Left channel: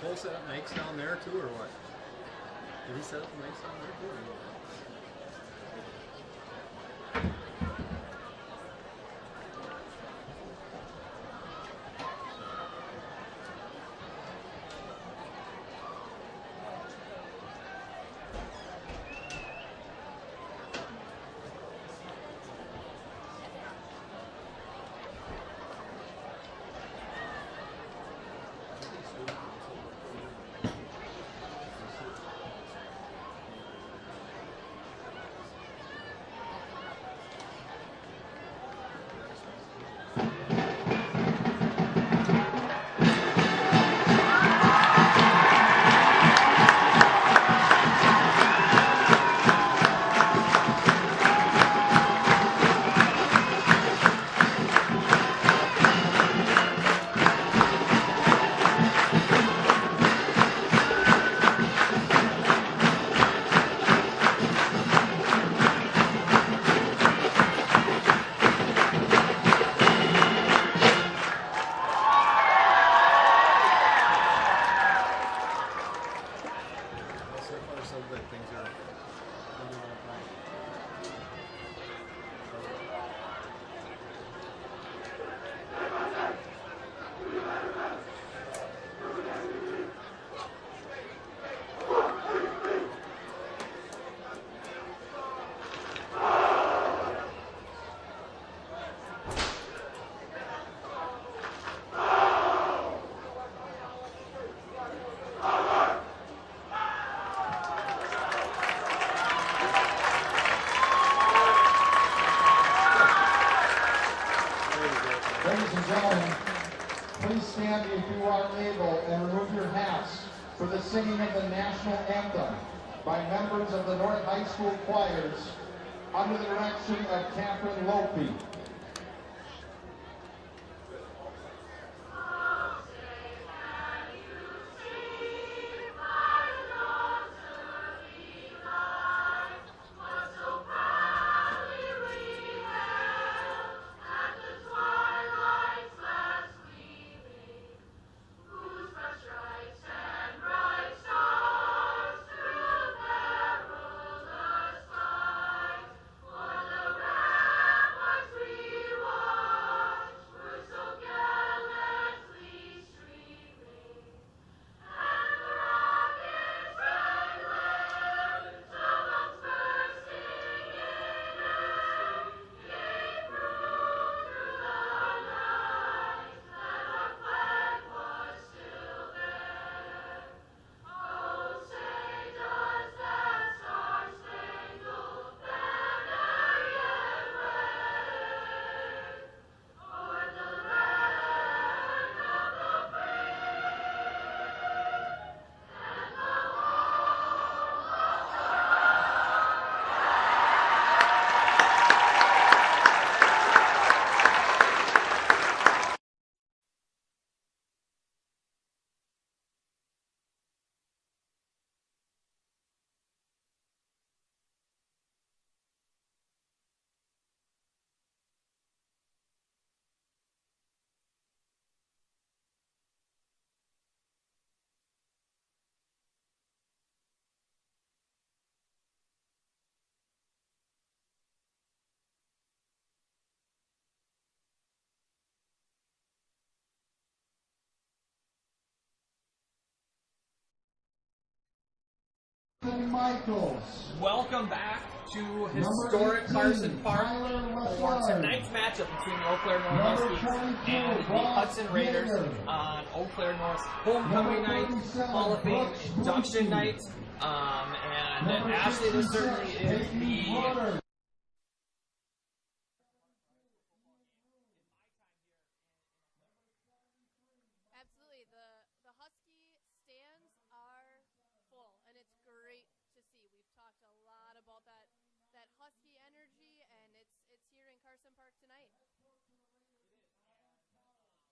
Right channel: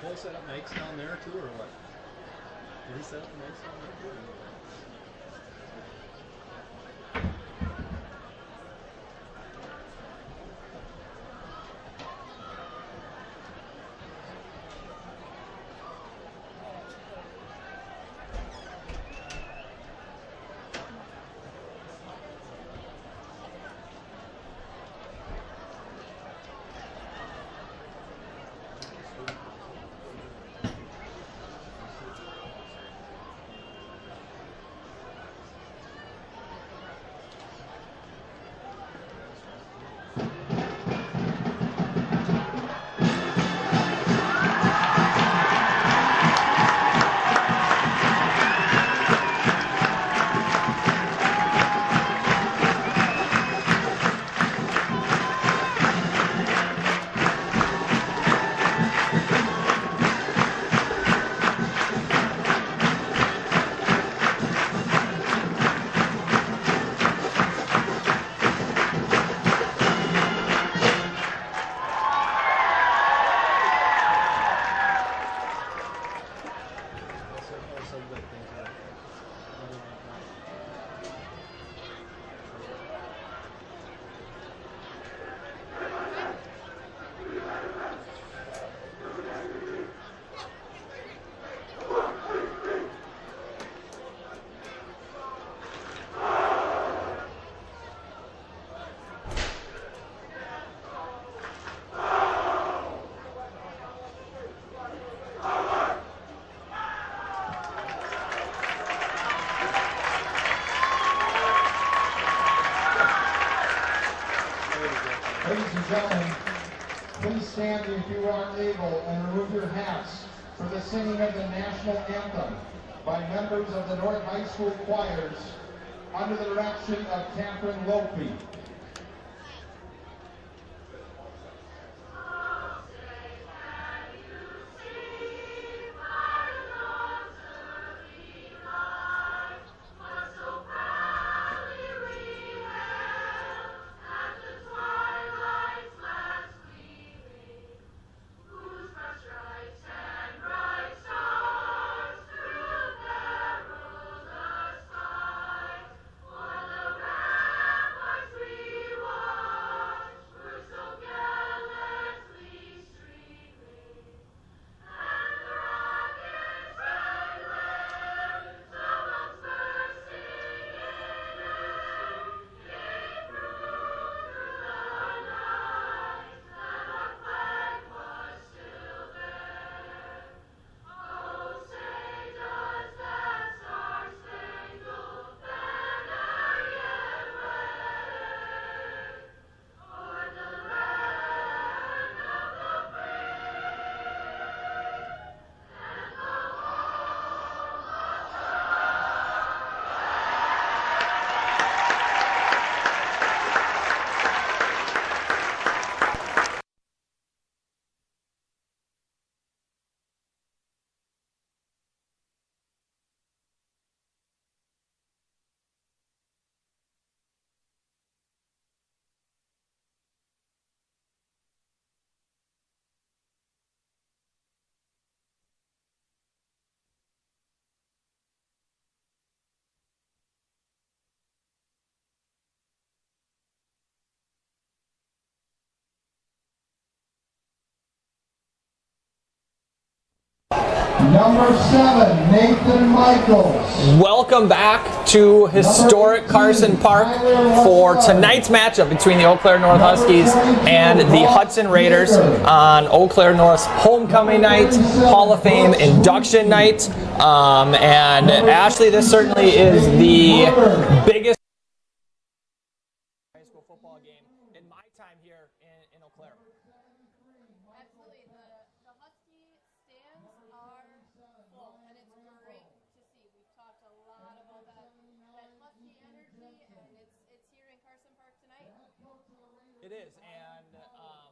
Did they set up makes down there too, or what? Did he set up makes down there too? Ladies and gentlemen, please stand if you are able and remove your hats for the singing of the national anthem by members of the North High School choirs under the direction of Catherine Lopey. Number 7, Nathan Michaels. Welcome back to historic Carson Park for tonight's matchup between the Eau Claire North Huskies and the Hudson Raiders on Eau Claire North's homecoming night, Hall of Fame induction night. And Ashley, this certainly is the biggest high school football game in my time here in Eau Claire. Absolutely. The Husky stands are full, and it's great to see. We've talked a lot about that Husky energy, and it's here in Carson Park tonight. It is, and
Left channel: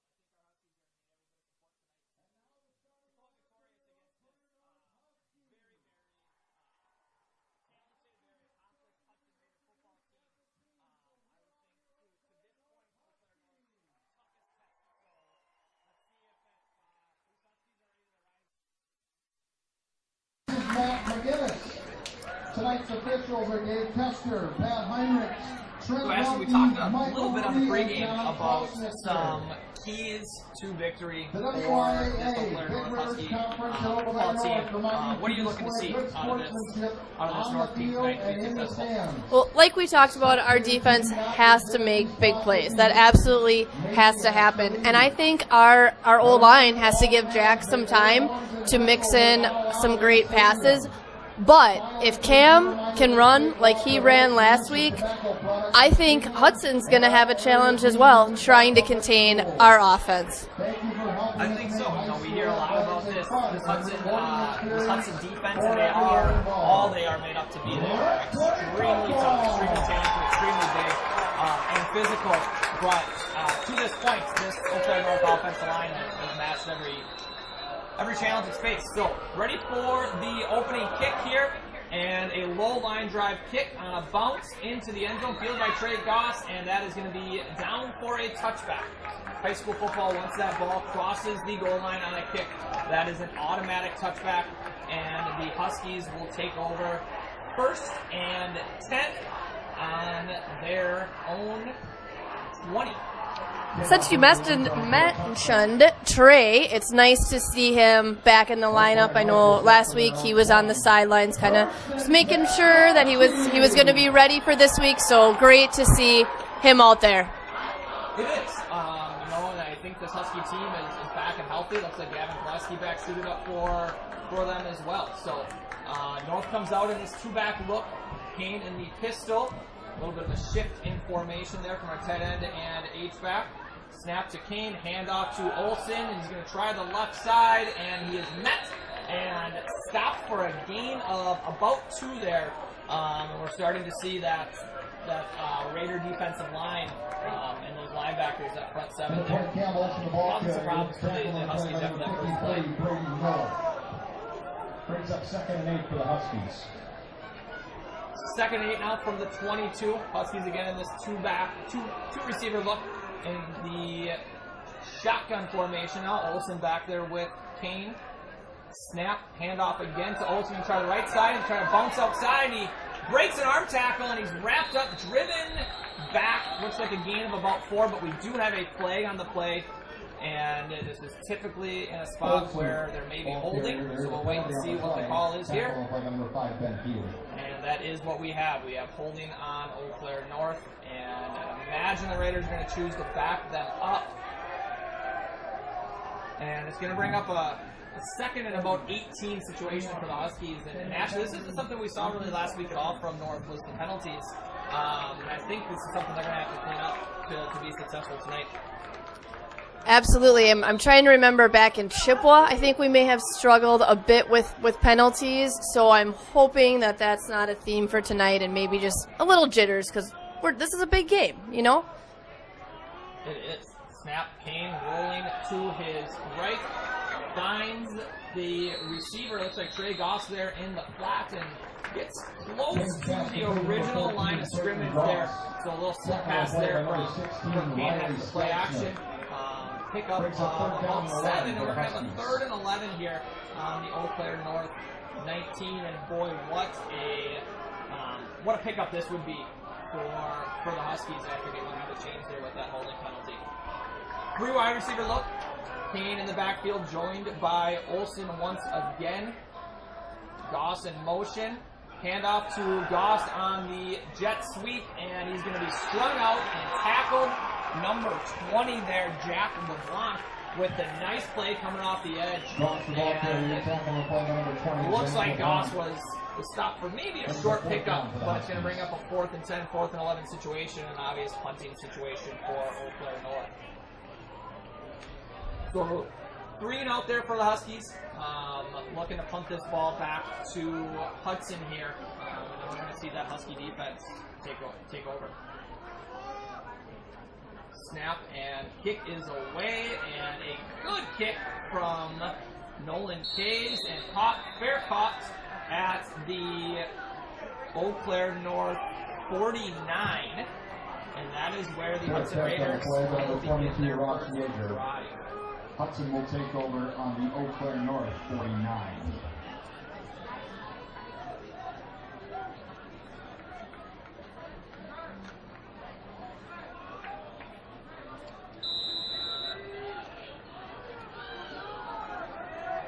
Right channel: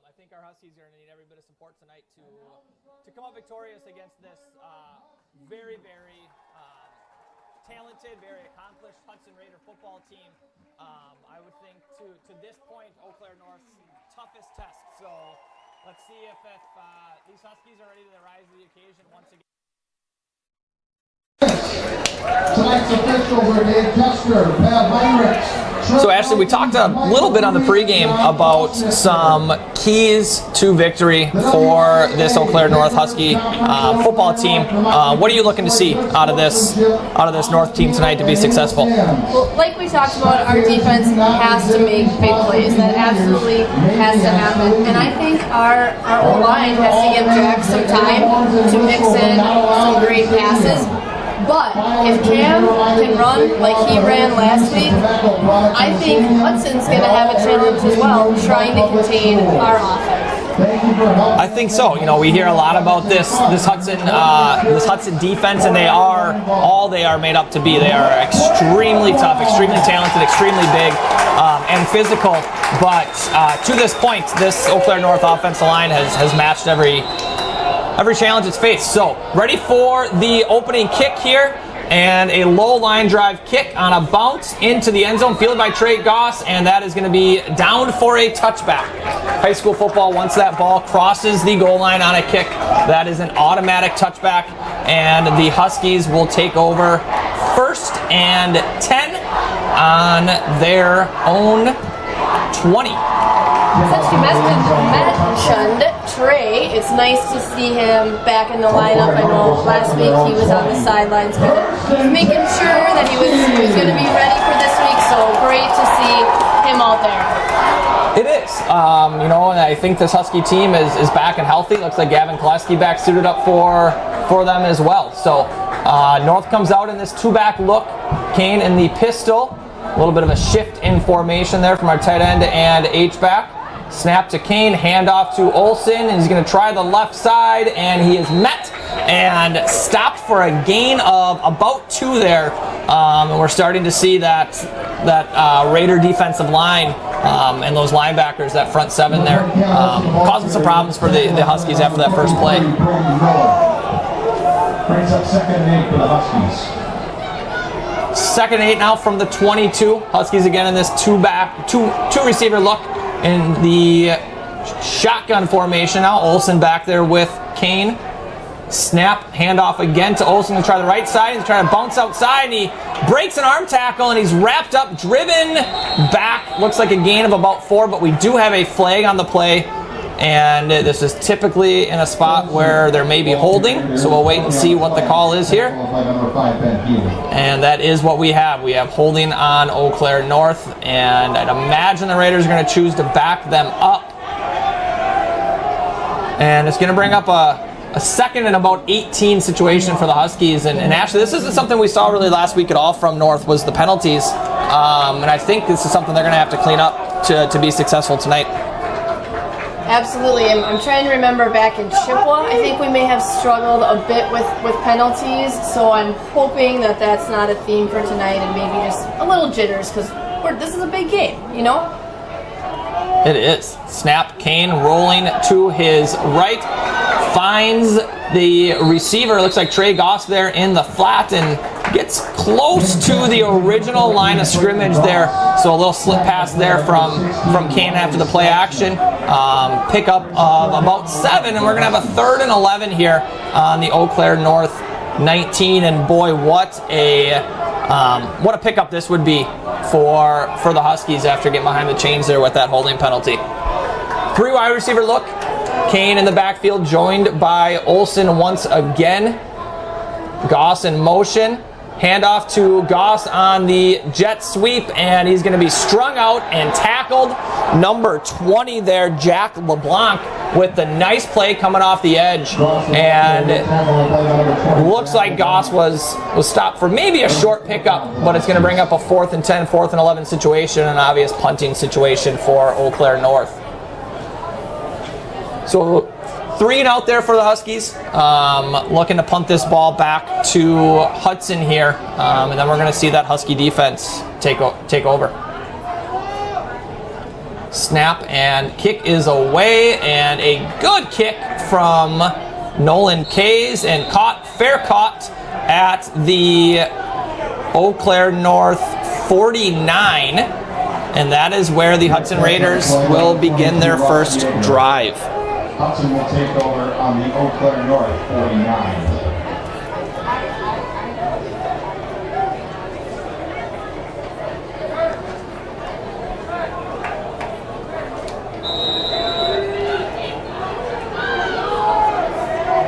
I think our Huskies are going to need every bit of support tonight to come out victorious against this very, very talented, very accomplished Hudson Raider football team. I would think to this point, Eau Claire North's toughest test. So Let's see if these Huskies are ready to rise to the occasion once again. Tonight's officials are Dave Kester, Pat Heinrich. So Ashley, we talked a little bit on the pregame about some keys to victory for this Eau Claire North Husky football team. What are you looking to see out of this North team tonight to be successful? Well, like we talked about, our defense has to make big plays. That absolutely has to happen. And I think our O-line has to give Jack some time to mix in some great passes. But if Cam can run like he ran last week, I think Hudson's going to have a challenge as well, trying to contain our offense. I think so. You know, we hear a lot about this Hudson defense, and they are all they are made up to be. They are extremely tough, extremely talented, extremely big, and physical. But to this point, this Eau Claire North offensive line has matched every challenge it's faced. So, ready for the opening kick here, and a low line drive kick on a bounce into the end zone, fielded by Trey Goss, and that is going to be down for a touchback. High school football, once that ball crosses the goal line on a kick, that is an automatic touchback, and the Huskies will take over 1st and 10 on their own 20. Since you mentioned Trey, it's nice to see him back in the lineup. I know last week he was on the sidelines kind of just making sure that he was going to be ready for this week, so great to see him out there. It is. You know, and I think this Husky team is back and healthy. Looks like Gavin Koleski back suited up for them as well. So North comes out in this two-back look. Kane in the pistol. A little bit of a shift in formation there from our tight end and H-back. Snap to Kane, handoff to Olsen, and he's going to try the left side, and he is met and stopped for a gain of about 2 there. And we're starting to see that Raider defensive line and those linebackers, that front 7 there, causing some problems for the Huskies after that first play. Brings up 2nd and 8 for the Huskies. 2nd and 8 now from the 22. Huskies again in this two receiver look in the shotgun formation now. Olsen back there with Kane. Snap, handoff again to Olsen to try the right side. He's trying to bounce outside, and he breaks an arm tackle, and he's wrapped up, driven back. Looks like a gain of about 4, but we do have a flag on the play. And this is typically in a spot where there may be holding, so we'll wait and see what the call is here. And that is what we have. We have holding on Eau Claire North, and I'd imagine the Raiders are going to choose to back them up. And it's going to bring up a 2nd and about 18 situation for the Huskies. And actually, this isn't something we saw really last week at all from North, was the penalties. And I think this is something they're going to have to clean up to be successful tonight. Absolutely. I'm trying to remember back in Chippewa, I think we may have struggled a bit with penalties, so I'm hoping that that's not a theme for tonight and maybe just a little jitters, because this is a big game, you know? It is. Snap, Kane rolling to his right, finds the receiver, looks like Trey Goss there in the flat, and gets close to the original line of scrimmage there. So a little slip pass there from Kane after the play action. Pickup of about 7, and we're going to have a 3rd and 11 here on the Eau Claire North 19. And boy, what a pickup this would be for the Huskies after getting behind the chains there with that holding penalty. 3 wide receiver look. Kane in the backfield, joined by Olsen once again. Goss in motion. Handoff to Goss on the jet sweep, and he's going to be strung out and tackled. Number 20 there, Jack LeBlanc, with the nice play coming off the edge. And it looks like Goss was stopped for maybe a short pickup, but it's going to bring up a 4th and 10, 4th and 11 situation, an obvious punting situation for Eau Claire North. So 3 and out there for the Huskies. Looking to punt this ball back to Hudson here, and then we're going to see that Husky defense take over. Snap and kick is away, and a good kick from Nolan Kays, and fair caught at the Eau Claire North 49, and that is where the Hudson Raiders will begin their first drive. Hudson will take over on the Eau Claire North 49.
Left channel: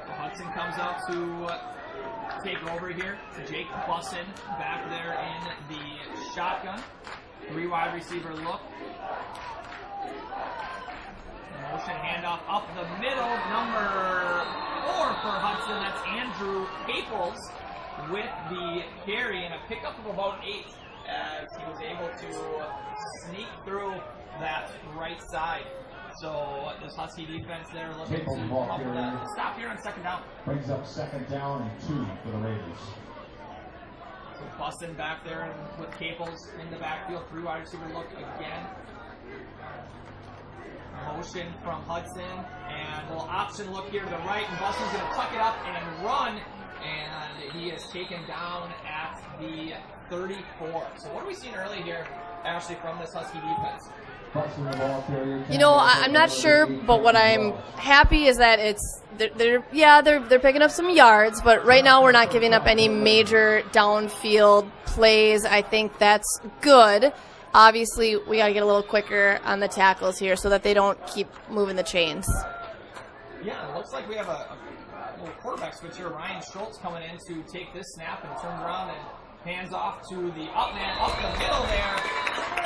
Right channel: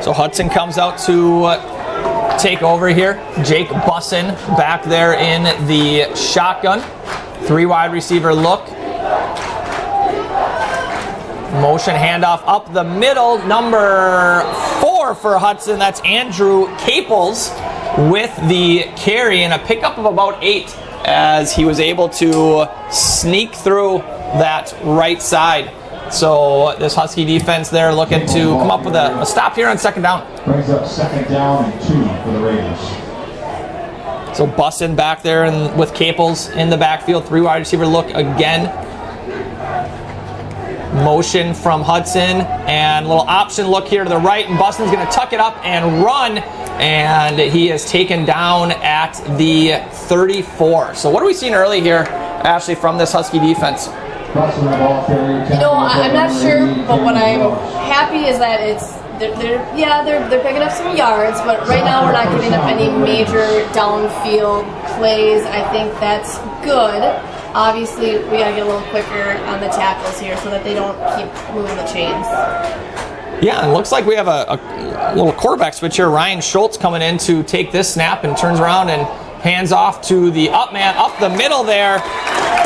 So Hudson comes out to take over here. Jake Bussin back there in the shotgun. 3 wide receiver look. Motion handoff up the middle. Number 4 for Hudson. That's Andrew Caples with the carry and a pickup of about 8 as he was able to sneak through that right side. So this Husky defense there looking to come up with a stop here on second down. Brings up second down and 2 for the Raiders. So Bussin back there and with Caples in the backfield. 3 wide receiver look again. Motion from Hudson and a little option look here to the right, and Bussin's going to tuck it up and run, and he is taken down at the 34. So what are we seeing early here, Ashley, from this Husky defense? You know, I'm not sure, but what I'm happy is that they're picking up some yards, but right now we're not giving up any major downfield plays. I think that's good. Obviously, we gotta get a little quicker on the tackles here so that they don't keep moving the chains. Yeah, it looks like we have a little quarterback switch here. Ryan Schultz coming in to take this snap and turns around and hands off to the up man. Up the middle there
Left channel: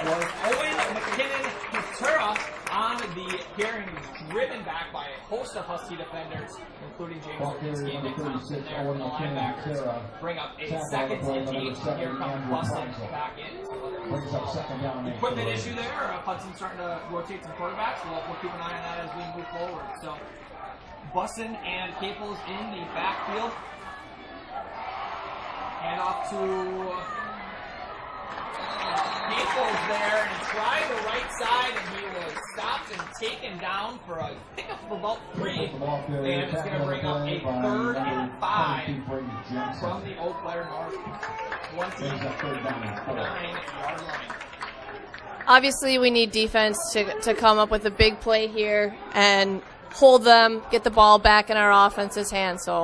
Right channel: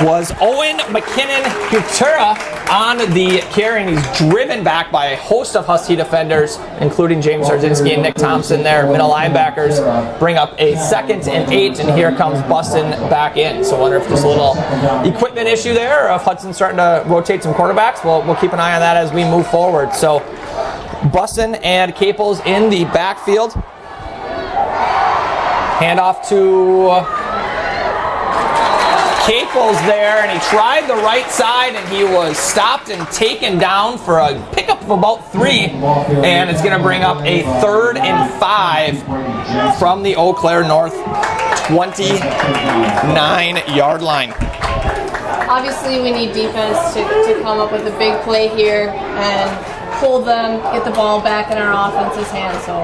was Owen McKinnon-Hutura on the carry, and he's driven back by a host of Husky defenders, including James Sarzinski and Nick Thompson there. Middle linebackers bring up a 2nd and 8, and here comes Bussin back in. So I wonder if there's a little equipment issue there, or if Hudson's starting to rotate some quarterbacks. We'll keep an eye on that as we move forward. So Bussin and Caples in the backfield. Handoff to Caples there, and he tried the right side, and he was stopped and taken down for a pickup of about 3, and it's going to bring up a 3rd and 5 from the Eau Claire North 29-yard line. Obviously, we need defense to come up with a big play here and hold them, get the ball back in our offense's hands. So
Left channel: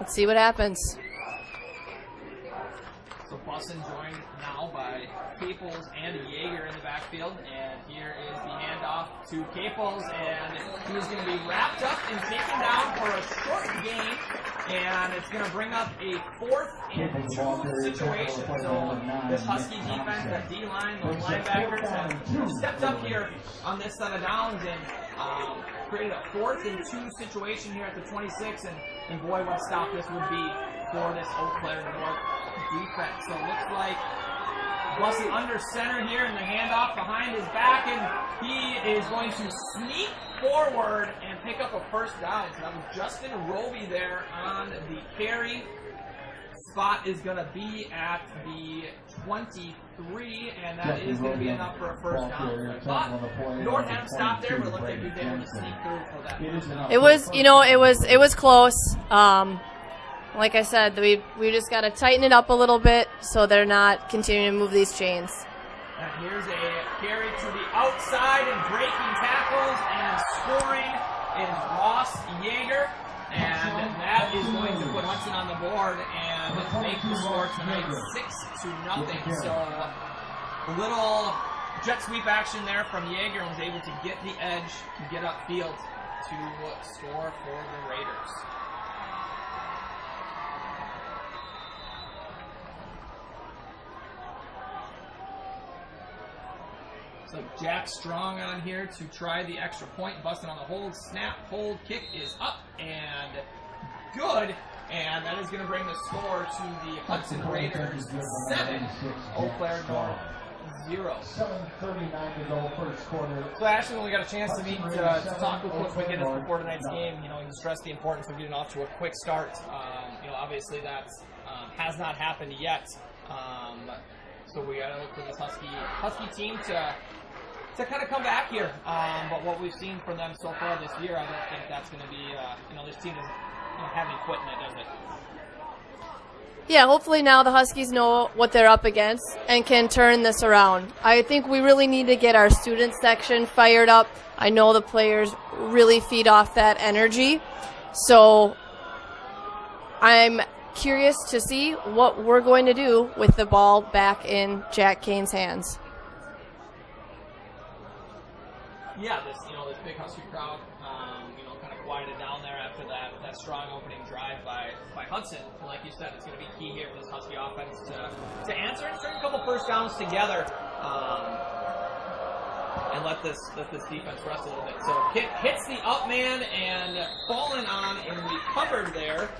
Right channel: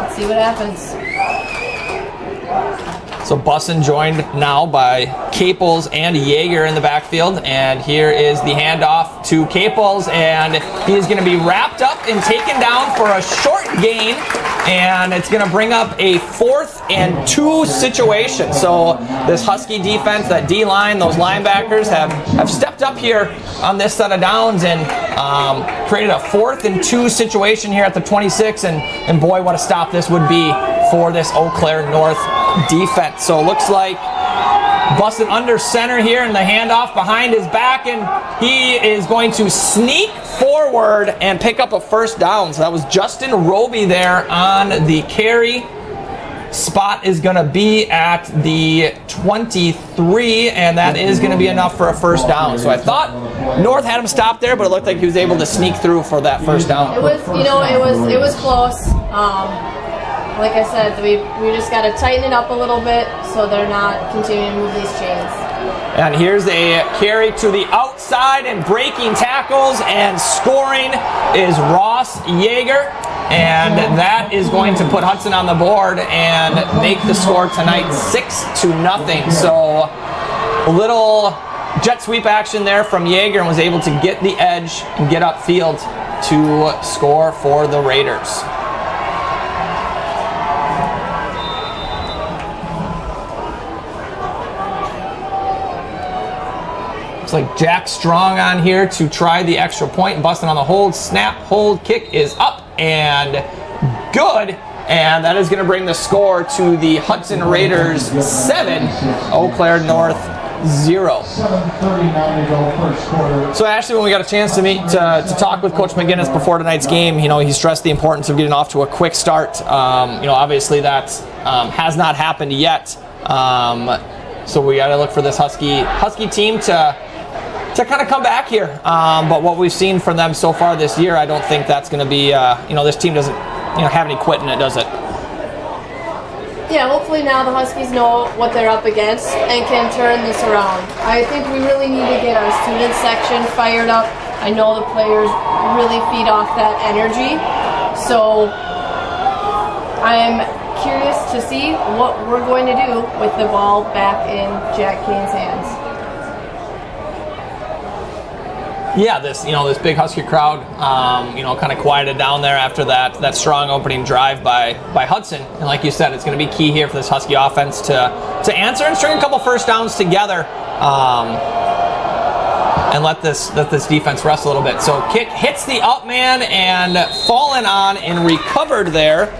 let's see what happens. So Bussin joined now by Caples and Yeager in the backfield, and here is the handoff to Caples, and he is going to be wrapped up and taken down for a short gain, and it's going to bring up a 4th and 2 situation. So this Husky defense, that D-line, those linebackers have stepped up here on this set of downs and created a 4th and 2 situation here at the 26, and boy, what a stop this would be for this Eau Claire North defense. So it looks like Bussin under center here, and the handoff behind his back, and he is going to sneak forward and pick up a 1st down. So that was Justin Roby there on the carry. Spot is going to be at the 23, and that is going to be enough for a 1st down. So I thought North had him stopped there, but it looked like he was able to sneak through for that 1st down. It was, it was close. Like I said, we just got to tighten it up a little bit so they're not continuing to move these chains. And here's a carry to the outside, and breaking tackles and scoring is Ross Yeager. And that is going to put Hudson on the board and make the score tonight 6-0. So a little jet sweep action there from Yeager, and was able to get the edge and get upfield to score for the Raiders. Like Jack Strong on here to try the extra point. Bussin on the hold. Snap, hold, kick is up and good. And that is going to bring the score to the Hudson Raiders 7, Eau Claire North 0. So Ashley, when we got a chance to meet to talk with Coach McGinnis before tonight's game, he stressed the importance of getting off to a quick start. Obviously that has not happened yet. So we got to look for this Husky team to kind of come back here. But what we've seen from them so far this year, I don't think that's going to be, this team doesn't, have any quit in it, does it? Yeah, hopefully now the Huskies know what they're up against and can turn this around. I think we really need to get our student section fired up. I know the players really feed off that energy. So I'm curious to see what we're going to do with the ball back in Jack Kane's hands. Yeah, this big Husky crowd, kind of quieted down there after that strong opening drive by Hudson. And like you said, it's going to be key here for this Husky offense to answer and string a couple first downs together, and let this defense rest a little bit. So kick hits the up man and fallen on and recovered there.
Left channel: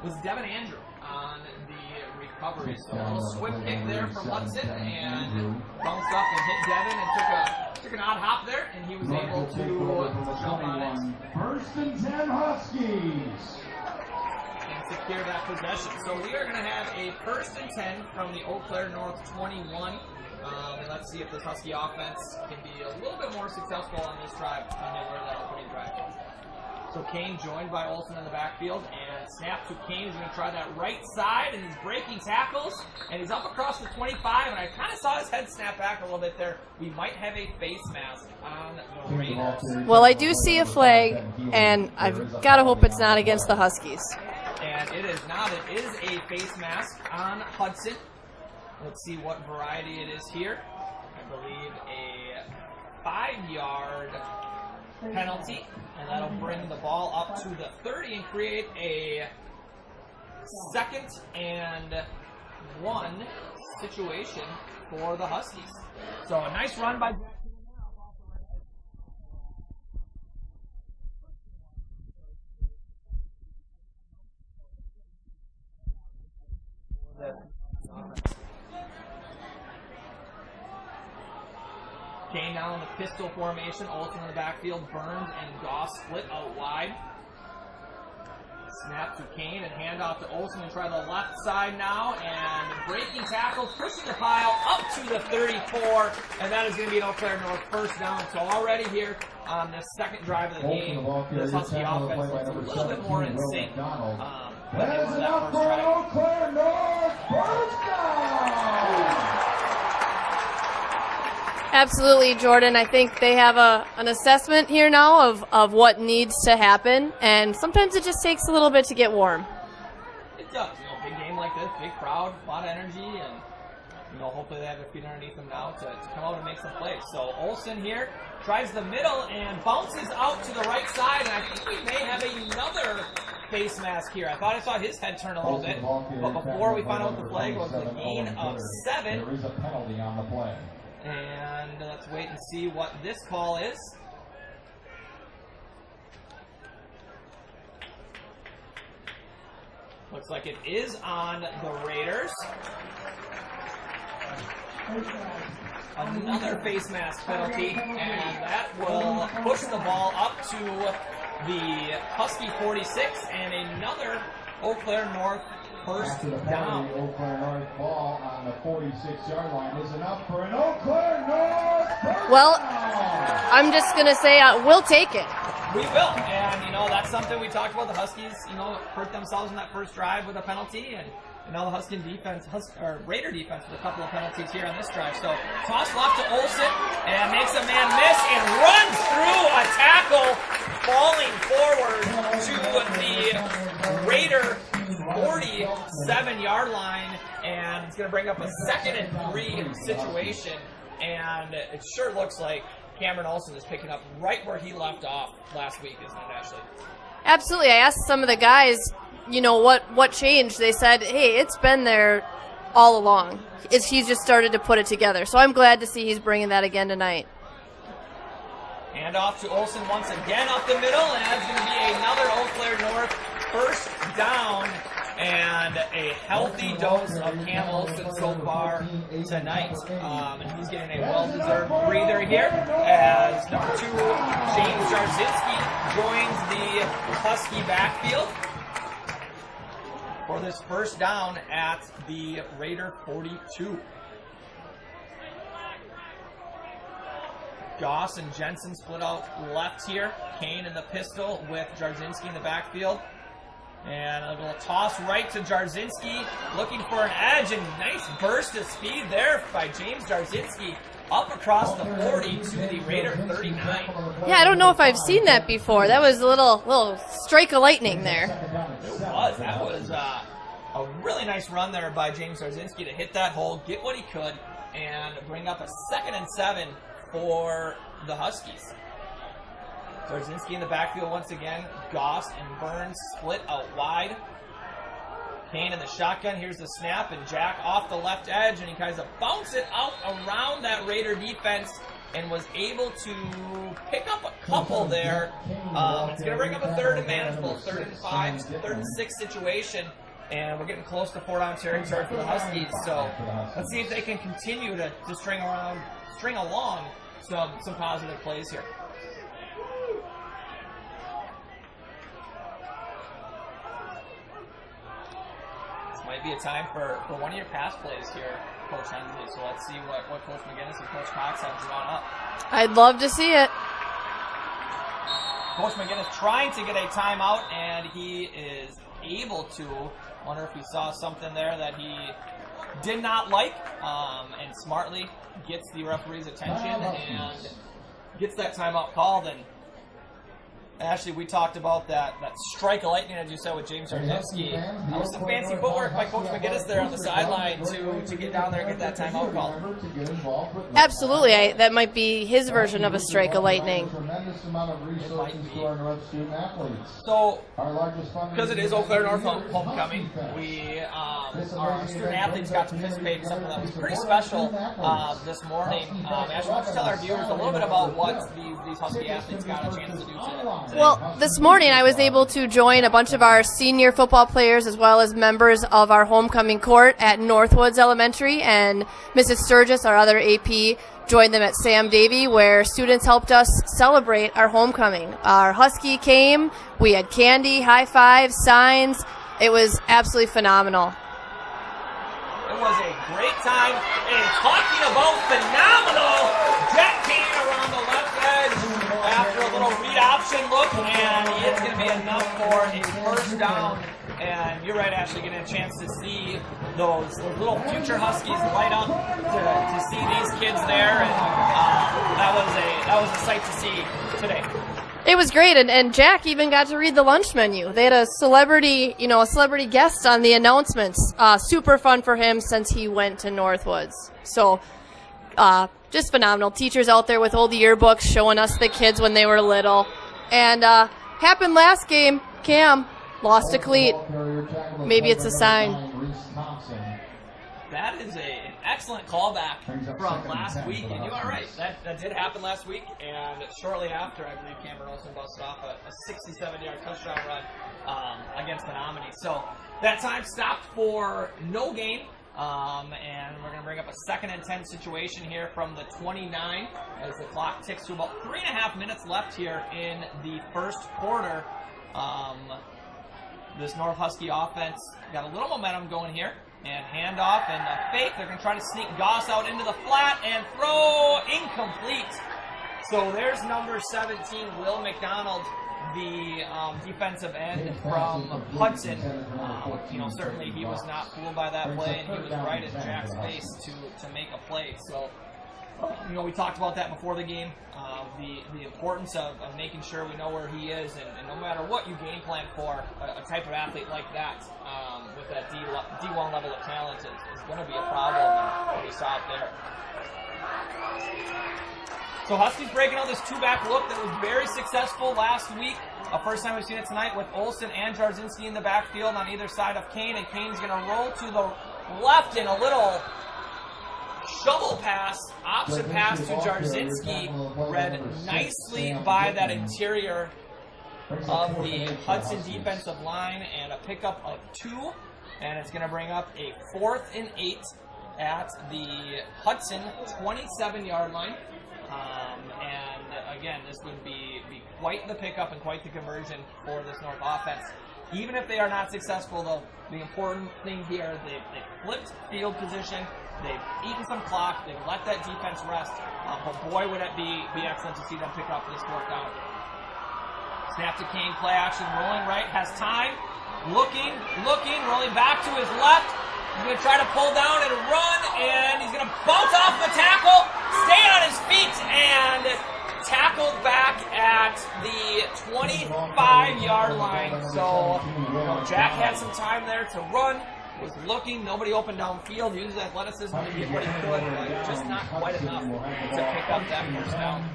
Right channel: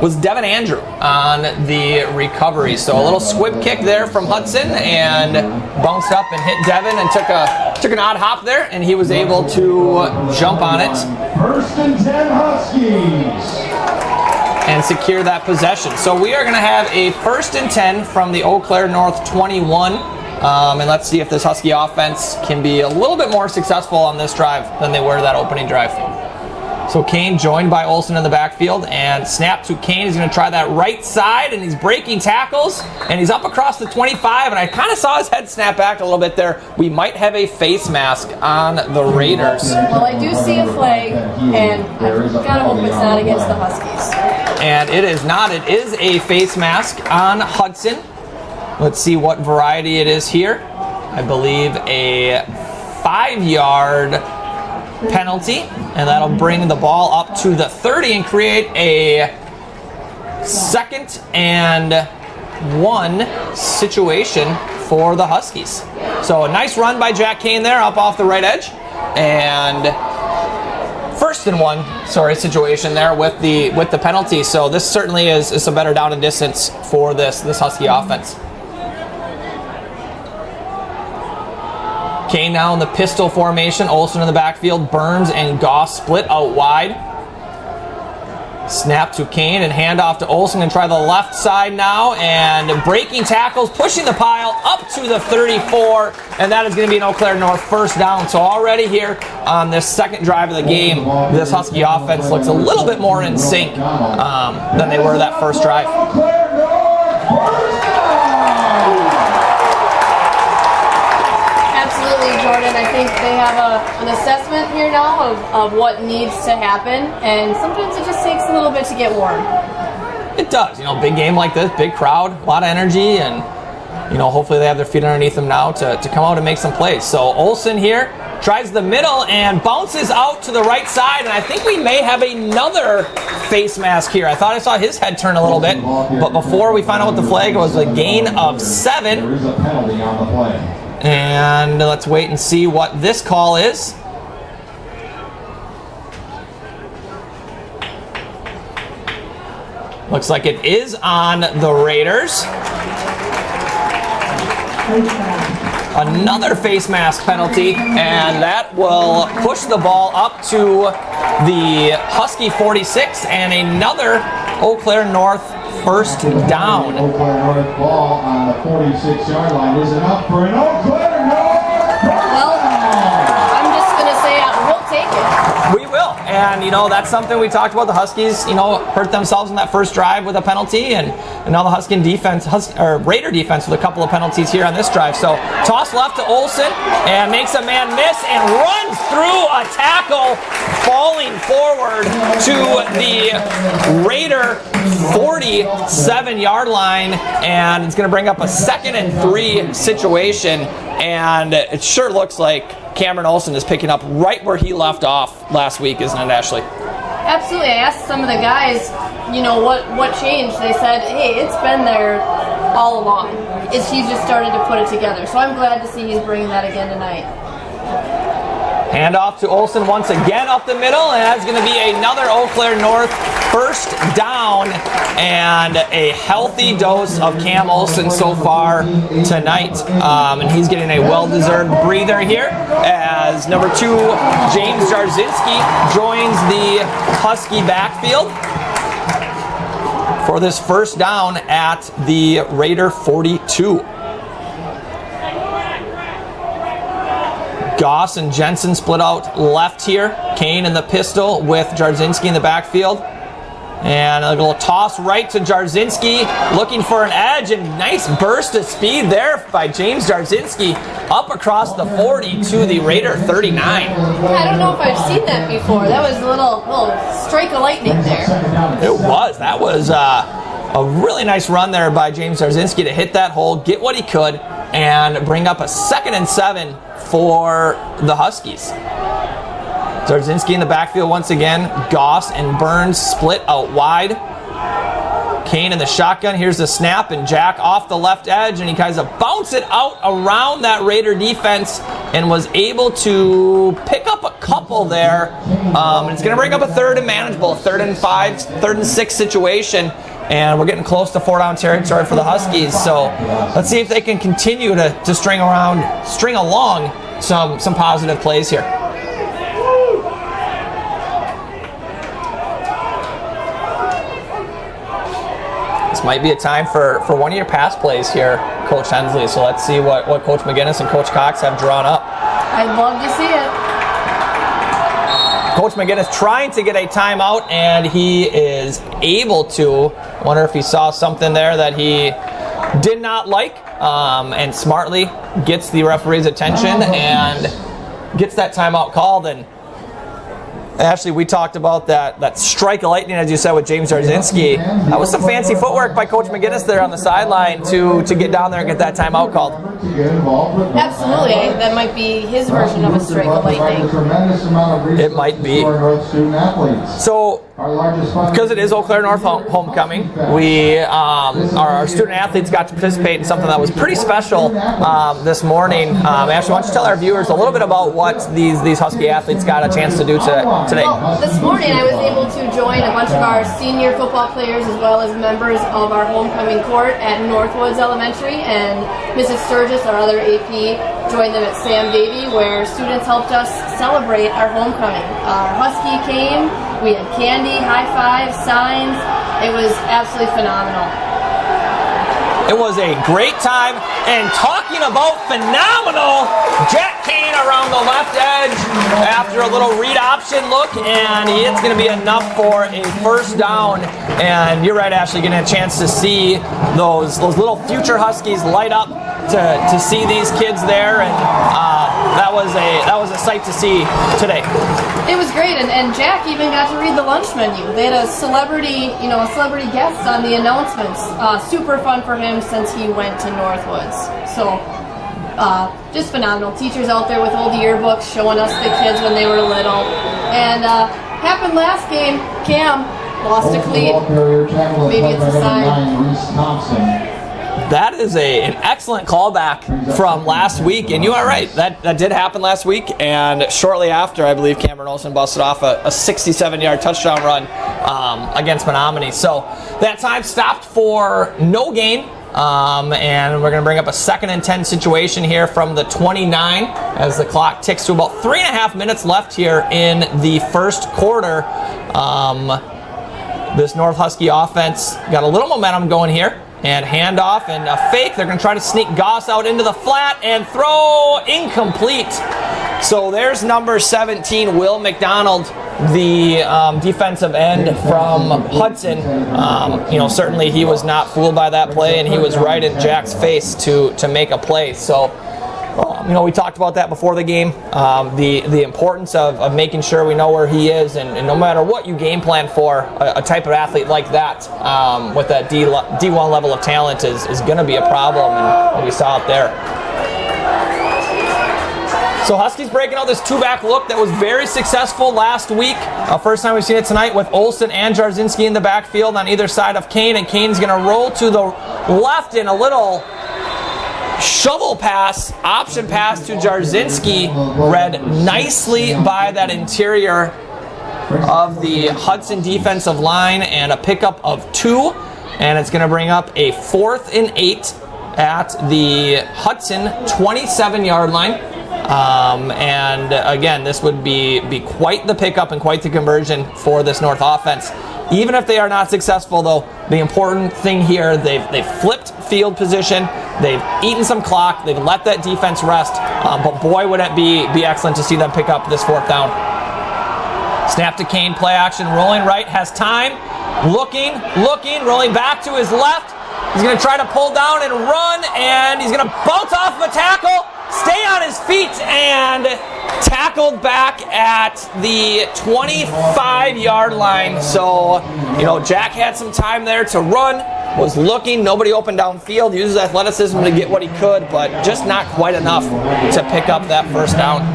Was Devin Andrew on the recovery. So a little squib kick there from Hudson and bounced up and hit Devin and took an odd hop there, and he was able to jump on it. 1st and 10 Huskies. And secure that possession. So we are going to have a 1st and 10 from the Eau Claire North 21. And let's see if this Husky offense can be a little bit more successful on this drive than they were that opening drive. So Kane joined by Olsen in the backfield, and snap to Kane. He's going to try that right side, and he's breaking tackles, and he's up across the 25, and I kind of saw his head snap back a little bit there. We might have a face mask on the Raiders. Well, I do see a flag, and I've got to hope it's not against the Huskies. And it is not. It is a face mask on Hudson. Let's see what variety it is here. I believe a 5-yard penalty, and that'll bring the ball up to the 30 and create a 2nd and 1 situation for the Huskies. So a nice run by Jack Kane there up off the right edge, and 1st and 1 situation there with the penalty. So this certainly is a better down and distance for this Husky offense. Kane now in the pistol formation. Olsen in the backfield. Burns and Goss split out wide. Snap to Kane and handoff to Olsen, and try the left side now, and breaking tackles, pushing the pile up to the 34, and that is going to be an Eau Claire North 1st down. So already here on this 2nd drive of the game, this Husky offense looks a little bit more in sync than they were that 1st drive. Absolutely, Jordan. I think they have an assessment here now of what needs to happen, and sometimes it just takes a little bit to get warm. It does. Big game like this, big crowd, a lot of energy, and hopefully they have their feet underneath them now to come out and make some plays. So Olsen here tries the middle and bounces out to the right side, and I think we may have another face mask here. I thought I saw his head turn a little bit, but before we find out what the flag was, a gain of 7. There is a penalty on the play. And let's wait and see what this call is. Looks like it is on the Raiders. Another face mask penalty, and that will push the ball up to the Husky 46, and another Eau Claire North 1st down. Eau Claire North ball on the 46-yard line. Is enough for an Eau Claire North? Well, I'm just going to say we'll take it. We will, and that's something we talked about. The Huskies, hurt themselves in that 1st drive with a penalty, and now the Raider defense with a couple of penalties here on this drive. So toss left to Olsen, and makes a man miss and runs through a tackle, falling forward to the Raider 47-yard line, and it's going to bring up a 2nd and 3 situation, and it sure looks like Cameron Olsen is picking up right where he left off last week, isn't it, Ashley? Absolutely. I asked some of the guys, what changed. They said, hey, it's been there all along. He's just started to put it together. So I'm glad to see he's bringing that again tonight. Handoff to Olsen once again up the middle, and that's going to be another Eau Claire North 1st down, and a healthy dose of Cam Olsen so far tonight. And he's getting a well-deserved breather here as number 2, James Jarzinski, joins the Husky backfield for this 1st down at the Raider 42. Goss and Jensen split out left here. Kane in the pistol with Jarzinski in the backfield. And a little toss right to Jarzinski, looking for an edge, and nice burst of speed there by James Jarzinski up across the 40 to the Raider 39. Yeah, I don't know if I've seen that before. That was a little strike of lightning there. It was. That was a really nice run there by James Jarzinski to hit that hole, get what he could, and bring up a 2nd and 7 for the Huskies. Jarzinski in the backfield once again. Goss and Burns split out wide. Kane in the shotgun. Here's the snap, and Jack off the left edge, and he kind of bounced it out around that Raider defense and was able to pick up a couple there. It's going to bring up a 3rd and manageable, 3rd and 5, 3rd and 6 situation. And we're getting close to 4-down territory for the Huskies. So let's see if they can continue to string along some positive plays here. This might be a time for one of your pass plays here, Coach Hensley. So let's see what Coach McGinnis and Coach Cox have drawn up. I'd love to see it. Coach McGinnis trying to get a timeout, and he is able to. Wonder if he saw something there that he did not like, and smartly gets the referee's attention and gets that timeout called. And Ashley, we talked about that strike of lightning, as you said, with James Jarzinski. That was some fancy footwork by Coach McGinnis there on the sideline to get down there and get that timeout called. Absolutely. That might be his version of a strike of lightning. It might be. So, because it is Eau Claire North homecoming, our student athletes got to participate in something that was pretty special this morning. Ashley, why don't you tell our viewers a little bit about what these Husky athletes got a chance to do today? Well, this morning I was able to join a bunch of our senior football players as well as members of our homecoming court at Northwoods Elementary, and Mrs. Sturgis, our other AP, joined them at Sam Davy, where students helped us celebrate our homecoming. Our Husky came, we had candy, high fives, signs. It was absolutely phenomenal. It was a great time, and talking about phenomenal, Jack Kane around the left edge after a little read option look, and it's going to be enough for a 1st down. And you're right, Ashley, getting a chance to see those little future Huskies light up to see these kids there, and that was a sight to see today. It was great, and Jack even got to read the lunch menu. They had a celebrity guest on the announcements. Super fun for him since he went to Northwoods. So, just phenomenal. Teachers out there with old yearbooks showing us the kids when they were little. And happened last game. Cam lost a cleat. Maybe it's a sign. That is an excellent callback from last week, and you are right. That did happen last week, and shortly after, I believe Cameron Olsen busted off a 67-yard touchdown run against Menominee. So that time stopped for no gain, and we're going to bring up a 2nd and 10 situation here from the 29 as the clock ticks to about 3.5 minutes left here in the 1st quarter. This North Husky offense got a little momentum going here. And handoff and a fake. They're going to try to sneak Goss out into the flat and throw incomplete. So there's number 17, Will McDonald, the defensive end from Hudson. Certainly he was not fooled by that play, and he was right in Jack's face to make a play. So, we talked about that before the game, the importance of making sure we know where he is, and no matter what you game plan for, a type of athlete like that with that D1 level of talent is going to be a problem, and we saw it there. So Huskies breaking out this 2-back look that was very successful last week. First time we've seen it tonight with Olsen and Jarzinski in the backfield on either side of Kane, and Kane's going to roll to the left in a little shovel pass, option pass to Jarzinski, read nicely by that interior of the Hudson defensive line, and a pickup of 2, and it's going to bring up a 4th and 8 at the Hudson 27-yard line. And again, this would be quite the pickup and quite the conversion for this North offense. Even if they are not successful, though, the important thing here, they've flipped field position, they've eaten some clock, they've let that defense rest, but boy, would it be excellent to see them pick up this 4th down. Snap to Kane, play action, rolling right, has time, looking, rolling back to his left. He's going to try to pull down and run, and he's going to bounce off the tackle, stay on his feet, and tackled back at the 25-yard line. So, Jack had some time there to run, was looking, nobody open downfield, used his athleticism to get what he could, but just not quite enough to pick up that first down.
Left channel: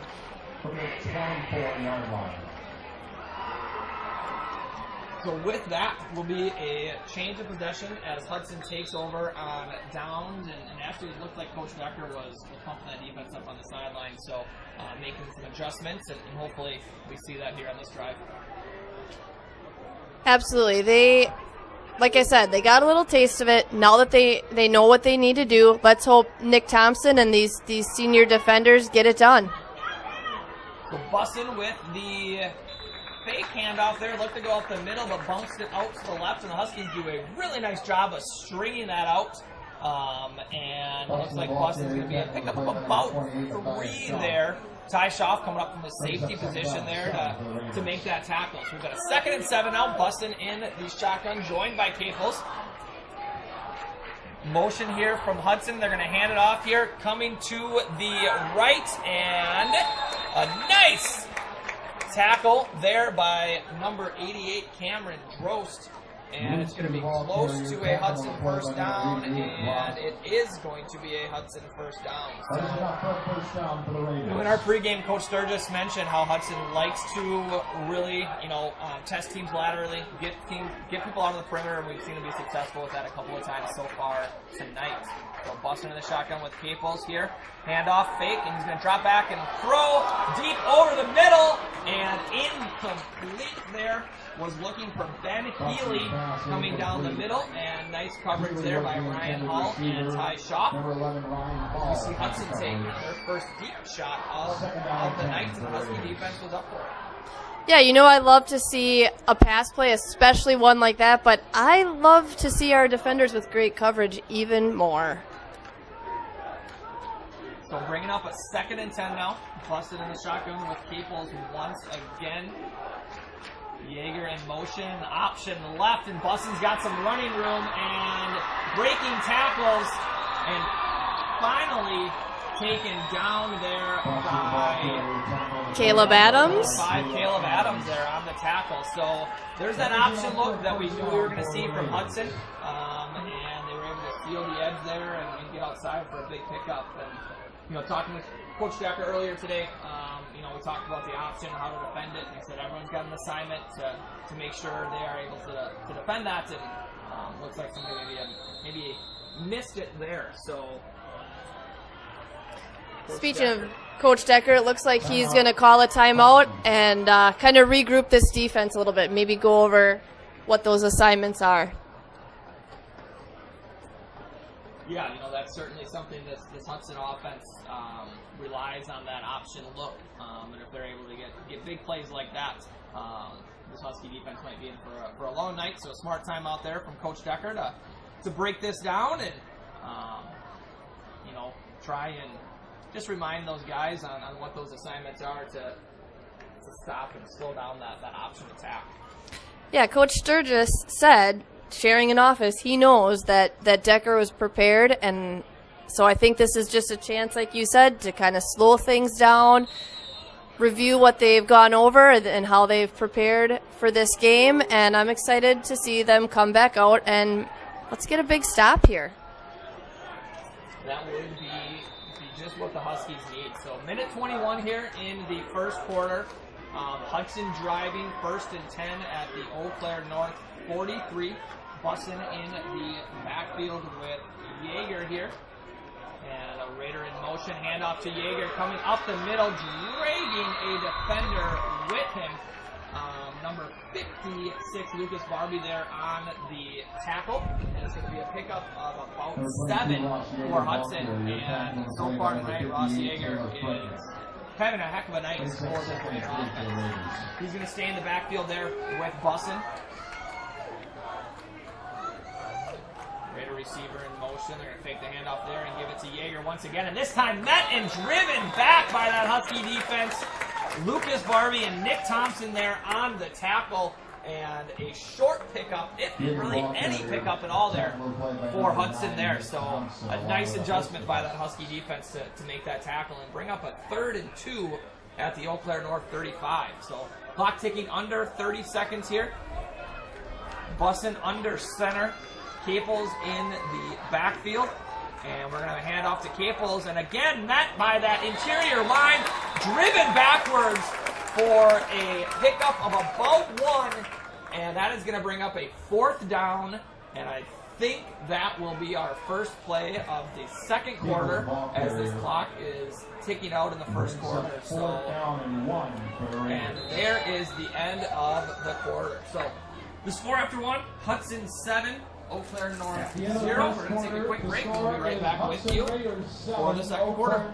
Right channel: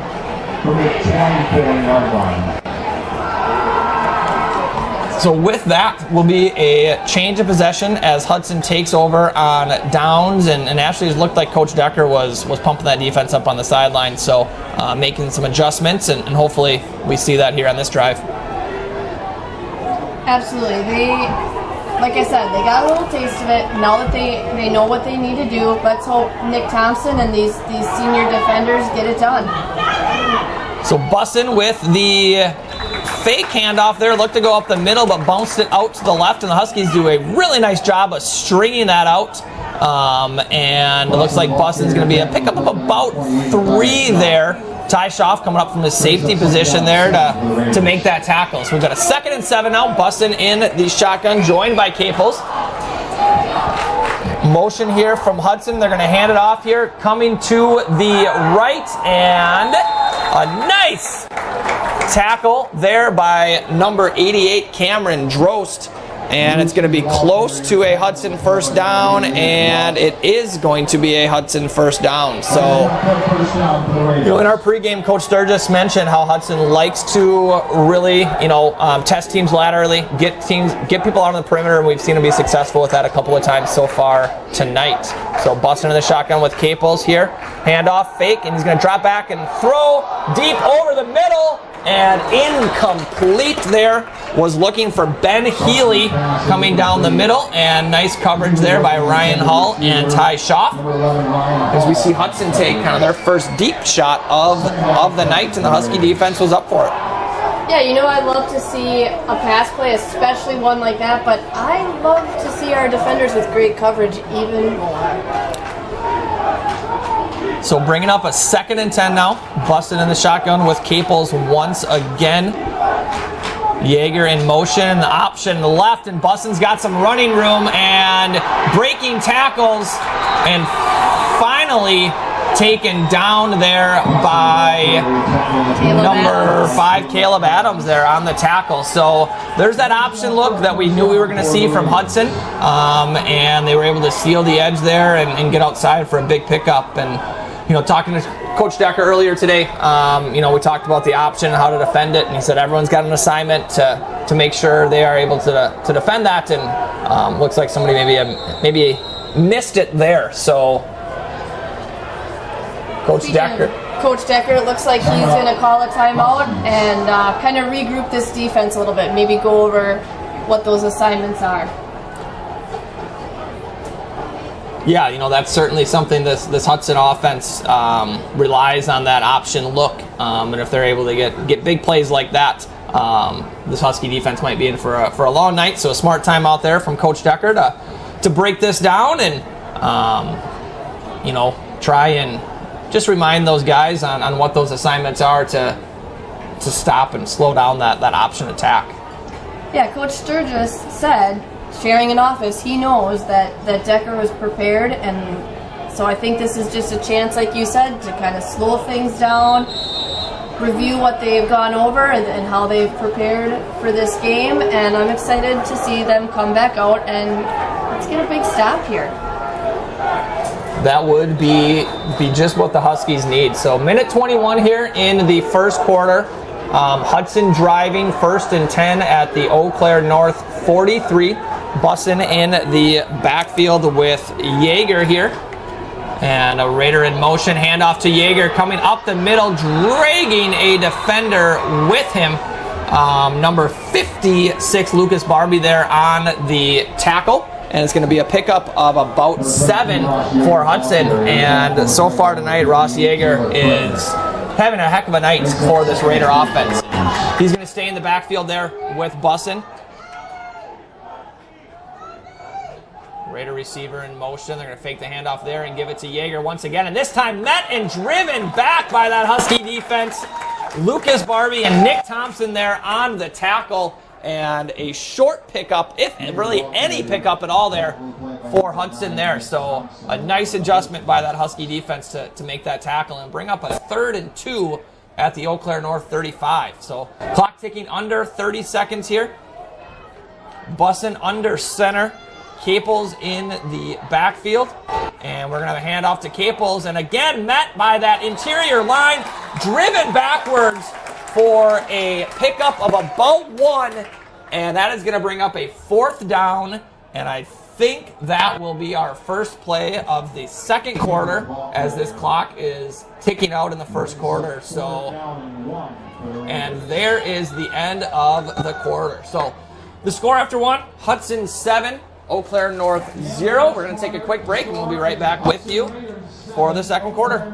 So with that will be a change of possession as Hudson takes over on downs, and actually it looked like Coach Decker was pumping that defense up on the sideline, so making some adjustments, and hopefully we see that here on this drive. Absolutely. Like I said, they got a little taste of it. Now that they know what they need to do, let's hope Nick Thompson and these senior defenders get it done. So Bussin with the fake handoff there, looked to go up the middle, but bounced it out to the left, and the Huskies do a really nice job of stringing that out. And it looks like Bussin's going to be a pickup of about 3 there. Ty Schaaf coming up from the safety position there to make that tackle. So we've got a 2nd and 7 now. Bussin in the shotgun, joined by Caples. Motion here from Hudson. They're going to hand it off here. Coming to the right, and a nice tackle there by number 88, Cameron Drost. And it's going to be close to a Hudson first down, and it is going to be a Hudson first down. So, in our pregame, Coach Sturgis mentioned how Hudson likes to really, test teams laterally, get people out on the perimeter, and we've seen him be successful with that a couple of times so far tonight. So, Bustin in the shotgun with Caples here. Handoff, fake, and he's going to drop back and throw deep over the middle. And incomplete there. Was looking for Ben Healy coming down the middle, and nice coverage there by Ryan Hall and Ty Schaaf. As we see Hudson take kind of their first deep shot of the night, and the Husky defense was up for it. Yeah, I love to see a pass play, especially one like that, but I love to see our defenders with great coverage even more. So bringing up a 2nd and 10 now. Busted in the shotgun with Caples once again. Yeager in motion, the option left, and Bustin's got some running room and breaking tackles, and finally taken down there by number 5, Caleb Adams there on the tackle. So there's that option look that we knew we were going to see from Hudson, and they were able to seal the edge there and get outside for a big pickup. And talking to Coach Decker earlier today, we talked about the option and how to defend it, and he said everyone's got an assignment to make sure they are able to defend that, and looks like somebody maybe missed it there. So Coach Decker, it looks like he's going to call a timeout and kind of regroup this defense a little bit, maybe go over what those assignments are. Yeah, that's certainly something this Hudson offense relies on, that option look. And if they're able to get big plays like that, this Husky defense might be in for a long night. So a smart timeout there from Coach Decker to break this down and, try and just remind those guys on what those assignments are to stop and slow down that option attack. Yeah, Coach Sturgis said, sharing an office, he knows that Decker was prepared, and so I think this is just a chance, like you said, to kind of slow things down, review what they've gone over and how they've prepared for this game, and I'm excited to see them come back out and let's get a big stop here. That would be just what the Huskies need. So minute 21 here in the first quarter. Hudson driving 1st and 10 at the Eau Claire North 43. Bussin in the backfield with Yeager here. And a Raider in motion, handoff to Yeager coming up the middle, dragging a defender with him. Number 56, Lucas Barbie there on the tackle. And it's going to be a pickup of about 7 for Hudson. And so far tonight, Ross Yeager is having a heck of a night for this Raider offense. He's going to stay in the backfield there with Bussin. Raider receiver in motion. They're going to fake the handoff there and give it to Yeager once again. And this time met and driven back by that Husky defense. Lucas Barbie and Nick Thompson there on the tackle. and a short pickup, if really any pickup at all there for Hudson there. So a nice adjustment by that Husky defense to make that tackle and bring up a 3rd and 2 at the Eau Claire North 35. So clock ticking under 30 seconds here. Bussin under center. Caples in the backfield. And we're going to have a handoff to Caples. And again, met by that interior line, driven backwards for a pickup of about 1. And that is going to bring up a 4th down. And I think that will be our first play of the second quarter as this clock is ticking out in the first quarter. So, and there is the end of the quarter. So the score after 1, Hudson 7, Eau Claire North 0. We're going to take a quick break and we'll be right back with you for the second quarter.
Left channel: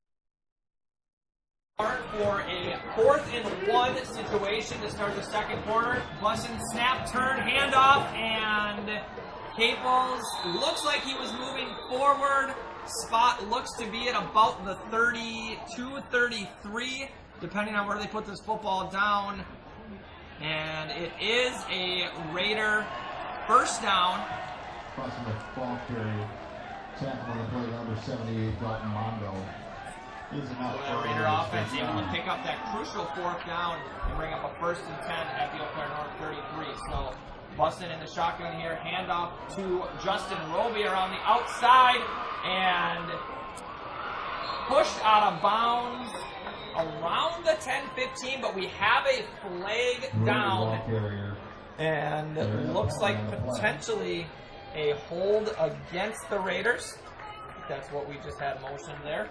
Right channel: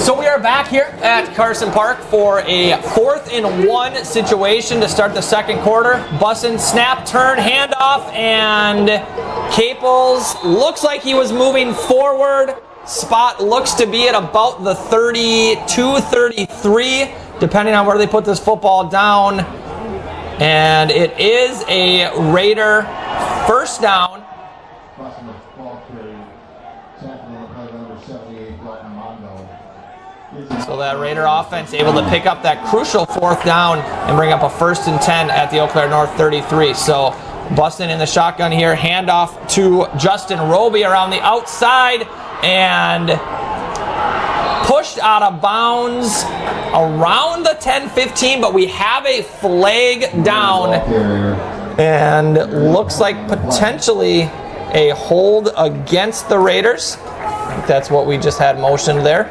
So we are back here at Carson Park for a 4th and 1 situation to start the second quarter. Bussin, snap, turn, handoff, and Caples looks like he was moving forward. Spot looks to be at about the 32, 33, depending on where they put this football down. And it is a Raider first down. So that Raider offense able to pick up that crucial 4th down and bring up a 1st and 10 at the Eau Claire North 33. So Bussin in the shotgun here, handoff to Justin Roby around the outside and pushed out of bounds around the 10-15, but we have a flag down and looks like potentially a hold against the Raiders. That's what we just had motioned there.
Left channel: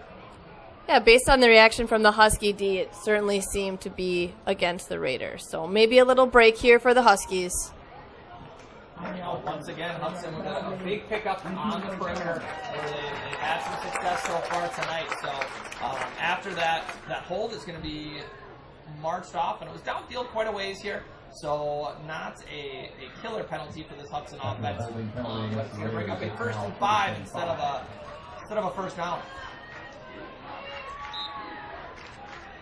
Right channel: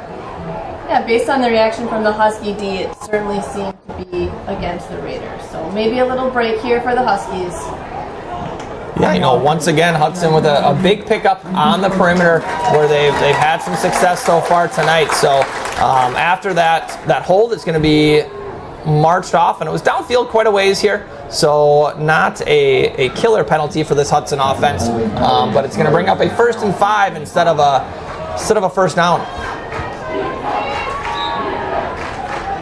Yeah, based on the reaction from the Husky D, it certainly seemed to be against the Raiders. So maybe a little break here for the Huskies. Yeah, you know, once again, Hudson with a big pickup on the perimeter where they've had some success so far tonight. So after that hold, it's going to be marched off, and it was downfield quite a ways here. So not a killer penalty for this Hudson offense, but it's going to bring up a 1st and 5 instead of a first down.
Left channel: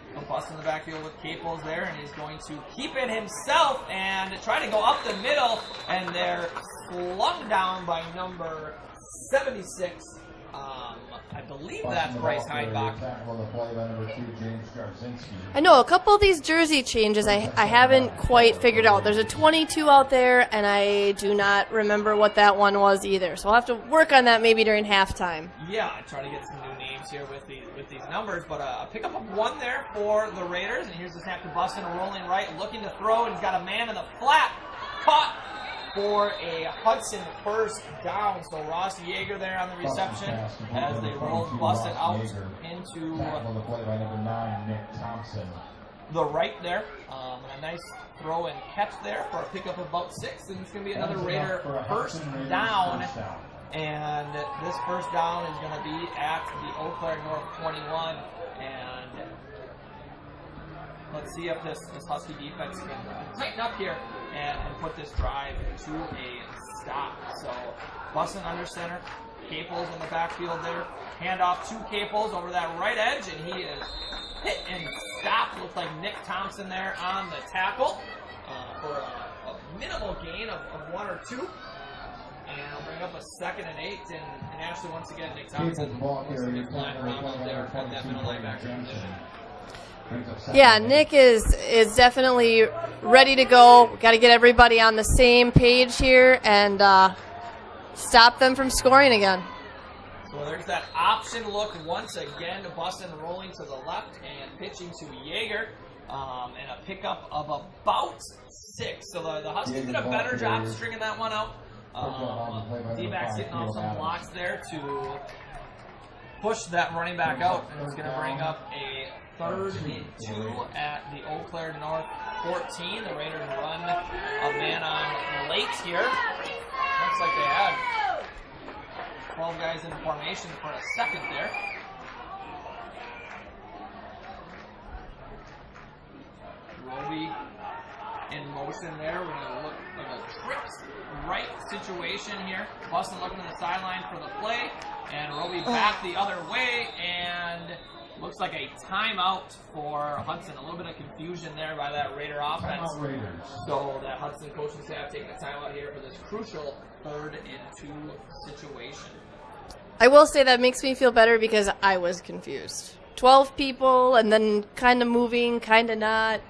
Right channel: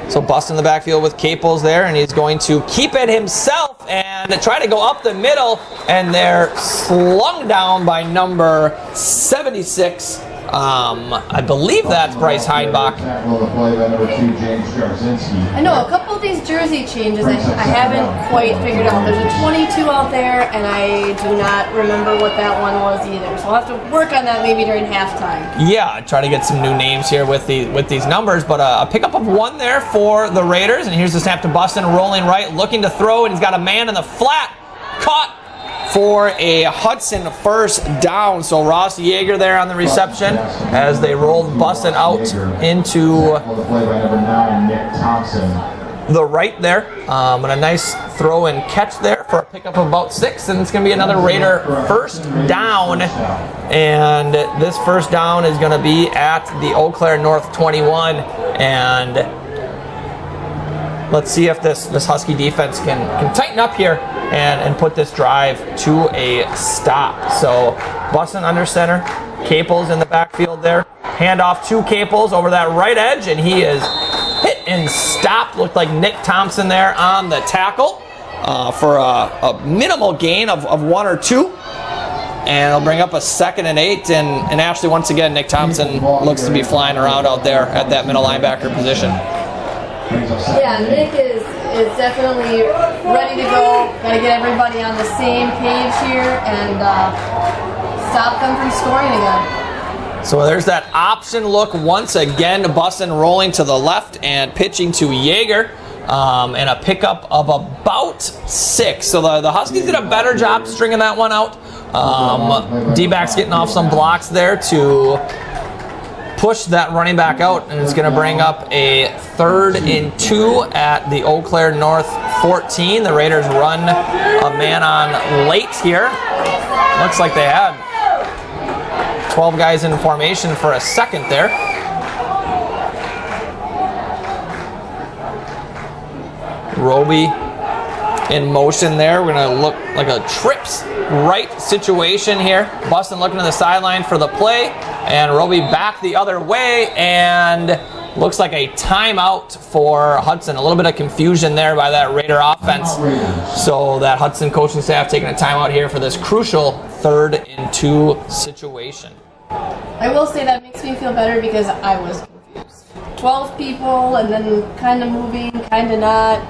So Bust in the backfield with Caples there, and he's going to keep it himself and try to go up the middle, and they're slung down by number 76. I believe that's Bryce Heinbach. I know a couple of these jersey changes I haven't quite figured out. There's a 22 out there, and I do not remember what that one was either. So I'll have to work on that maybe during halftime. Yeah, try to get some new names here with these numbers, but a pickup of 1 there for the Raiders, and here's the snap to Bustin, rolling right, looking to throw, and he's got a man in the flat, caught for a Hudson first down. So Ross Yeager there on the reception as they rolled Bustin out into the right there. And a nice throw and catch there for a pickup of about 6. And it's going to be another Raider first down. And this first down is going to be at the Eau Claire North 21. And let's see if this Husky defense can tighten up here and put this drive to a stop. So Bustin under center, Caples in the backfield there. Handoff to Caples over that right edge, and he is hit and stopped. Looked like Nick Thompson there on the tackle for a minimal gain of 1 or 2. And it'll bring up a 2nd and 8. And actually, once again, Nick Thompson looks to be flying around out there at that middle linebacker position. Yeah, Nick is definitely ready to go. Got to get everybody on the same page here and stop them from scoring again. So there's that option look once again. Bussin rolling to the left and pitching to Yeager. And a pickup of about 6. So the Huskies did a better job stringing that one out. D-backs getting off some blocks there to push that running back out, and it's going to bring up a 3rd and 2 at the Eau Claire North 14. The Raiders run a man on late here. Looks like they had 12 guys in formation for a second there. Roby in motion there. We're going to look like a trips right situation here. Bussin looking to the sideline for the play, and Roby back the other way, and looks like a timeout for Hudson. A little bit of confusion there by that Raider offense. So that Hudson coaching staff taking a timeout here for this crucial 3rd and 2 situation. I will say that makes me feel better because I was confused. 12 people and then kind of moving, kind of not.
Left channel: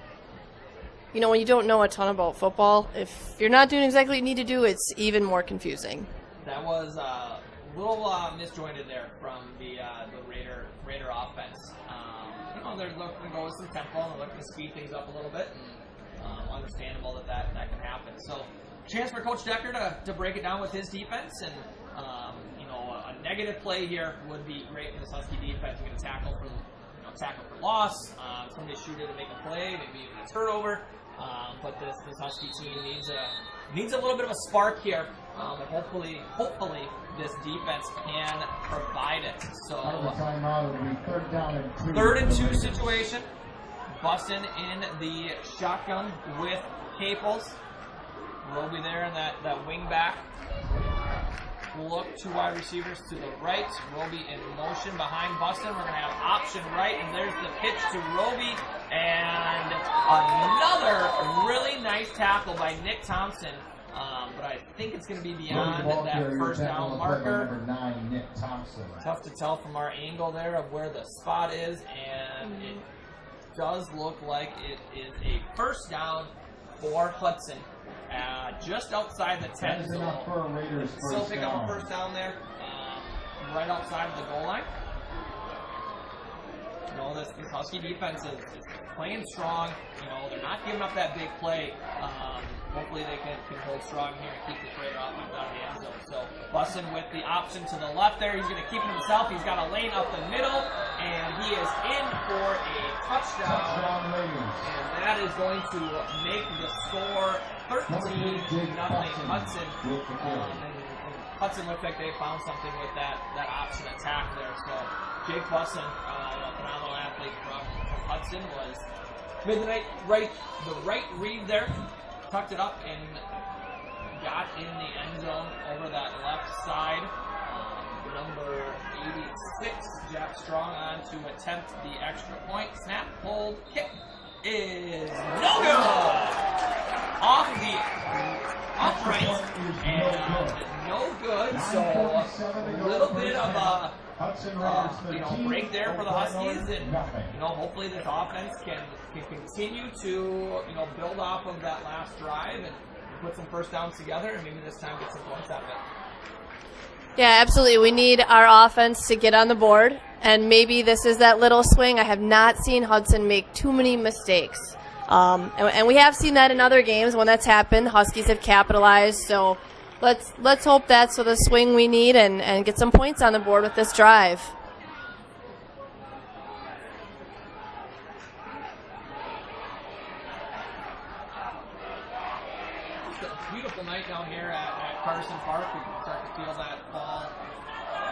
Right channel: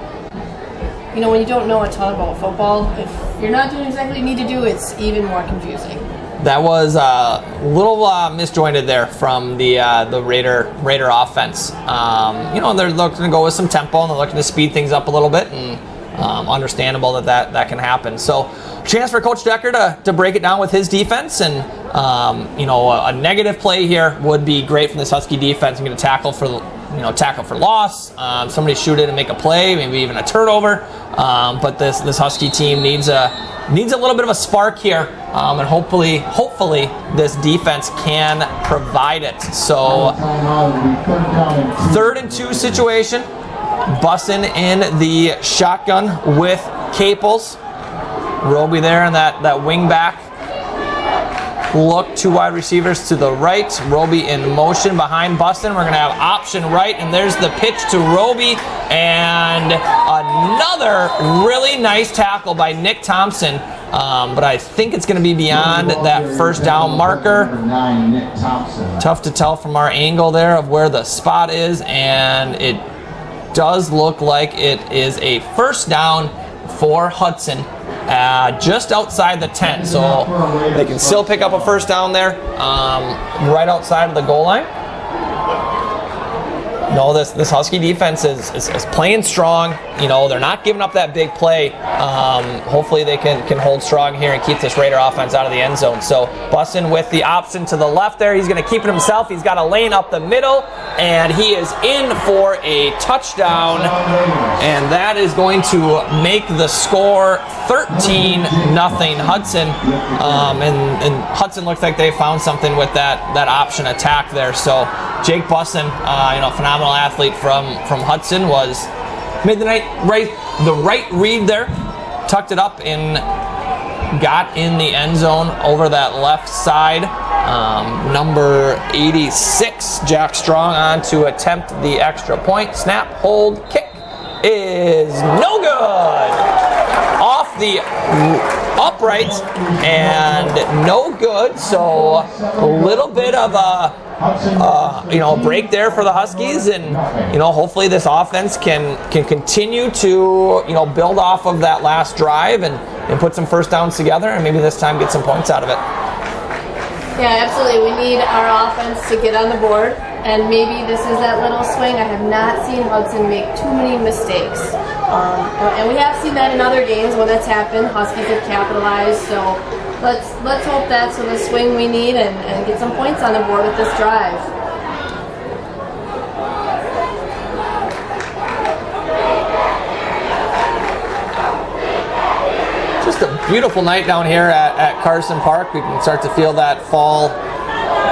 You know, when you don't know a ton about football, if you're not doing exactly what you need to do, it's even more confusing. That was a little misjointed there from the Raider offense. You know, they're looking to go with some tempo and they're looking to speed things up a little bit, and understandable that can happen. So, chance for Coach Decker to break it down with his defense, and you know, a negative play here would be great from this Husky defense. I'm going to tackle for loss. Somebody shoot it and make a play, maybe even a turnover. But this Husky team needs a little bit of a spark here, and hopefully this defense can provide it. So 3rd and 2 situation. Bussin in the shotgun with Caples. Roby there in that wing back look. 2 wide receivers to the right. Roby in motion behind Bussin. We're going to have option right, and there's the pitch to Roby, and another really nice tackle by Nick Thompson. But I think it's going to be beyond that 1st down marker. Tough to tell from our angle there of where the spot is, and it does look like it is a 1st down for Hudson. Just outside the 10, so they can still pick up a 1st down there, right outside of the goal line. No, this Husky defense is playing strong. You know, they're not giving up that big play. Hopefully they can hold strong here and keep this Raider offense out of the end zone. So Bussin with the option to the left there. He's going to keep it himself. He's got a lane up the middle, and he is in for a touchdown. And that is going to make the score 13-0 Hudson. And Hudson looks like they found something with that option attack there. So Jake Bussin, phenomenal athlete from Hudson, made the right read there, tucked it up and got in the end zone over that left side. Number 86, Jack Strong, on to attempt the extra point. Snap, hold, kick is no good. Off the upright and no good. So a little bit of a break there for the Huskies, and hopefully this offense can continue to build off of that last drive and put some 1st downs together, and maybe this time get some points out of it. Yeah, absolutely. We need our offense to get on the board, and maybe this is that little swing. I have not seen Hudson make too many mistakes, and we have seen that in other games when that's happened. Huskies have capitalized, so let's hope that's the swing we need and get some points on the board with this drive. Just a beautiful night down here at Carson Park. We can start to feel that fall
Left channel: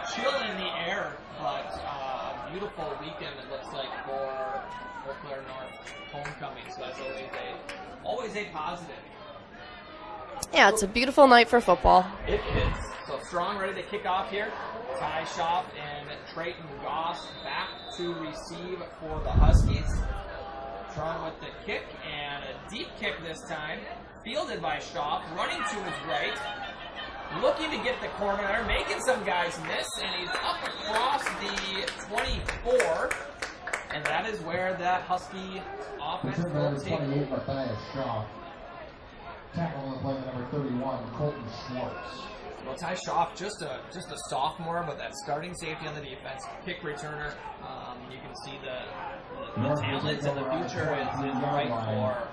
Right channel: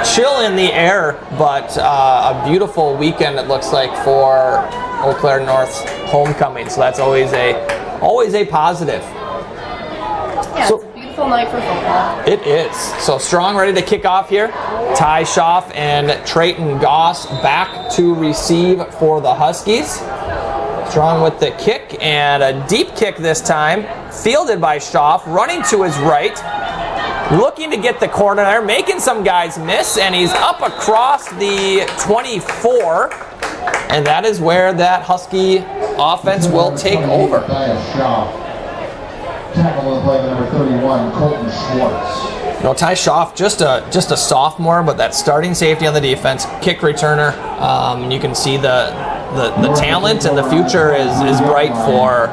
chill in the air, but a beautiful weekend it looks like for Eau Claire North's homecoming. So that's always a positive. Yeah, it's a beautiful night for football. It is. So Strong ready to kick off here. Ty Schaff and Trayton Goss back to receive for the Huskies. Strong with the kick, and a deep kick this time, fielded by Schaff, running to his right, looking to get the corner there, making some guys miss, and he's up across the 24 and that is where that Husky offense will take over. Tackle of play number 31, Colton Schwartz. You know, Ty Schaaf, just a sophomore, but that starting safety on the defense, kick returner. You can see the talent and the future is bright for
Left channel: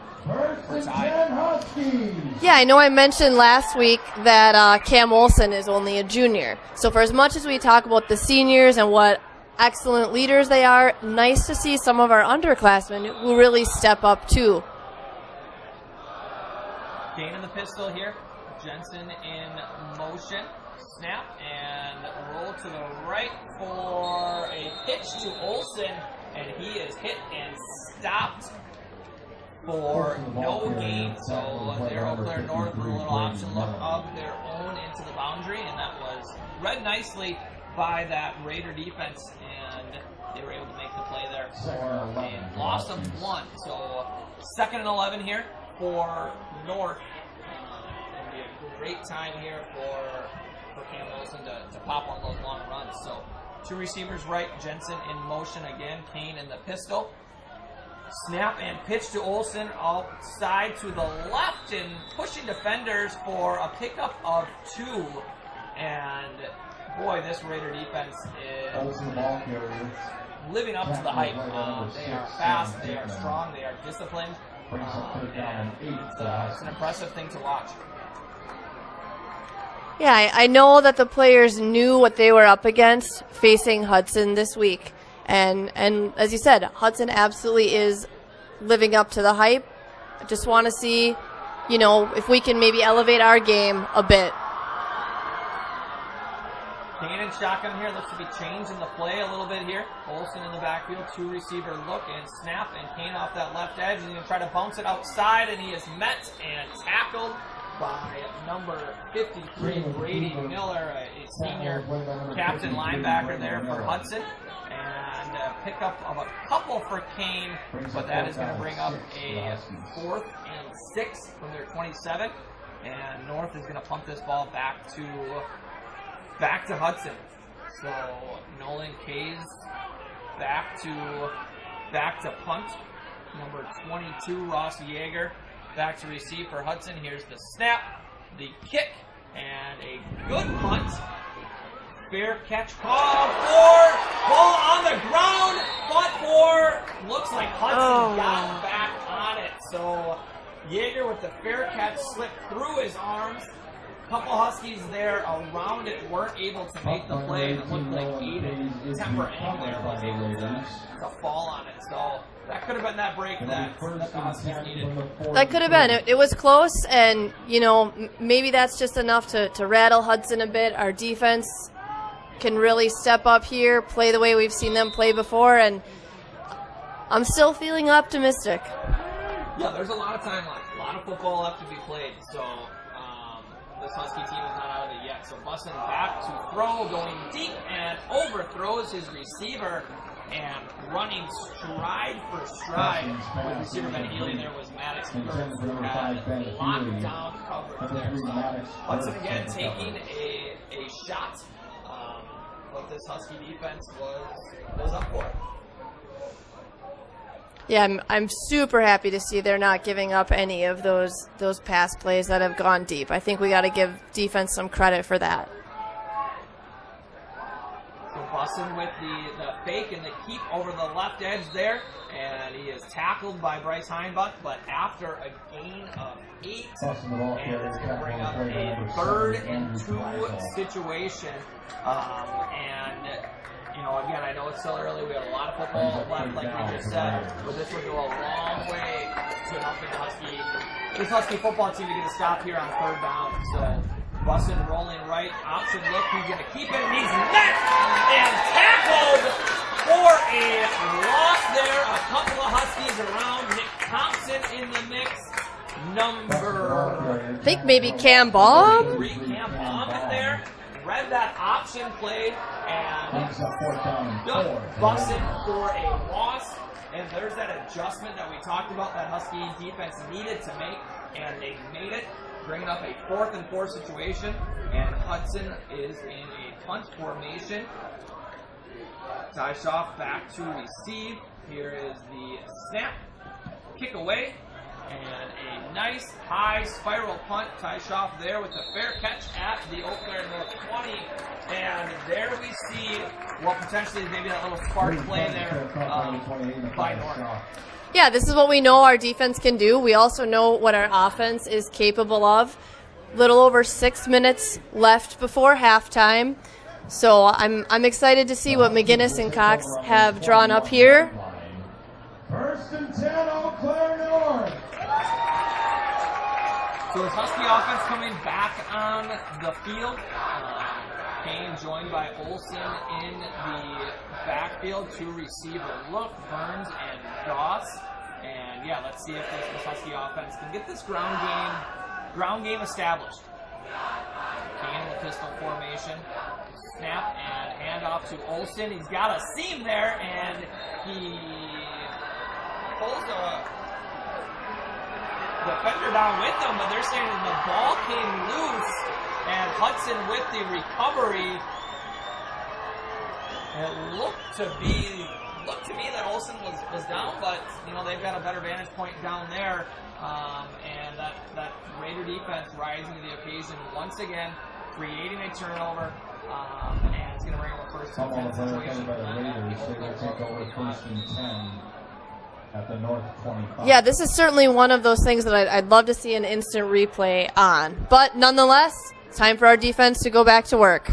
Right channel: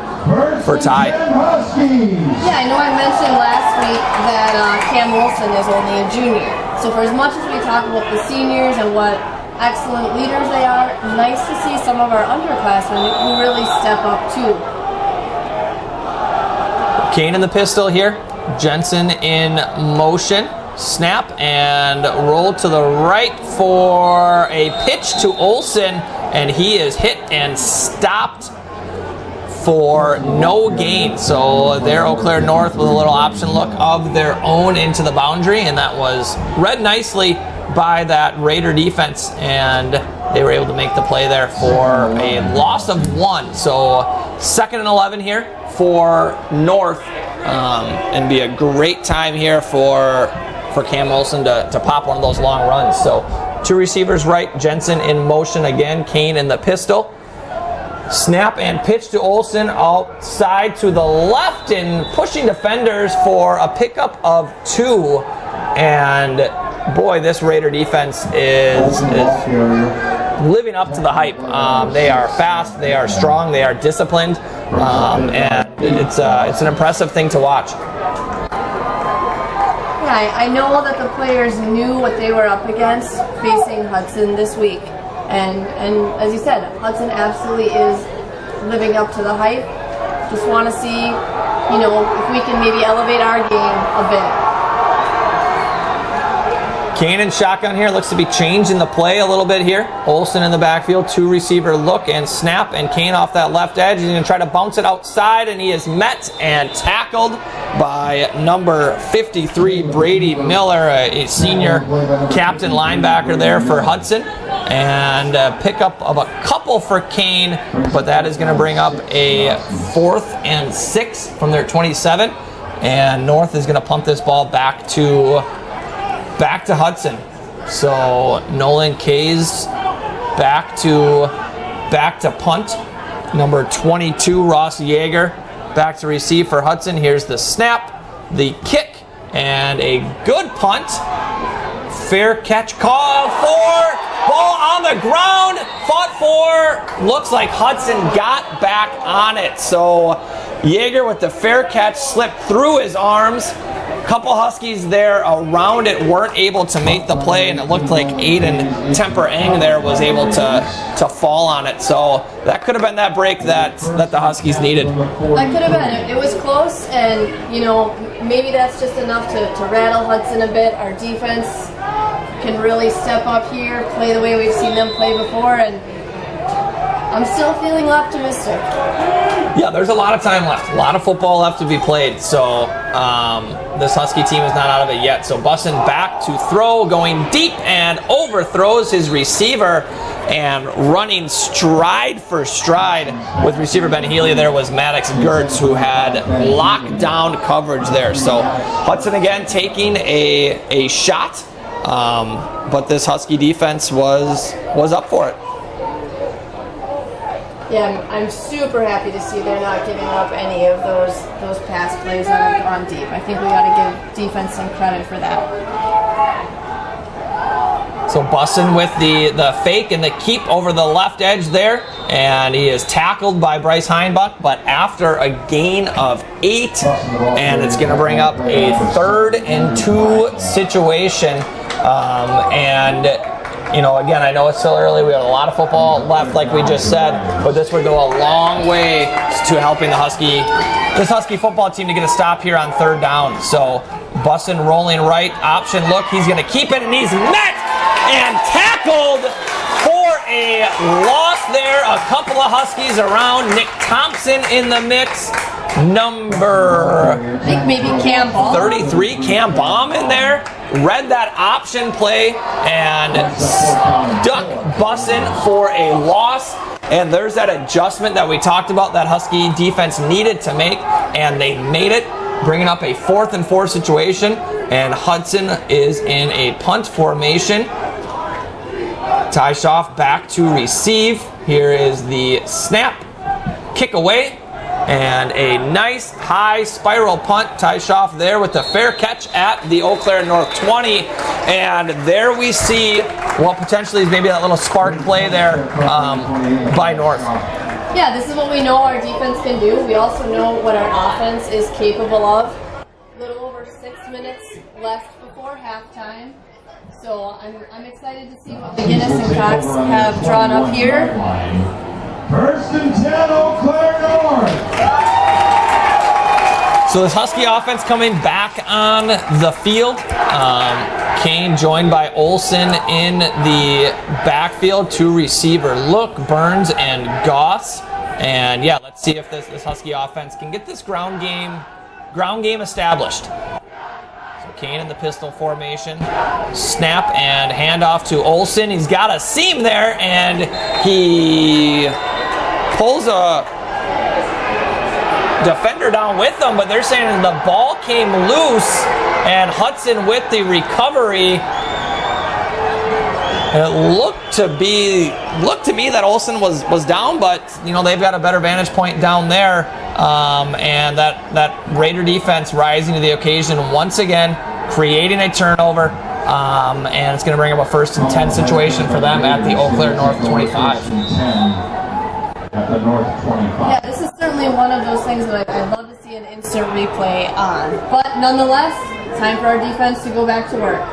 Ty. Yeah, I know I mentioned last week that Cam Olson is only a junior. So for as much as we talk about the seniors and what excellent leaders they are, nice to see some of our underclassmen who really step up too. Kane in the pistol here. Jensen in motion. Snap and roll to the right for a pitch to Olson, and he is hit and stopped for no gain. So there, Eau Claire North with a little option look of their own into the boundary, and that was read nicely by that Raider defense, and they were able to make the play there for a loss of 1. So 2nd and 11 here for North, and be a great time here for Cam Olson to pop one of those long runs. So 2 receivers right, Jensen in motion again, Kane in the pistol. Snap and pitch to Olson outside to the left and pushing defenders for a pickup of 2. And boy, this Raider defense is living up to the hype. They are fast, they are strong, they are disciplined, and it's an impressive thing to watch. Yeah, I know that the players knew what they were up against facing Hudson this week. And as you said, Hudson absolutely is living up to the hype. Just want to see, if we can maybe elevate our game a bit. Kane in shotgun here, looks to be changing the play a little bit here. Olson in the backfield, 2 receiver look and snap, and Kane off that left edge. He's going to try to bounce it outside, and he is met and tackled by number 53, Brady Miller, a senior captain linebacker there for Hudson. And a pickup of a couple for Kane, but that is going to bring up a 4th and 6 from their 27. And North is going to pump this ball back to Hudson. So Nolan Kays back to punt. Number 22, Ross Yeager, back to receive for Hudson. Here's the snap, the kick, and a good punt. Fair catch call for, ball on the ground, fought for. Looks like Hudson got back on it. So Yeager with the fair catch slipped through his arms. Couple Huskies there around it weren't able to make the play, and it looked like Aiden Temper-Eng there was able to fall on it. So that could have been that break that the Huskies needed. That could have been. It was close, and maybe that's just enough to rattle Hudson a bit. Our defense can really step up here, play the way we've seen them play before, and I'm still feeling optimistic. Yeah, there's a lot of time left. A lot of football left to be played. So this Husky team is not out of it yet. So Bussin back to throw, going deep and overthrows his receiver, and running stride for stride with receiver Ben Healy there was Maddox Gertz, who had lockdown coverage there. So Hudson again taking a shot, but this Husky defense was up for it. Yeah, I'm super happy to see they're not giving up any of those pass plays that have gone deep. I think we got to give defense some credit for that. So Bussin with the fake and the keep over the left edge there, and he is tackled by Bryce Heinbuch, but after a gain of 8, and it's going to bring up a 3rd and 2 situation, again, I know it's still early. We have a lot of football left, like we just said, but this would go a long way to helping this Husky football team to get a stop here on 3rd down. So Bussin rolling right, option look. He's going to keep it, and he's met and tackled for a loss there. A couple of Huskies around. Nick Thompson in the mix. Number, I think maybe Cam Baum. 33, Cam Baum in there. Read that option play and stuck Bussin for a loss. And there's that adjustment that we talked about that Husky defense needed to make, and they made it, bringing up a 4th and 4 situation. And Hudson is in a punt formation. Ty Schaaf back to receive. Here is the snap, kick away, and a nice high spiral punt. Ty Schaaf there with the fair catch at the Eau Claire North 20. And there we see what potentially is maybe that little spark play there by North. Yeah, this is what we know our defense can do. We also know what our offense is capable of. Little over 6 minutes left before halftime. So I'm excited to see what McGinnis and Cox have drawn up here. 1st and 10, Eau Claire North. So this Husky offense coming back on the field. Kane joined by Olsen in the backfield. 2 receiver look, Burns and Goss. And yeah, let's see if this Husky offense can get this ground game established. Kane in the pistol formation. Snap and handoff to Olsen. He's got a seam there, and he pulls a defender down with him, but they're saying the ball came loose, and Hudson with the recovery. And it looked to me that Olsen was down, but you know they've got a better vantage point down there, and that Raider defense rising to the occasion once again, creating a turnover, and it's going to bring up a 1st and 10 situation for them at the Eau Claire North 25. At the North 25. Yeah, this is certainly one of those things that I'd love to see an instant replay on. But nonetheless, time for our defense to go back to work.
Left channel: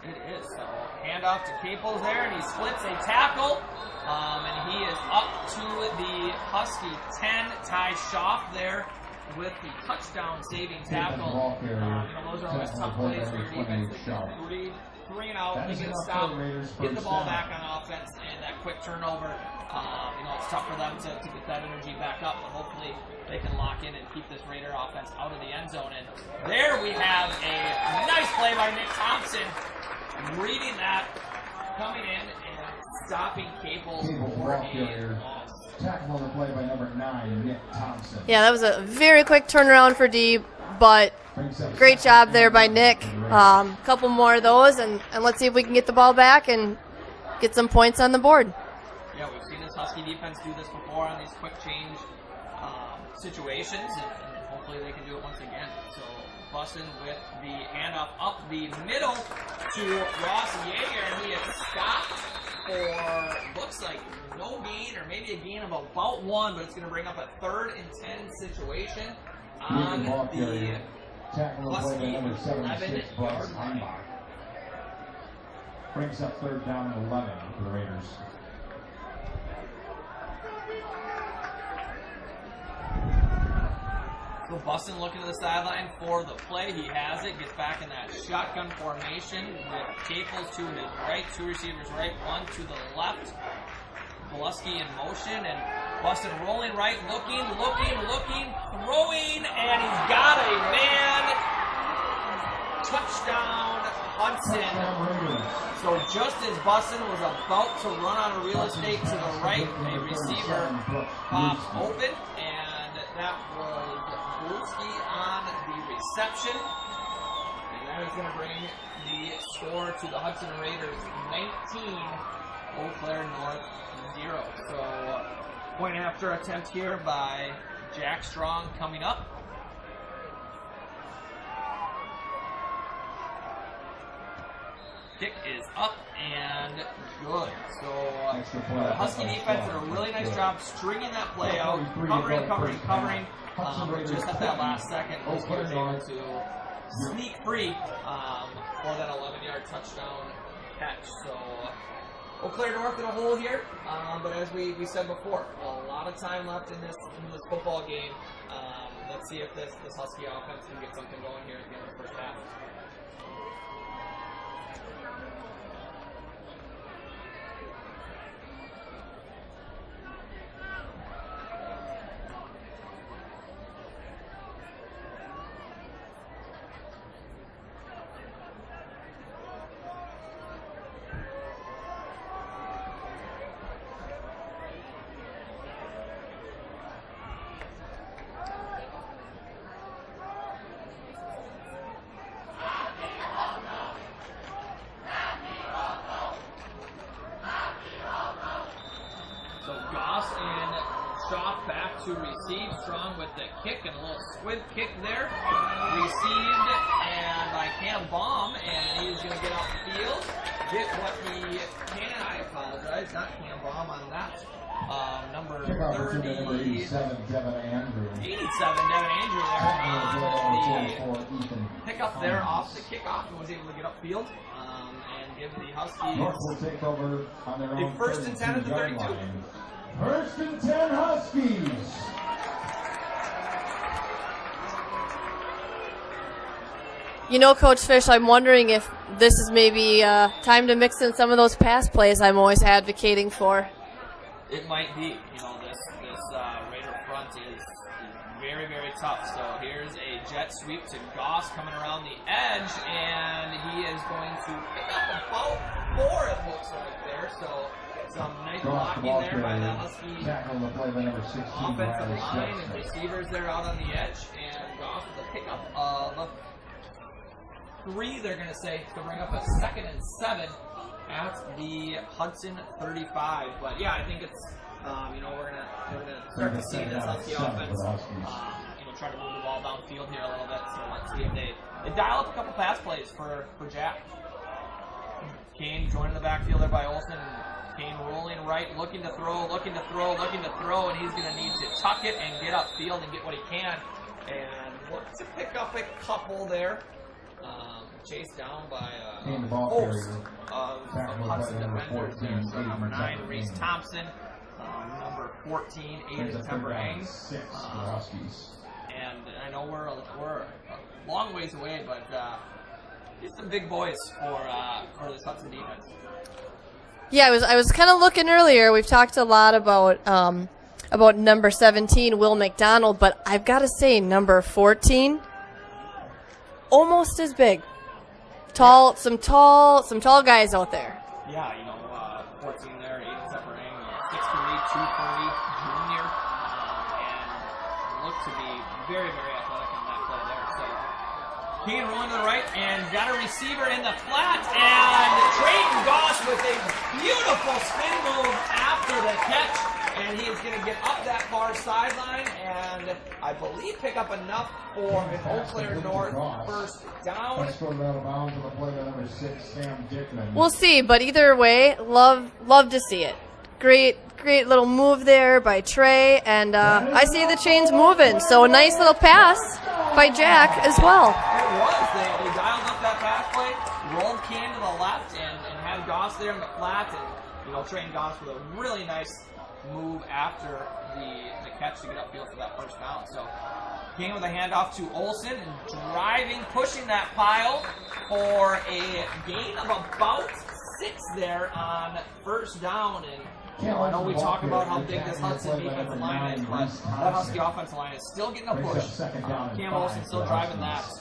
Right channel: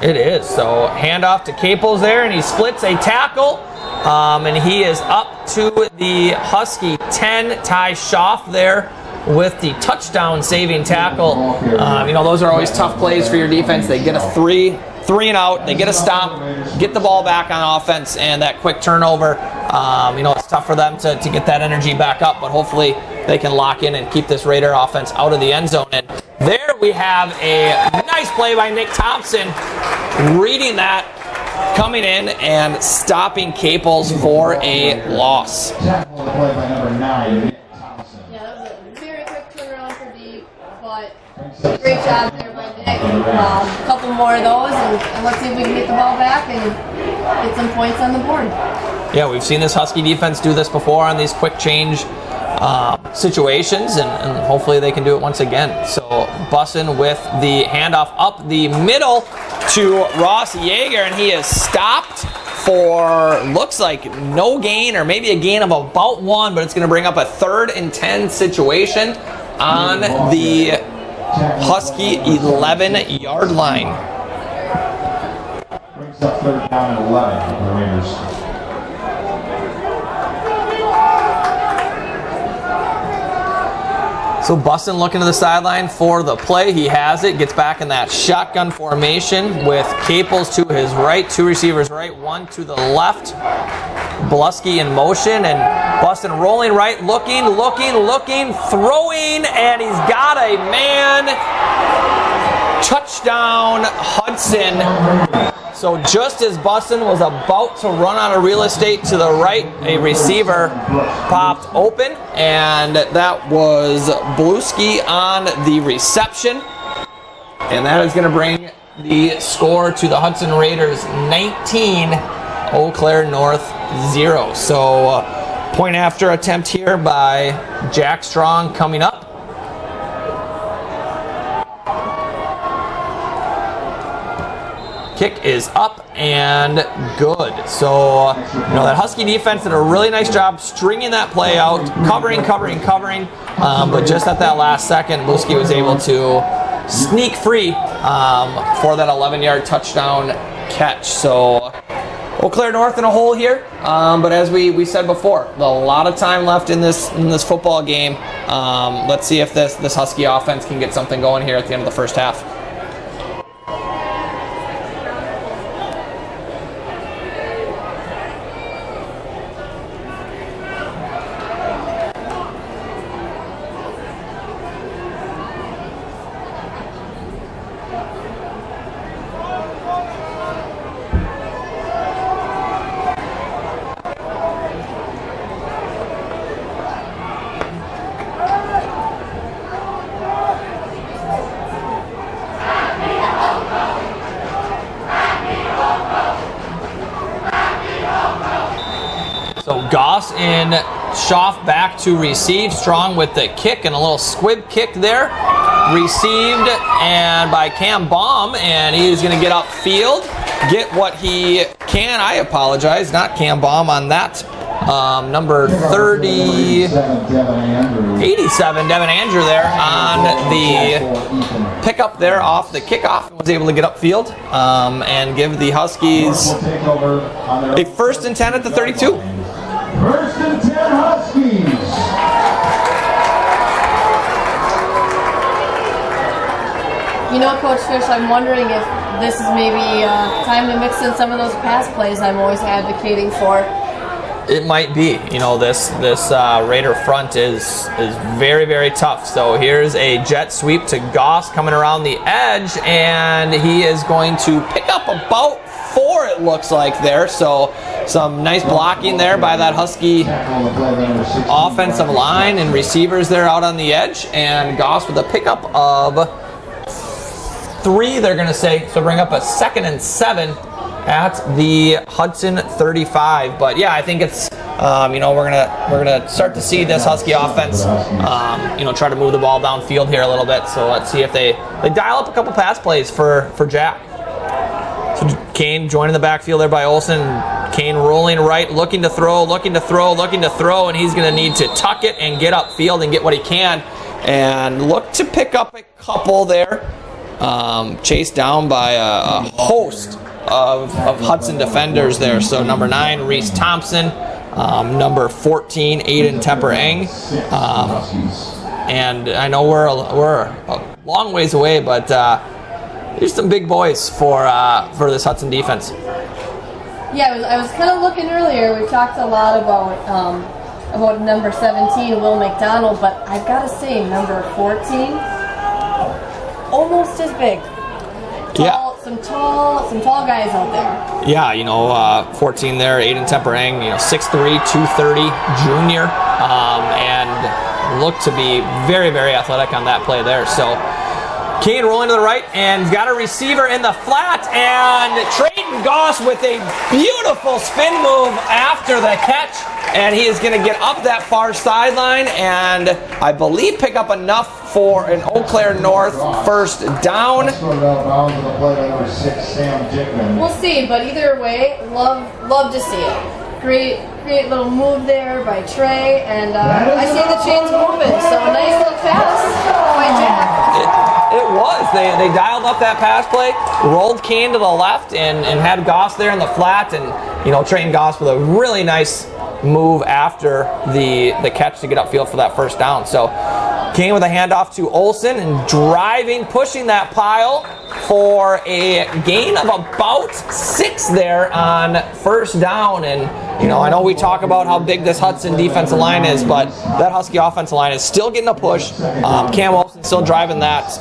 It is. So handoff to Caples there, and he splits a tackle, and he is up to the Husky 10. Ty Schaaf there with the touchdown saving tackle. You know, those are always tough plays for your defense. They get a three and out, they get a stop, get the ball back on offense, and that quick turnover. You know, it's tough for them to get that energy back up, but hopefully they can lock in and keep this Raider offense out of the end zone. And there we have a nice play by Nick Thompson, reading that, coming in and stopping Caples for a loss. Yeah, that was a very quick turnaround for D, but great job there by Nick. A couple more of those, and let's see if we can get the ball back and get some points on the board. Yeah, we've seen this Husky defense do this before on these quick change situations, and hopefully they can do it once again. So Bussin with the handoff up the middle to Ross Yeager, and he is stopped for, looks like no gain, or maybe a gain of about 1, but it's going to bring up a 3rd and 10 situation on the Husky 11-yard line. Brings up 3rd down and 11 for the Raiders. So Bussin looking to the sideline for the play. He has it, gets back in that shotgun formation with Caples to his right, 2 receivers right, 1 to the left. Blusky in motion, and Bussin rolling right, looking, throwing, and he's got a man. Touchdown, Hudson. So just as Bussin was about to run out of real estate to the right, a receiver popped open, and that was Blusky on the reception. And that is going to bring the score to the Hudson Raiders 19, Eau Claire North 0. So point after attempt here by Jack Strong coming up. Kick is up and good. So, you know, that Husky defense did a really nice job stringing that play out, covering. But just at that last second, Blusky was able to sneak free for that 11-yard touchdown catch. So, Eau Claire North in a hole here. But as we said before, a lot of time left in this football game. Let's see if this Husky offense can get something going here at the end of the first half. Goss in Schaff back to receive. Strong with the kick and a little squib kick there. Received and by Cam Baum, and he's going to get upfield, get what he can. I apologize, not Cam Baum on that. Number 87, Devin Andrew there on the pickup there off the kickoff. Was able to get upfield and give the Huskies a 1st and 10 at the 32. 1st and 10 Huskies. You know, Coach Fish, I'm wondering if this is maybe time to mix in some of those pass plays I'm always advocating for. It might be. You know, this Raider front is very, very tough. So here's a jet sweep to Goss coming around the edge, and he is going to pick up about 4, it looks like there. So some nice blocking there by that Husky offensive line and receivers there out on the edge, and Goss with a pickup of 3, they're going to say, so bring up a 2nd and 7 at the Hudson 35. But yeah, I think it's you know, we're gonna start to see this Husky offense you know, try to move the ball downfield here a little bit. So let's see if they dial up a couple pass plays for Jack. So Kane joining the backfield there by Olsen. Kane rolling right, looking to throw, and he's going to need to tuck it and get upfield and get what he can, and look to pick up a couple there. Chased down by a host of Hudson defenders there. So number 9, Reese Thompson. Number 14, Aiden Tepper-Eng. And I know we're a long ways away, but there's some big boys for this Hudson defense. Yeah, I was kind of looking earlier. We've talked a lot about number 17, Will McDonald, but I've got to say number 14, almost as big. Tall, yeah. Some tall guys out there. Yeah, you know, 14 there, Aiden Tepper-Eng, you know, 6'3", 230 junior, and looked to be very, very athletic on that play there. So Kane rolling to the right, and got a receiver in the flat, and Trayton Goss with a beautiful spin move after the catch, and he is going to get up that far sideline and I believe pick up enough for an Eau Claire North 1st down. We'll see, but either way, love to see it. Great little move there by Trey, and I see the chains moving, so a nice little pass by Jack as well. It was. They dialed up that pass play, rolled Kane to the left, and had Goss there in the flat, and you know, Trayton Goss with a really nice move after the catch to get upfield for that 1st down. So Kane with a handoff to Olsen and driving, pushing that pile for a gain of about 6 there on 1st down. And you know, I know we talk about how big this Hudson defensive line is, but that Husky offensive line is still getting a push. Cam Olsen still driving that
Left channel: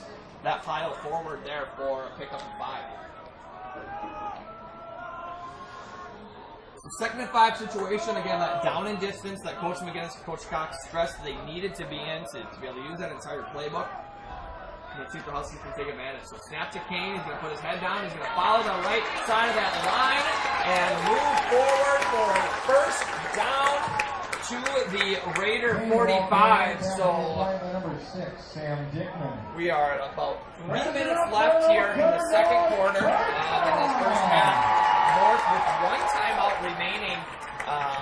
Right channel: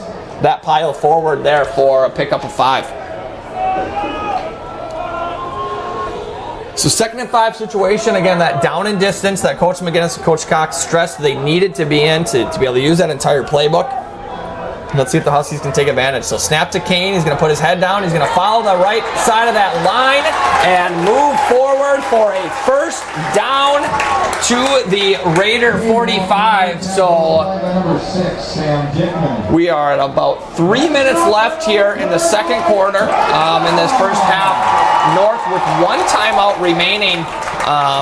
pile forward there for a pickup of 5. So 2nd and 5 situation, again, that down and distance that Coach McGinnis and Coach Cox stressed they needed to be in to be able to use that entire playbook. Let's see if the Huskies can take advantage. So snap to Kane. He's going to put his head down. He's going to follow the right side of that line and move forward for a 1st down to the Raider 45. So we are at about 3 minutes left here in the 2nd quarter in this 1st half. North with 1 timeout remaining.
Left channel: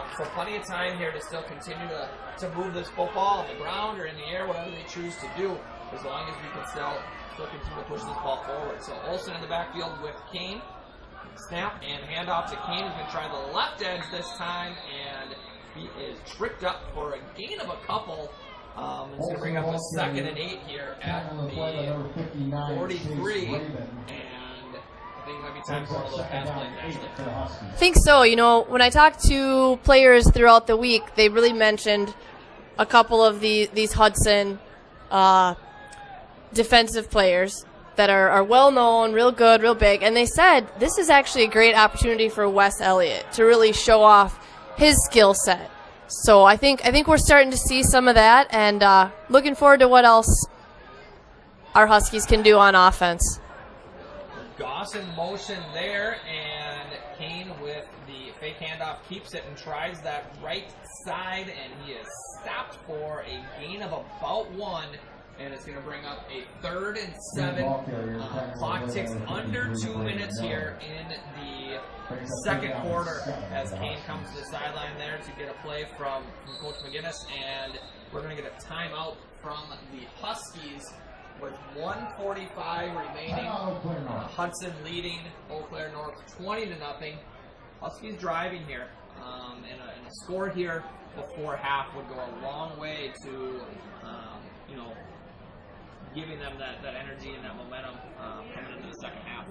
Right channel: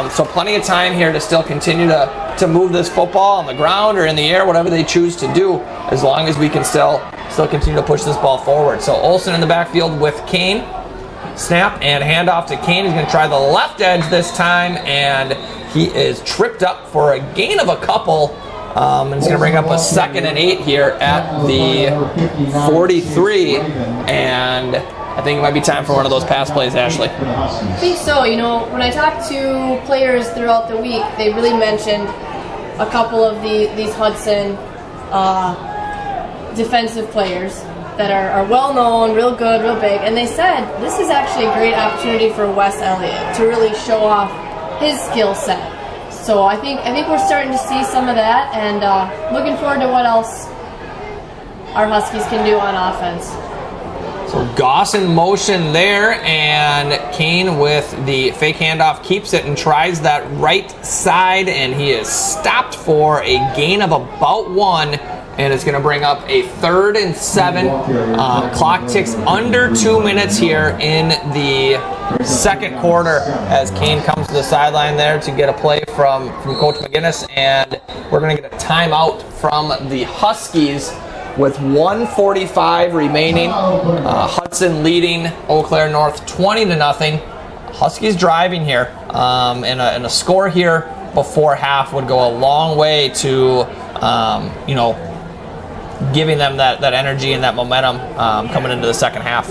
So plenty of time here to still continue to move this football on the ground or in the air, whatever they choose to do, as long as we can still continue to push this ball forward. So Olsen in the backfield with Kane. Snap and handoff to Kane. He's going to try the left edge this time, and he is tripped up for a gain of a couple. And he's going to bring up a 2nd and 8 here at the 43. And I think it might be time for one of those pass plays, Ashley. I think so. You know, when I talked to players throughout the week, they really mentioned a couple of these Hudson defensive players that are well-known, real good, real big, and they said this is actually a great opportunity for Wes Elliott to really show off his skill set. So I think we're starting to see some of that, and looking forward to what else our Huskies can do on offense. So Goss in motion there, and Kane with the fake handoff keeps it and tries that right side, and he is stopped for a gain of about 1, and it's going to bring up a 3rd and 7. Clock ticks under 2 minutes here in the second quarter as Kane comes to the sideline there to get a play from Coach McGinnis, and we're going to get a timeout from the Huskies with 1:45 remaining. Hudson leading Eau Claire North 20-0. Huskies driving here, and a score here before half would go a long way to giving them that energy and that momentum coming into the second half.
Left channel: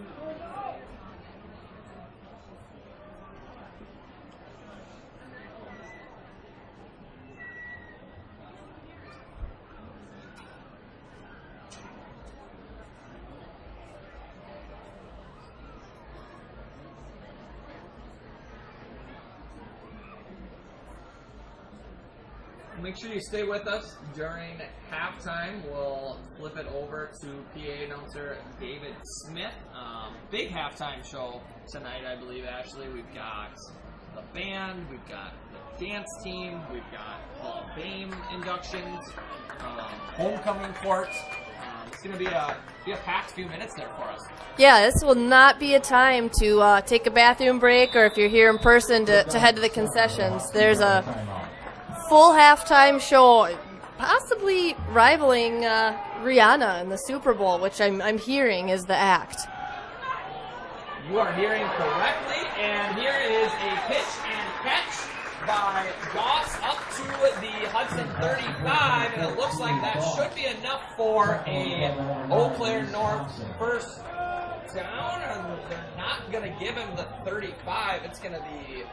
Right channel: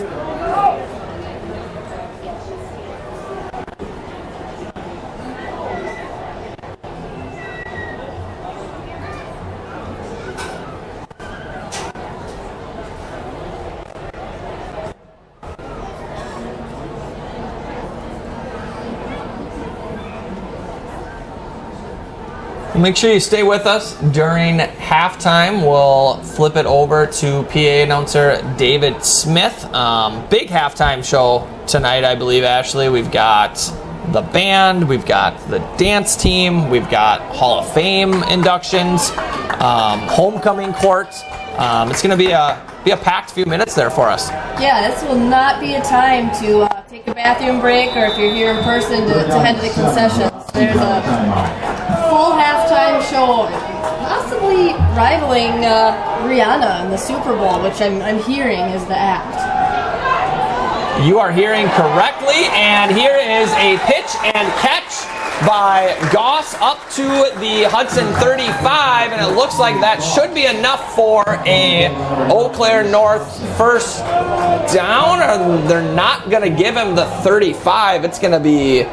Make sure you stay with us during halftime. We'll flip it over to PA announcer David Smith. Big halftime show tonight, I believe, Ashley. We've got the band, we've got the dance team, we've got Hall of Fame inductions, homecoming court. It's going to be a packed few minutes there for us. Yeah, this will not be a time to take a bathroom break, or if you're here in person, to head to the concessions. There's a full halftime show, possibly rivaling Rihanna in the Super Bowl, which I'm hearing is the act. You are hearing correctly, and here is a pitch and catch by Goss up to the Hudson 35, and it looks like that should be enough for a Eau Claire North first down, or they're not going to give him the 35. It's going to be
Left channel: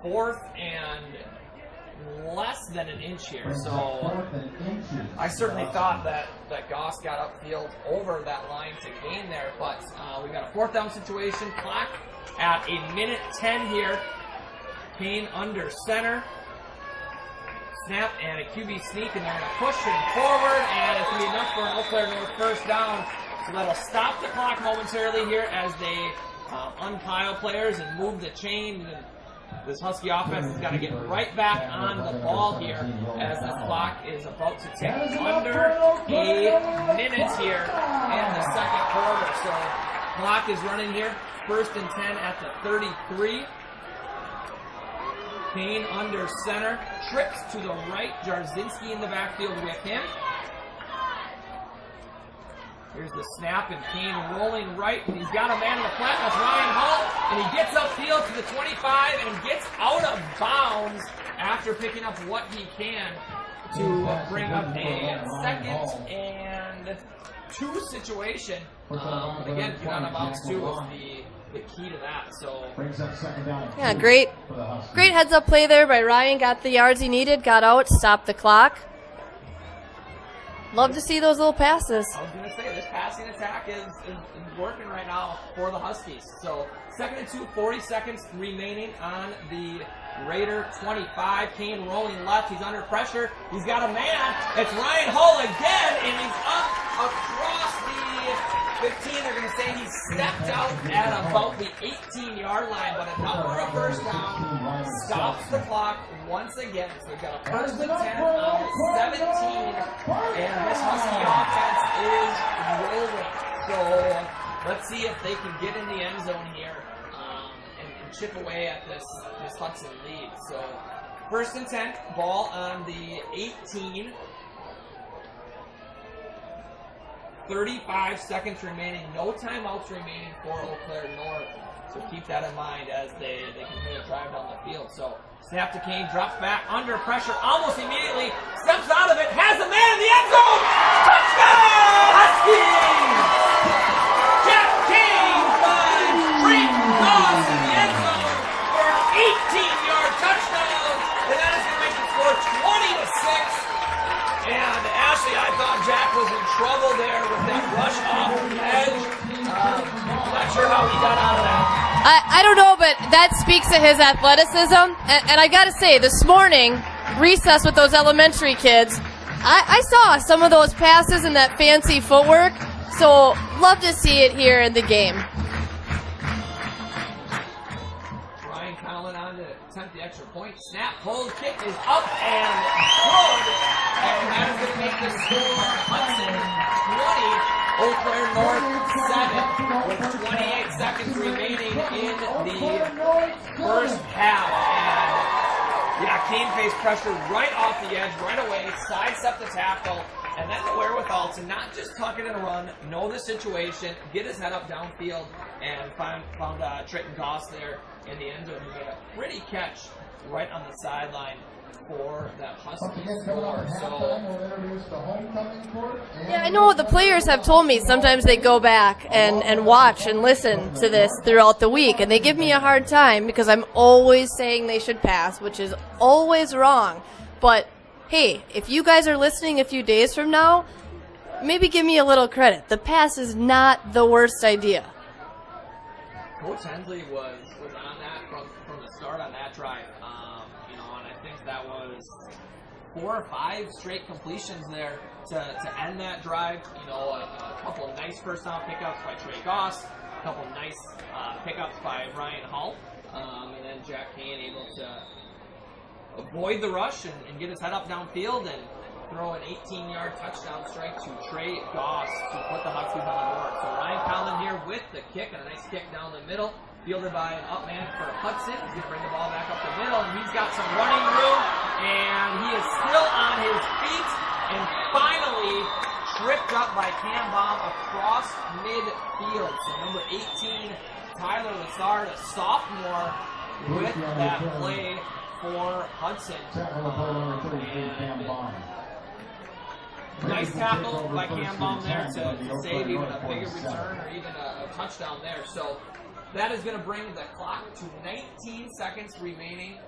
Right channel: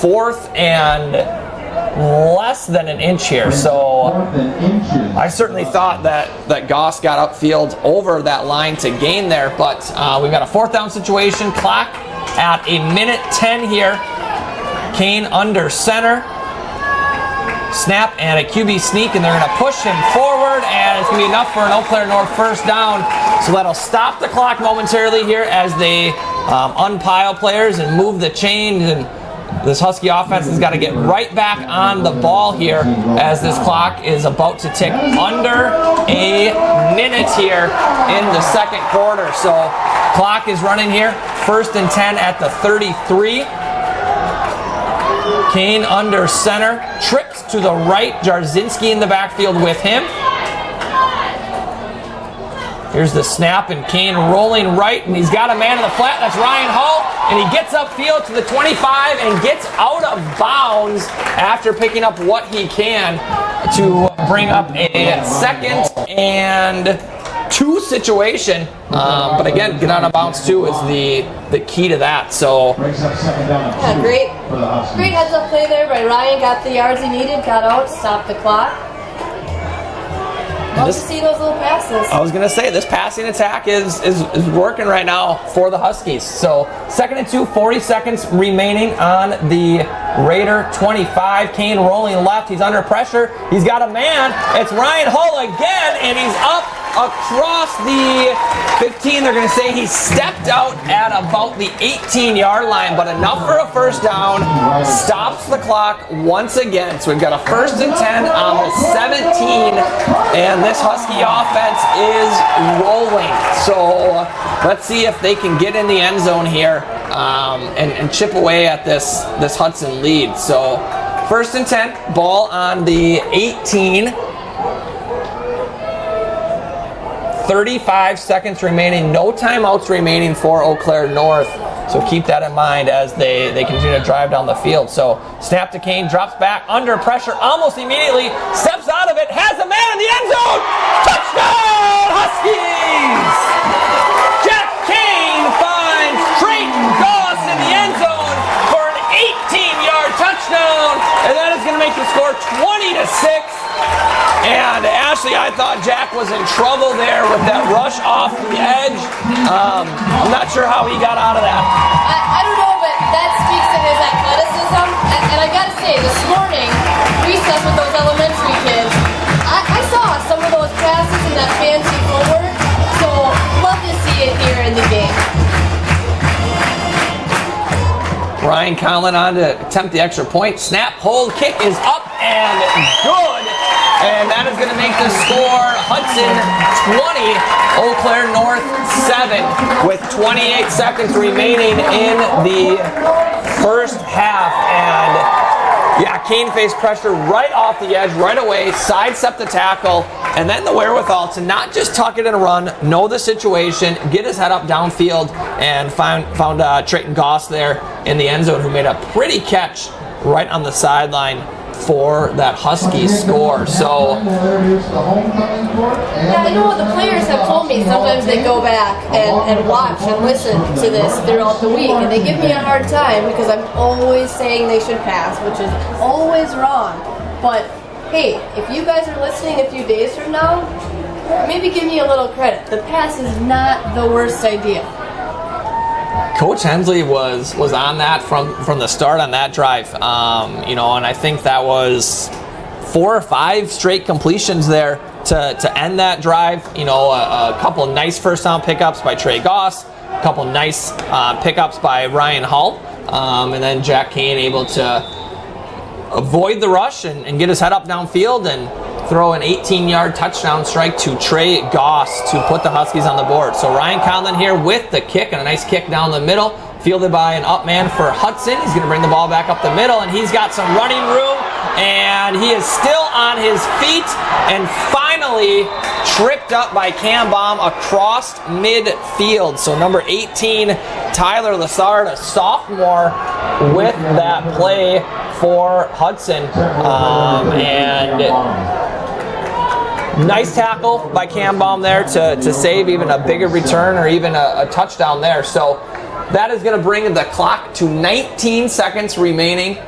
4th and less than an inch here. So I certainly thought that Goss got upfield over that line to gain there, but we've got a 4th down situation. Clock at 1:10 here. Kane under center. Snap and a QB sneak, and they're going to push him forward, and it's going to be enough for an Eau Claire North first down. So that'll stop the clock momentarily here as they unpile players and move the chains, and this Husky offense has got to get right back on the ball here as this clock is about to tick under a minute here in the second quarter. So clock is running here. 1st and 10 at the 33. Kane under center, trips to the right, Jarzinski in the backfield with him. Here's the snap, and Kane rolling right, and he's got a man in the flat. That's Ryan Hull, and he gets upfield to the 25 and gets out of bounds after picking up what he can to bring up a 2nd and 2 situation. But again, get out of bounds too is the key to that. So yeah, great heads up play there by Ryan. Got the yards he needed, got out, stopped the clock. Love to see those little passes. I was going to say, this passing attack is working right now for the Huskies. So 2nd and 2, 40 seconds remaining on the Raider 25. Kane rolling left. He's under pressure. He's got a man. It's Ryan Hull again, and he's up across the 15. They're going to say he stepped out at about the 18-yard line, but enough for a first down. Stops the clock once again. So we've got a 1st and 10 on the 17, and this Husky offense is rolling. So let's see if they can get in the end zone here and chip away at this Hudson lead. So 1st and 10, ball on the 18. 35 seconds remaining, no timeouts remaining for Eau Claire North. So keep that in mind as they continue to drive down the field. So snap to Kane, drops back, under pressure almost immediately, steps out of it, has a man in the end zone! Touchdown, Huskies! Jeff Kane finds Drayton Goss in the end zone for an 18-yard touchdown, and that is going to make the score 20-6. And Ashley, I thought Jack was in trouble there with that rush off the edge. I'm not sure how he got out of that. I don't know, but that speaks to his athleticism. And I gotta say, this morning, recess with those elementary kids, I saw some of those passes and that fancy footwork. So love to see it here in the game. Ryan Conlon on to attempt the extra point. Snap, hold, kick is up and good. And that is going to make the score Hudson 20, Eau Claire North 7 with 28 seconds remaining in the first half. And yeah, Kane faced pressure right off the edge, right away, sidestepped the tackle, and then the wherewithal to not just tuck it and run, know the situation, get his head up downfield, and found Trayton Goss there in the end zone, who made a pretty catch right on the sideline for that Husky score. So yeah, I know what the players have told me. Sometimes they go back and watch and listen to this throughout the week, and they give me a hard time because I'm always saying they should pass, which is always wrong. But hey, if you guys are listening a few days from now, maybe give me a little credit. The pass is not the worst idea. Coach Hensley was on that from the start on that drive, and I think that was 4 or 5 straight completions there to end that drive. A couple of nice first down pickups by Trey Goss, a couple of nice pickups by Ryan Hull, and then Jack Kane able to avoid the rush and get his head up downfield and throw an 18-yard touchdown strike to Trey Goss to put the Huskies on the board. So Ryan Conlon here with the kick, and a nice kick down the middle, fielded by an up man for Hudson. He's going to bring the ball back up the middle, and he's got some running room, and he is still on his feet, and finally tripped up by Cam Baum across midfield. So number 18, Tyler Lassard, a sophomore, with that play for Hudson, and nice tackle by Cam Baum there to save even a bigger return or even a touchdown there. So that is going to bring the clock to 19 seconds remaining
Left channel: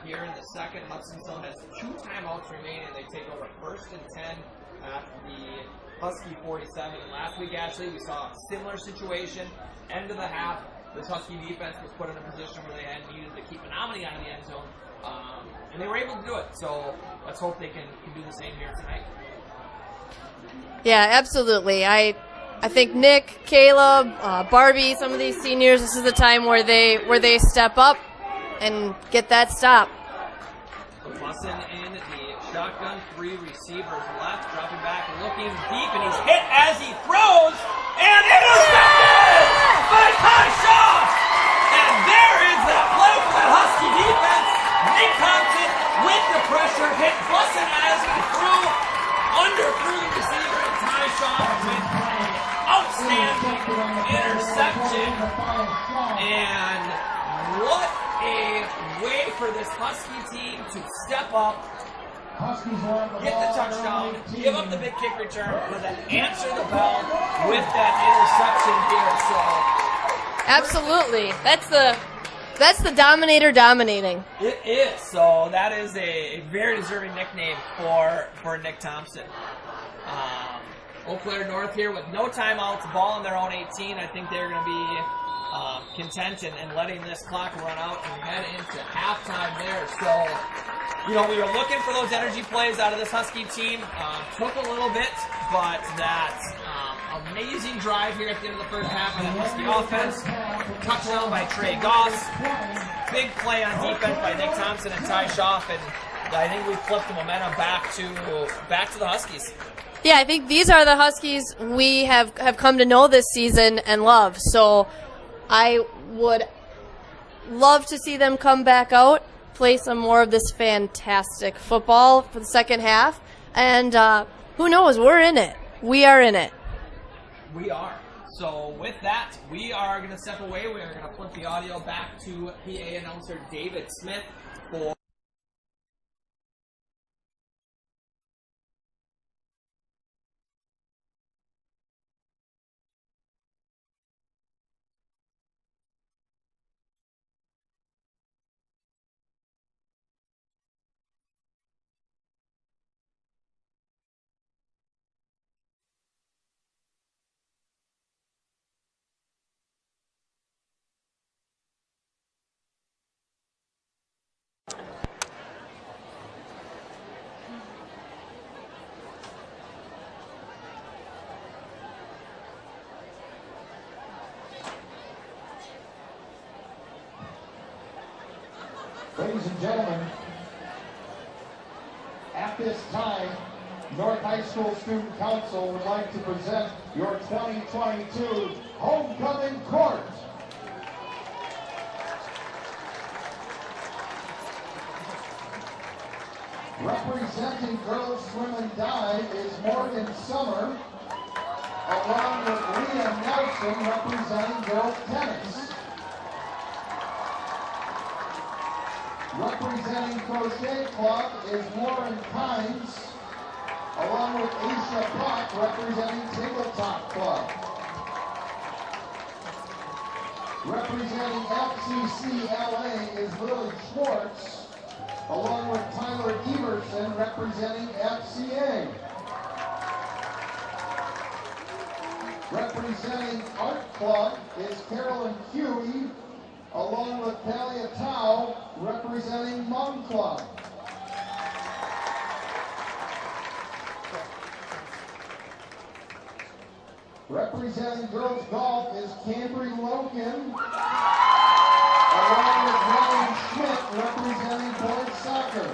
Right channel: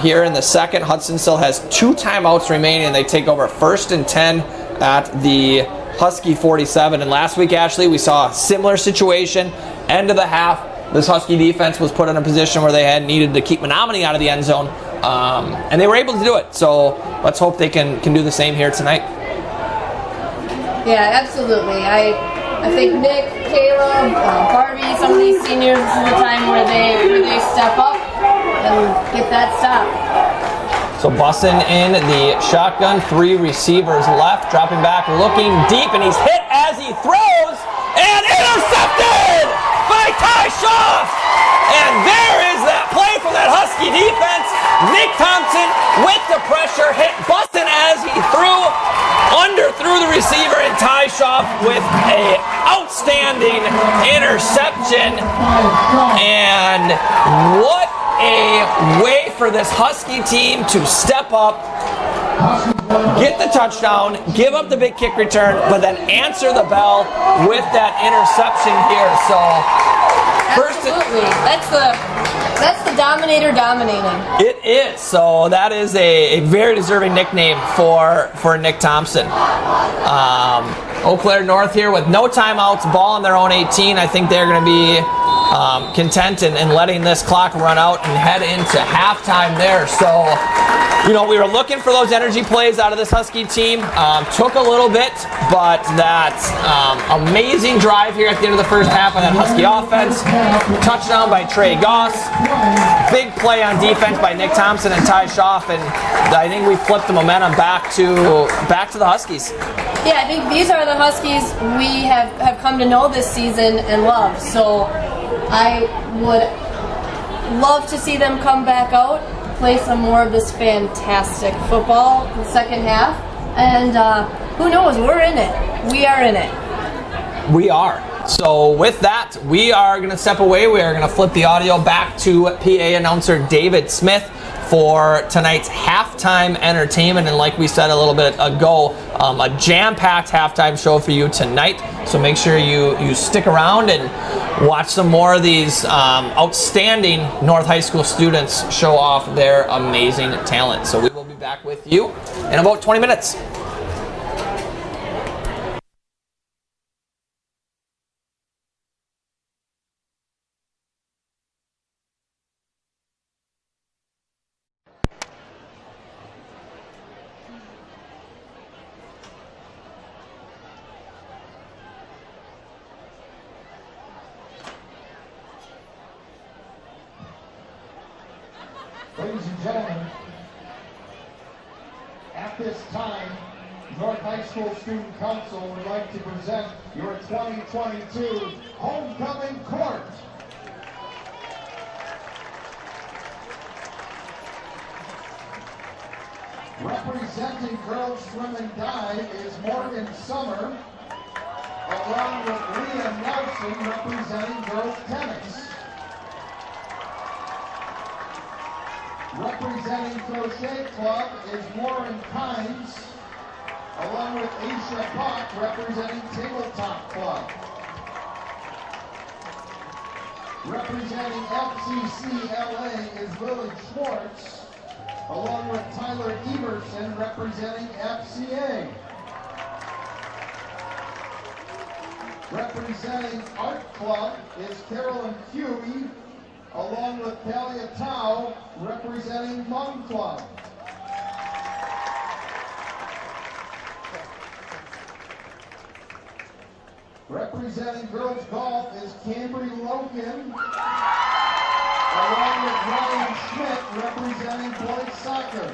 here in the second. Hudson still has 2 timeouts remaining, and they take over 1st and 10 at the Husky 47. And last week, Ashley, we saw a similar situation. End of the half, this Husky defense was put in a position where they had needed to keep Menominee out of the end zone, and they were able to do it. So let's hope they can do the same here tonight. Yeah, absolutely. I think Nick, Caleb, Barbie, some of these seniors, this is the time where they step up and get that stop. So Bussin in the shotgun, 3 receivers left, dropping back, looking deep, and he's hit as he throws, and intercepted by Ty Schaaf. And there is that play from that Husky defense. Nick Thompson with the pressure, hit Bussin as he threw the receiver, and Ty Schaaf with an outstanding interception. And what a way for this Husky team to step up, get the touchdown, give up the big kick return, but then answer the bell with that interception here. So absolutely, that's the dominator dominating. It is. So that is a very deserving nickname for Nick Thompson. Eau Claire North here with no timeouts, ball on their own 18. I think they're going to be content in letting this clock run out and head into halftime there. So, we were looking for those energy plays out of this Husky team. Took a little bit, but that amazing drive here at the end of the first half on that Husky offense. Touchdown by Trey Goss. Big play on defense by Nick Thompson and Ty Schaaf, and I think we flipped the momentum back to the Huskies. Yeah, I think these are the Huskies we have come to know this season and love. So I would love to see them come back out, play some more of this fantastic football in the second half. And who knows, we're in it. We are in it. We are. So with that, we are going to step away. We are going to flip the audio back to PA announcer David Smith for tonight's halftime entertainment. And like we said a little bit ago, a jam-packed halftime show for you tonight. So make sure you stick around and watch some more of these outstanding North High School students show off their amazing talent. So we will be back with you in about 20 minutes. and gentlemen, at this time, North High School Student Council would like to present your 2022 Homecoming Court. Representing girls swim and dive is Morgan Summer, along with Leah Nelson representing girls tennis. Representing Crochet Club is Lauren Kynes, along with Aisha Bach representing Tabletop Club. Representing FCC LA is Lily Schwartz, along with Tyler Everson representing FCA. Representing Art Club is Carolyn Huey, along with Talia Tao representing Hmong Club. Representing girls golf is Cambry Logan, along with Ryan Schmidt representing boys soccer.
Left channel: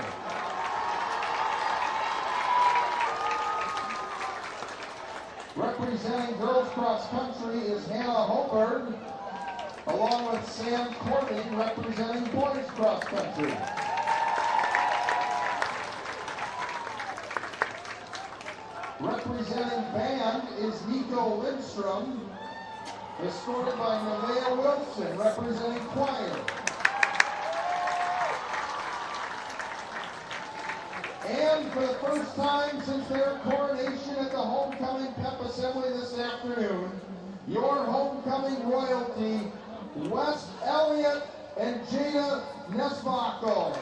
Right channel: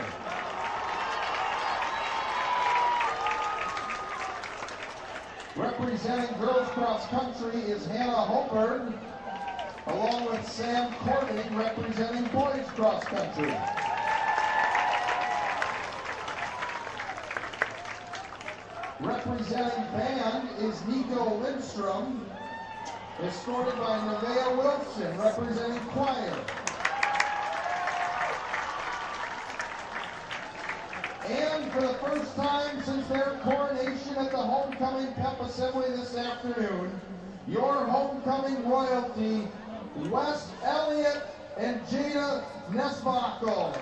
Representing girls cross country is Hannah Hoberg, along with Sam Corbin representing boys cross country. Representing band is Nico Lindstrom, escorted by Nevaeh Wilson representing choir. And for the first time since their coronation at the Homecoming Pep Assembly this afternoon, your homecoming royalty, Wes Elliott and Jada Nesbacco.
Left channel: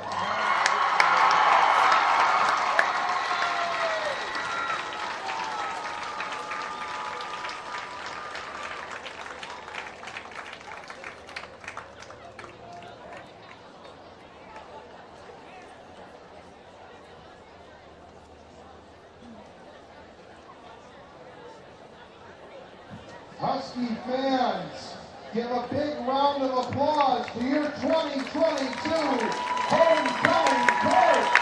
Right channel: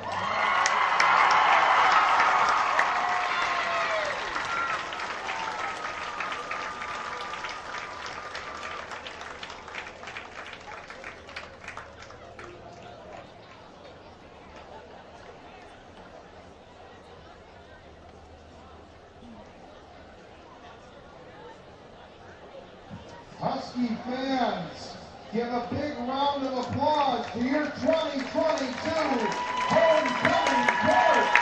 Husky fans, give a big round of applause to your 2022 Homecoming Court.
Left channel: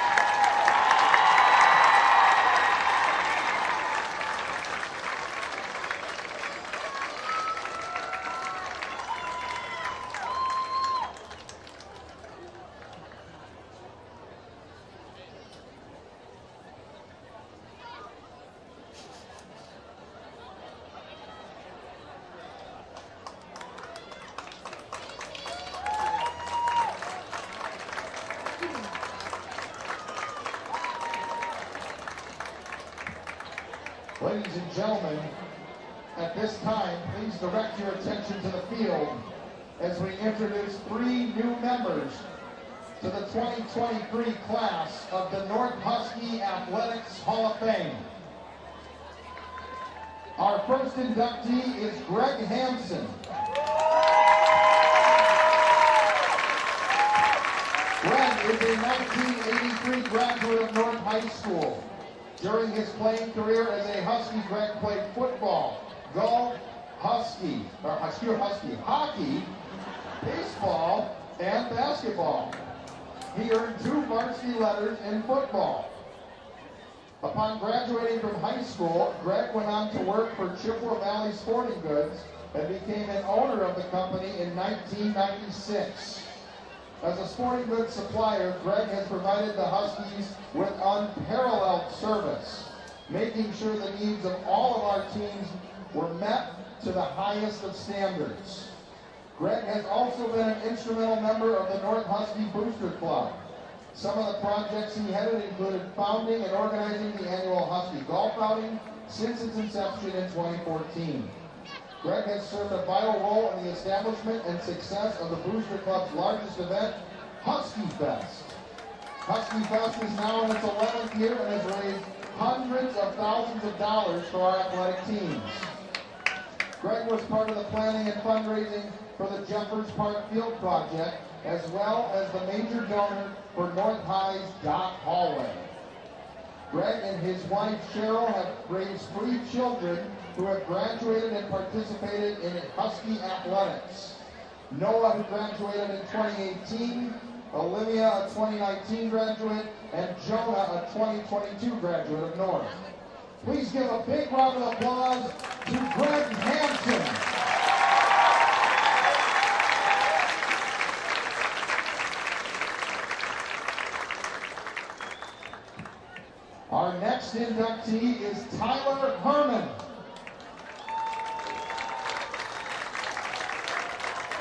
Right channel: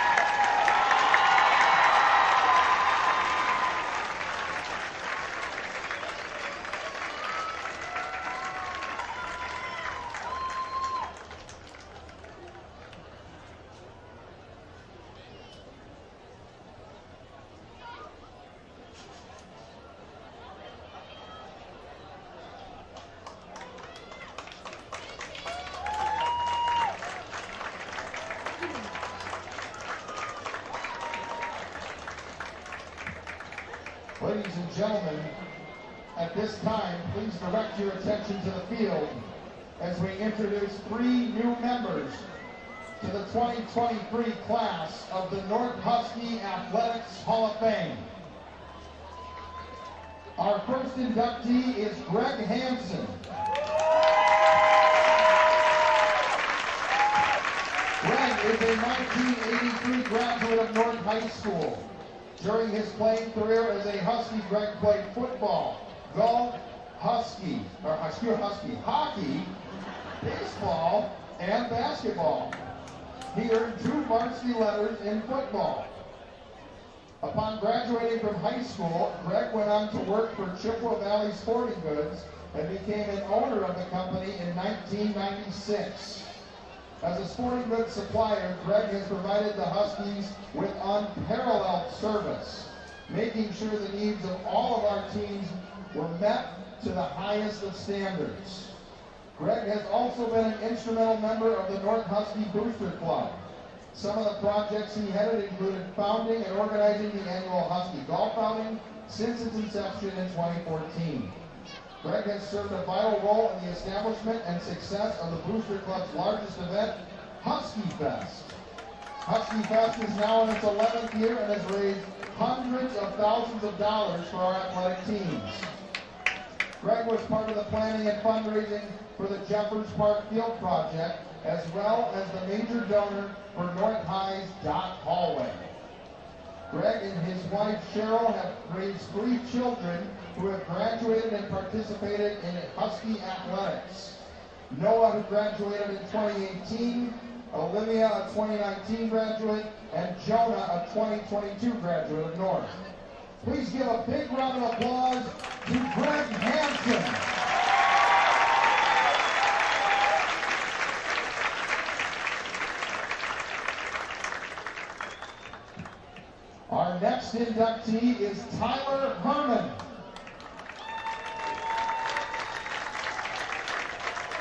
Ladies and gentlemen, at this time, please direct your attention to the field as we introduce 3 new members to the 2023 class of the North Husky Athletics Hall of Fame. Our first inductee is Greg Hanson. Greg is a 1983 graduate of North High School. During his playing career as a Husky, Greg played football, golf, hockey, baseball, and basketball. He earned 2 varsity letters in football. Upon graduating from high school, Greg went on to work for Chippewa Valley Sporting Goods and became an owner of the company in 1996. As a sporting goods supplier, Greg has provided the Huskies with unparalleled service, making sure the needs of all of our teams were met to the highest of standards. Greg has also been an instrumental member of the North Husky Booster Club. Some of the projects he headed included founding and organizing the annual Husky Golf Outing since its inception in 2014. Greg has served a vital role in the establishment and success of the Booster Club's largest event, Husky Fest. Husky Fest is now in its 11th year and has raised hundreds of thousands of dollars for our athletic teams. Greg was part of the planning and fundraising for the Jeffers Park Field Project, as well as the major donor for North High's Dock Hallway. Greg and his wife Cheryl have raised 3 children who have graduated and participated in Husky athletics. Noah, who graduated in 2018, Olivia, a 2019 graduate, and Jonah, a 2022 graduate of North. Please give a big round of applause to Greg Hanson. Our next inductee is Tyler Herman.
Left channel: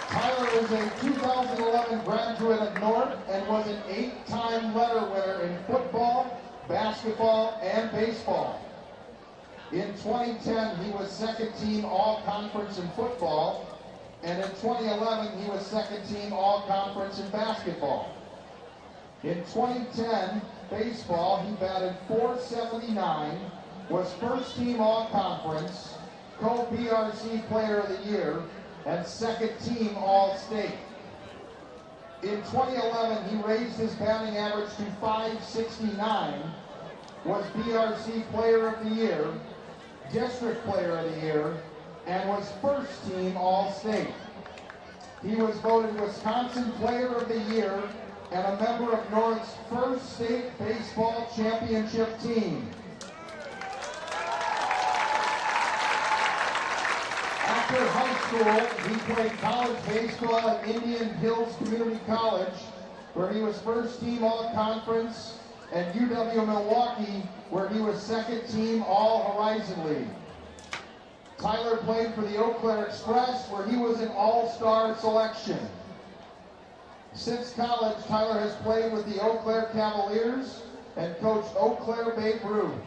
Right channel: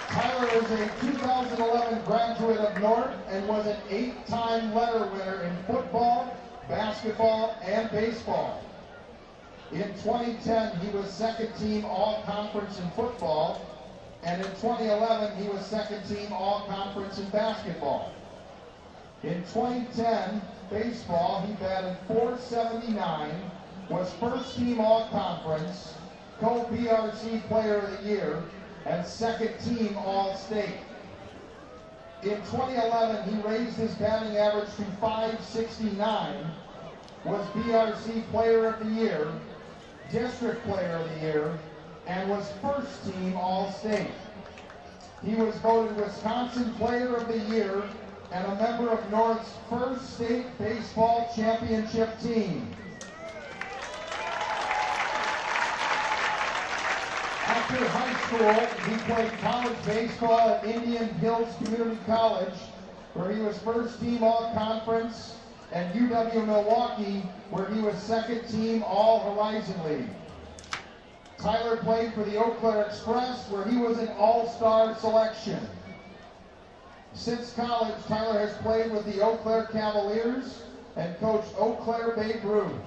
Tyler is a 2011 graduate of North and was an 8-time letter winner in football, basketball, and baseball. In 2010, he was second team all-conference in football, and in 2011, he was second team all-conference in basketball. In 2010, baseball, he batted .479, was first team all-conference, co-BRC player of the year, and second team all-state. In 2011, he raised his batting average to .569, was BRC player of the year, district player of the year, and was first team all-state. He was voted Wisconsin player of the year and a member of North's first state baseball championship team. After high school, he played college baseball at Indian Hills Community College, where he was first team all-conference, and UW-Milwaukee, where he was second team all-Horizon League. Tyler played for the Eau Claire Express, where he was an all-star selection. Since college, Tyler has played with the Eau Claire Cavaliers and coached Eau Claire Babe Ruth.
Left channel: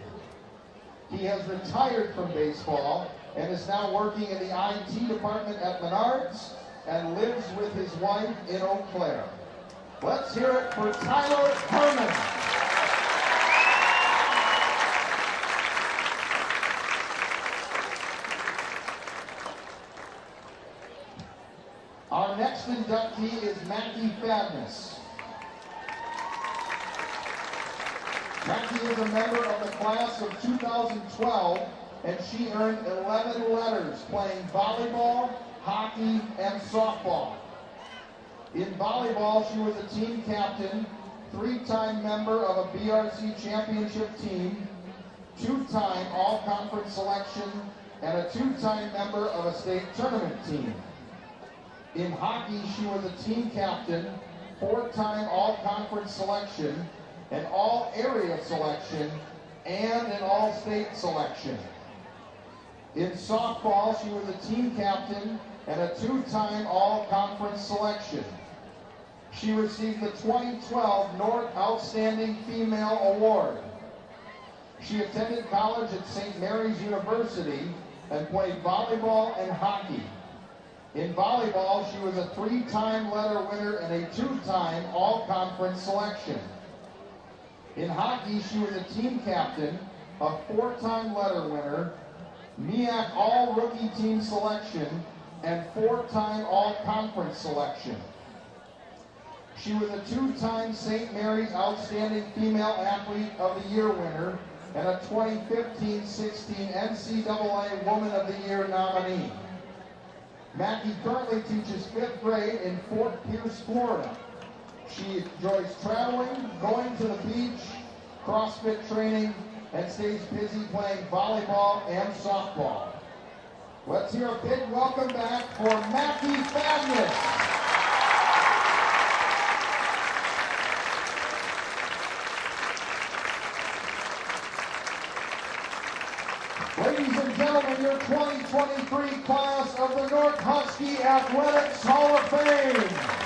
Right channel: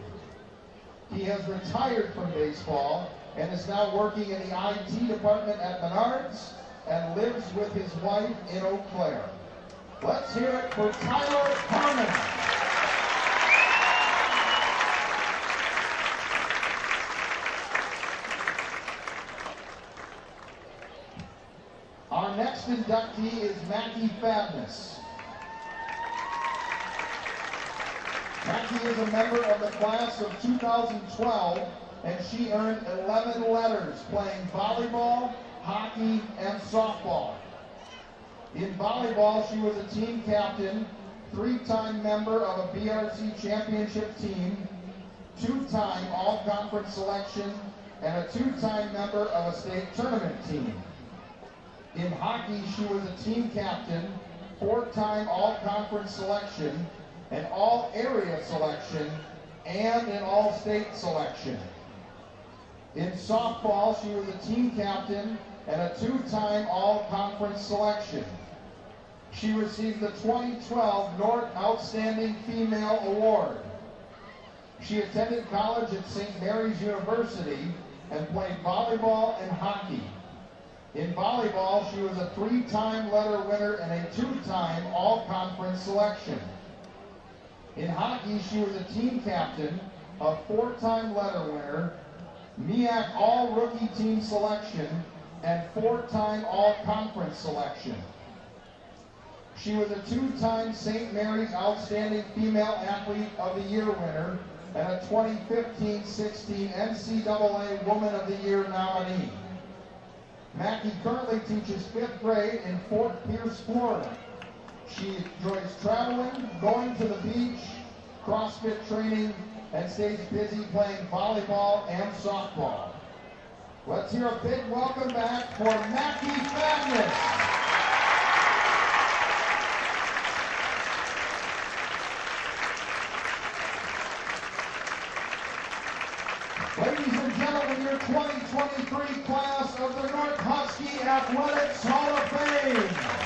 He has retired from baseball and is now working in the IT department at Menards and lives with his wife in Eau Claire. Let's hear it for Tyler Herman. Our next inductee is Mackie Fadness. Mackie is a member of the class of 2012, and she earned 11 letters playing volleyball, hockey, and softball. In volleyball, she was a team captain, 3-time member of a BRC championship team, 2-time all-conference selection, and a 2-time member of a state tournament team. In hockey, she was a team captain, 4-time all-conference selection, an all-area selection, and an all-state selection. In softball, she was a team captain and a 2-time all-conference selection. She received the 2012 North Outstanding Female Award. She attended college at St. Mary's University and played volleyball and hockey. In volleyball, she was a 3-time letter winner and a 2-time all-conference selection. In hockey, she was a team captain, a 4-time letter winner, MEAC all-rookie team selection, and 4-time all-conference selection. She was a 2-time St. Mary's Outstanding Female Athlete of the Year winner and a 2015-16 NCAA Woman of the Year nominee. Mackie currently teaches 5th grade in Fort Pierce, Florida. She enjoys traveling, going to the beach, CrossFit training, and stays busy playing volleyball and softball. Let's hear a big welcome back for Mackie Fadness. Ladies and gentlemen, your 2023 class of the North Husky Athletics Hall of Fame.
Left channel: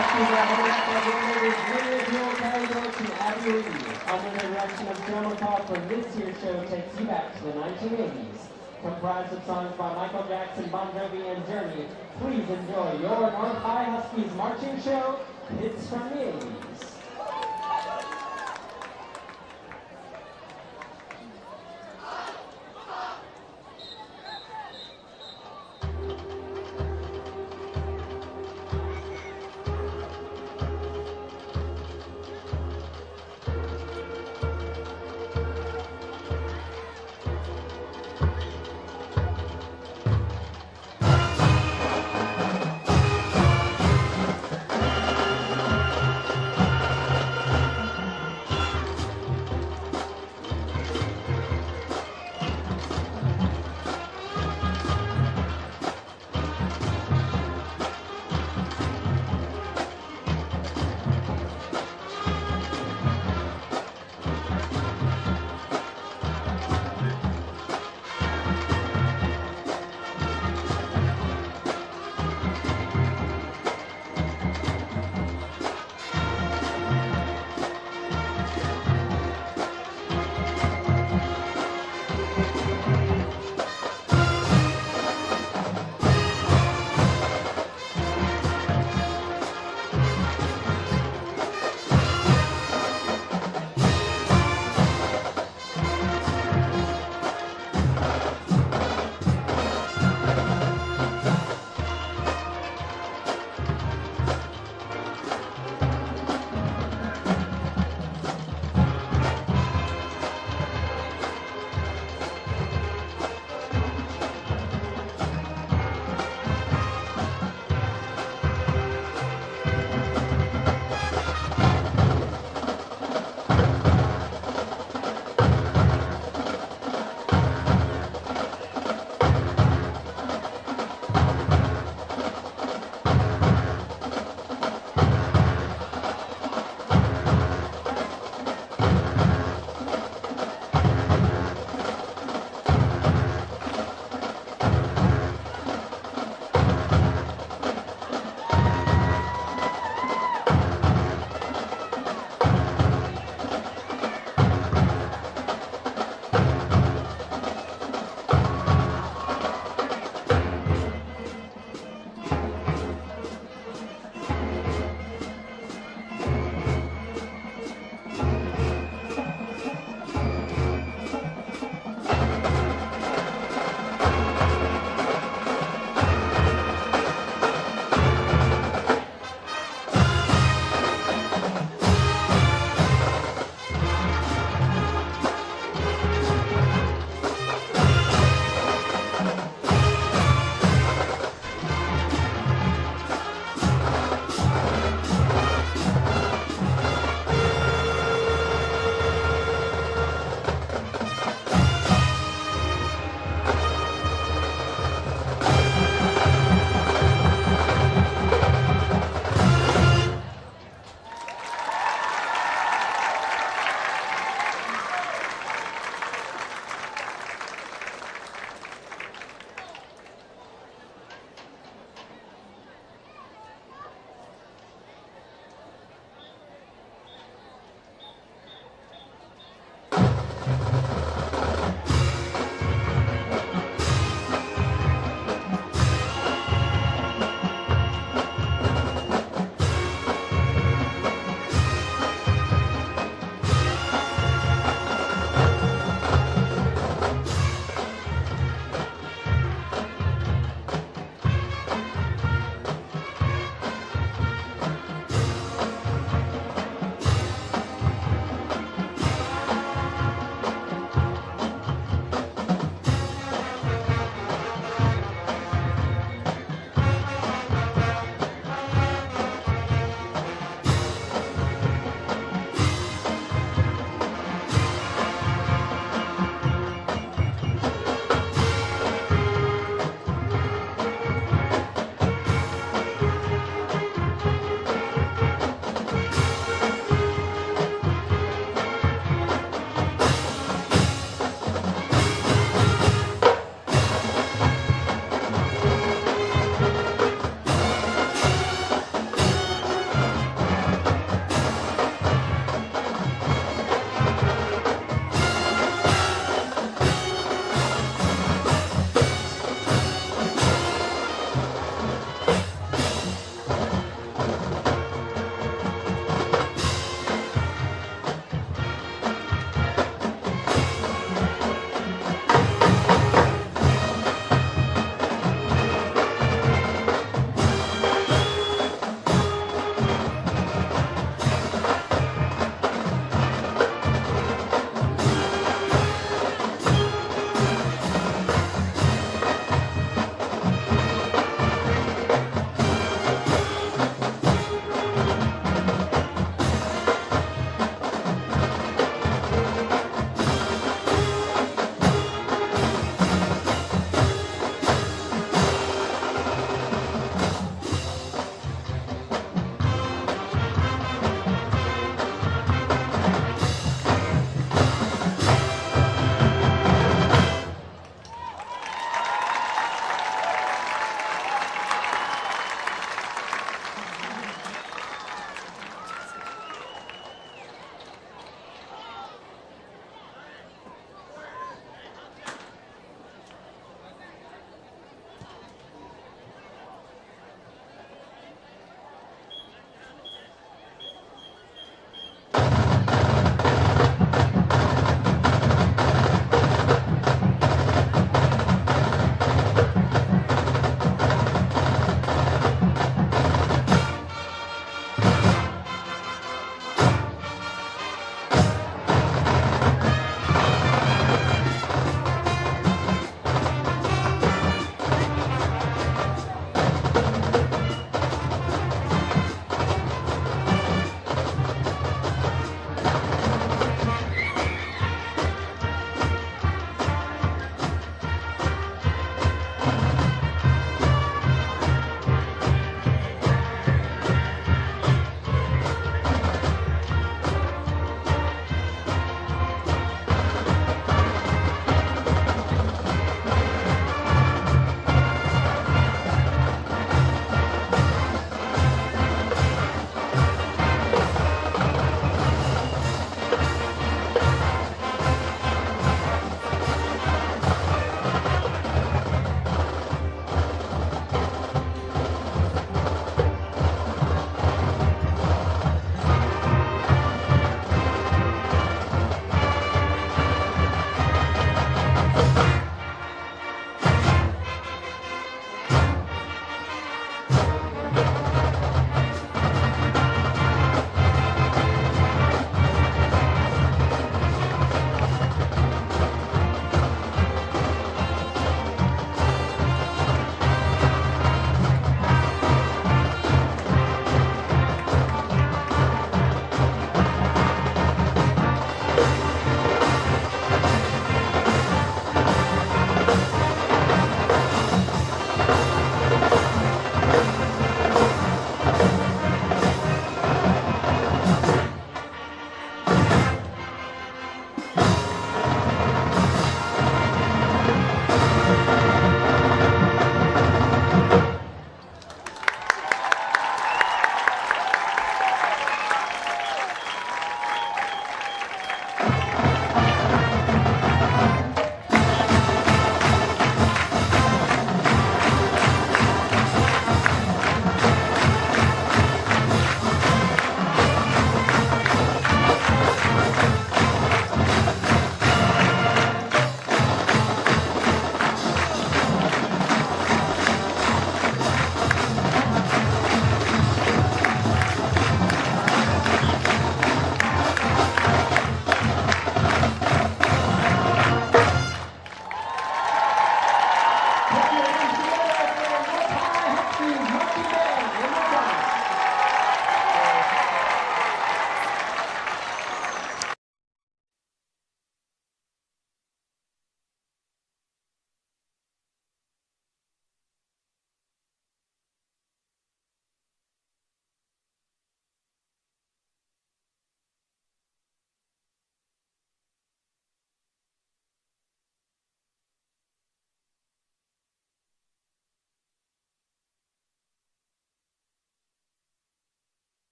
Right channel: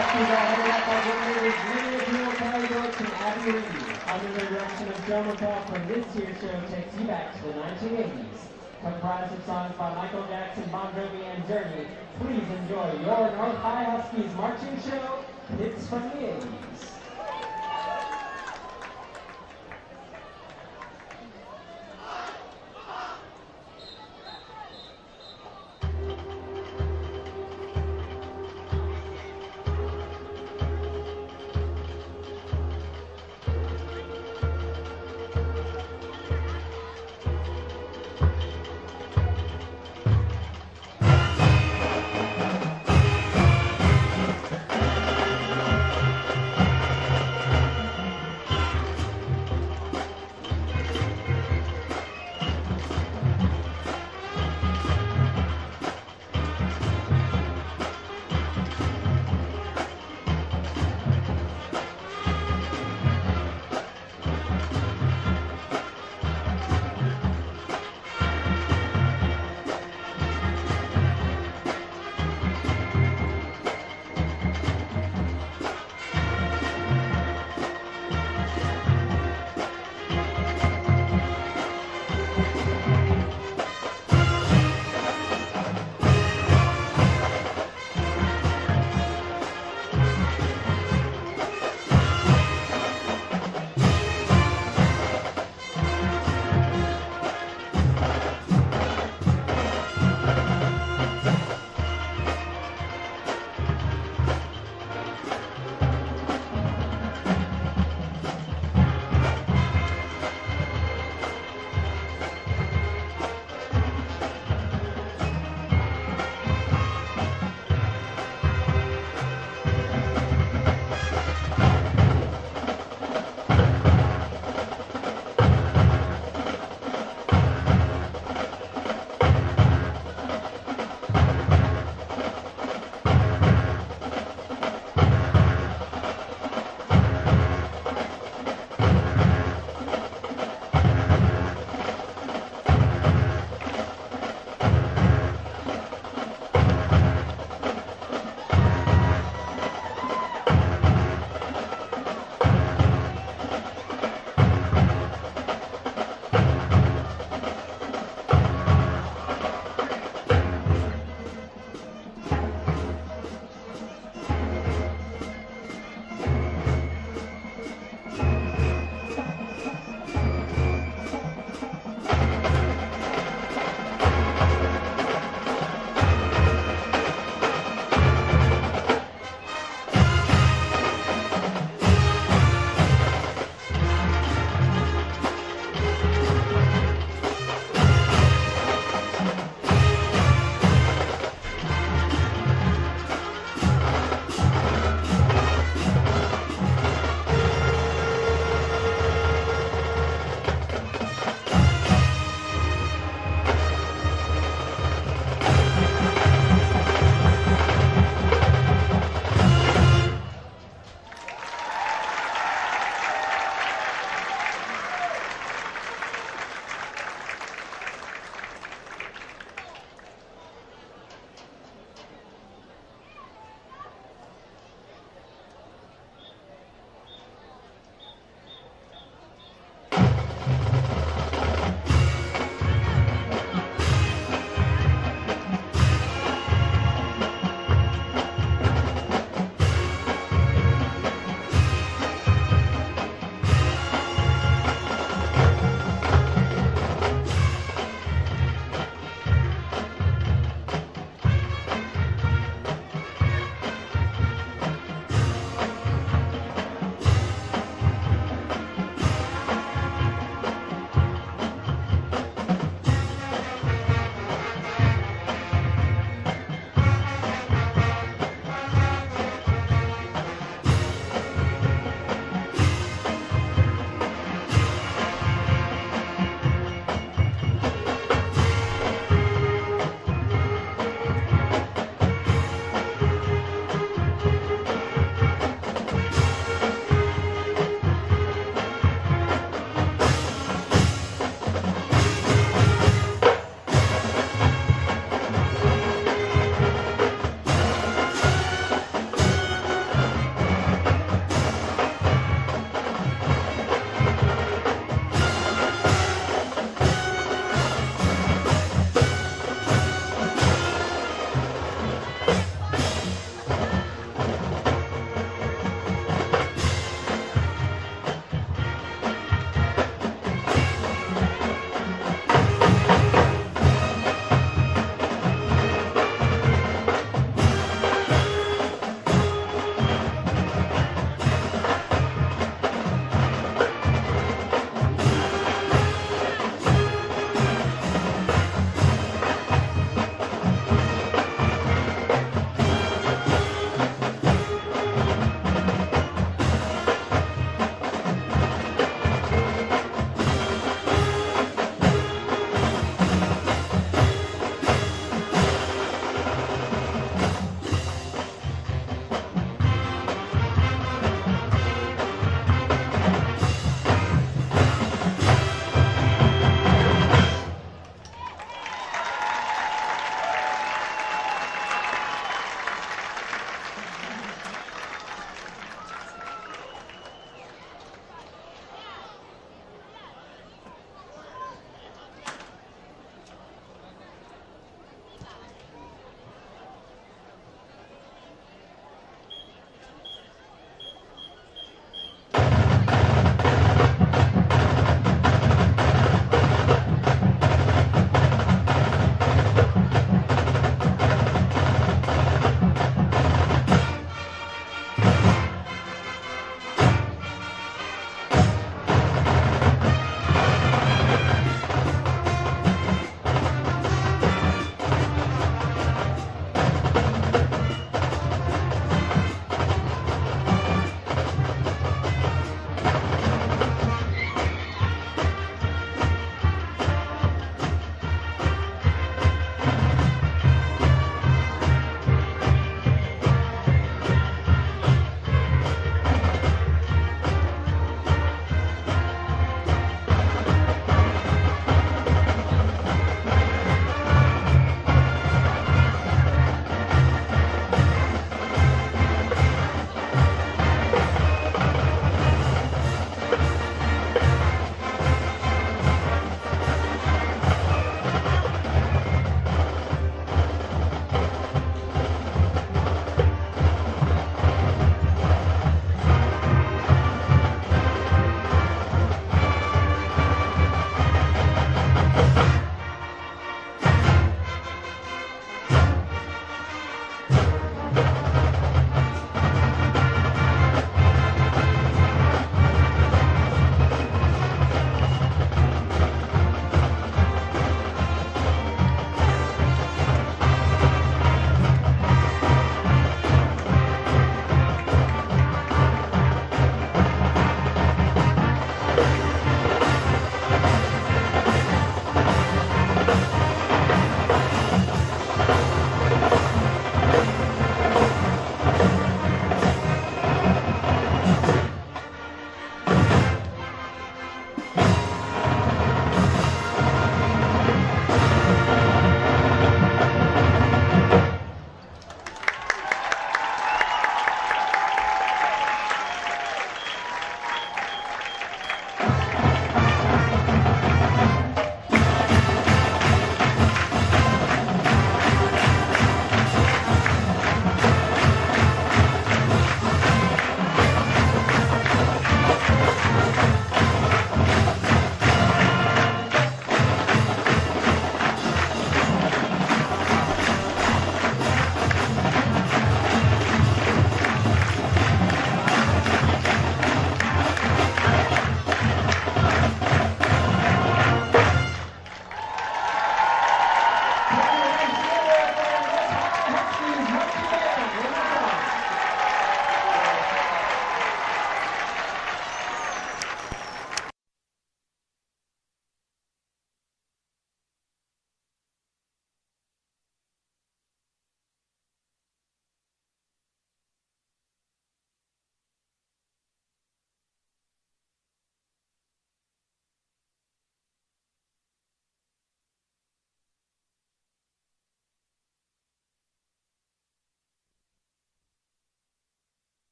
Huskies are headed up by Ringleaders Junior Bill Caliber to Abby Reed. Under the direction of Joe McCall for this year's show takes you back to the 1980s. Comprised of songs by Michael Jackson, Bon Jovi, and Journey, please enjoy your North High Huskies marching show, Hits from the 80s.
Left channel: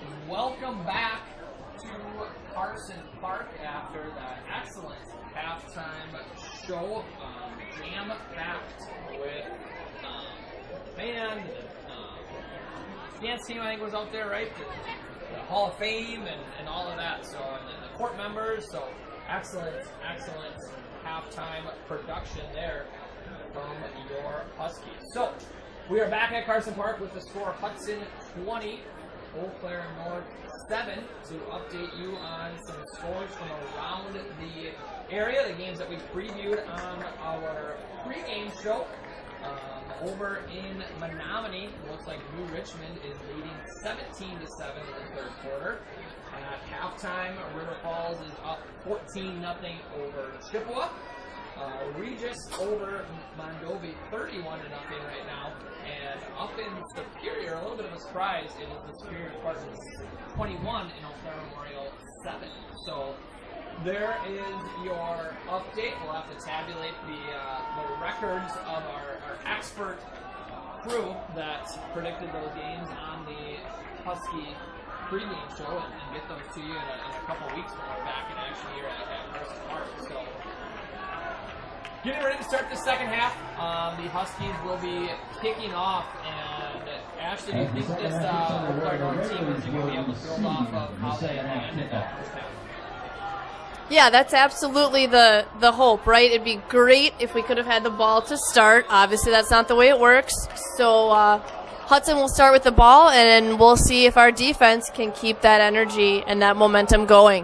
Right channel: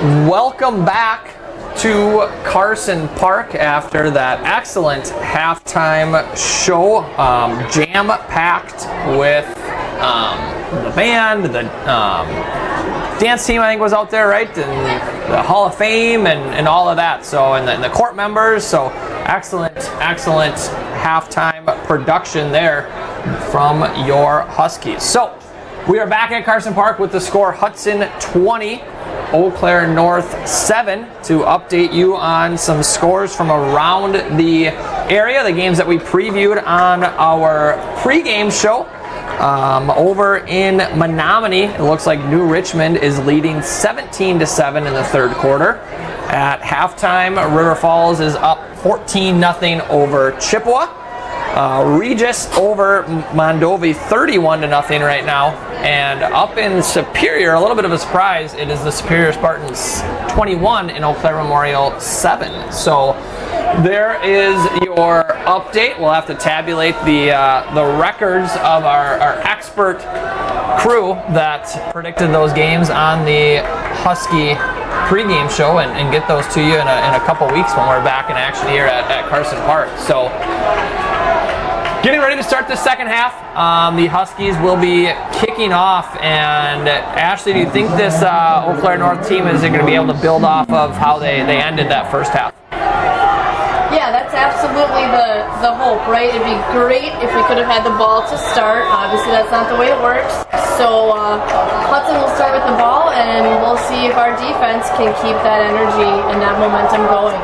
Welcome back to Carson Park after that excellent halftime show, jam-packed with the band, the dance team I think was out there, right, and the Hall of Fame and all of that. So and the court members. So excellent halftime production there from your Huskies. So we are back at Carson Park with the score Hudson 20. Eau Claire North 7 to update you on some scores from around the area, the games that we previewed on our pregame show. Over in Menominee, it looks like New Richmond is leading 17-7 in the third quarter. At halftime, River Falls is up 14-0 over Chippewa. Regis over Mondovi 31-0 right now. And up in Superior, a little bit of a surprise, it is the Superior Spartans 21 and Eau Claire Memorial 7. So there is your update. We'll have to tabulate the records of our expert crew that predicted those games on the Husky pregame show and get those to you in a couple weeks when we're back in action here at Carson Park. So getting ready to start the second half. The Huskies will be kicking off. And Ashley, do you think this Eau Claire North team is going to be able to build off of how they ended that first half? Yeah, that's absolutely the hope, right? It'd be great if we could have had the ball to start. Obviously, that's not the way it works. So Hudson will start with the ball, and we'll see if our defense can keep that energy and that momentum going.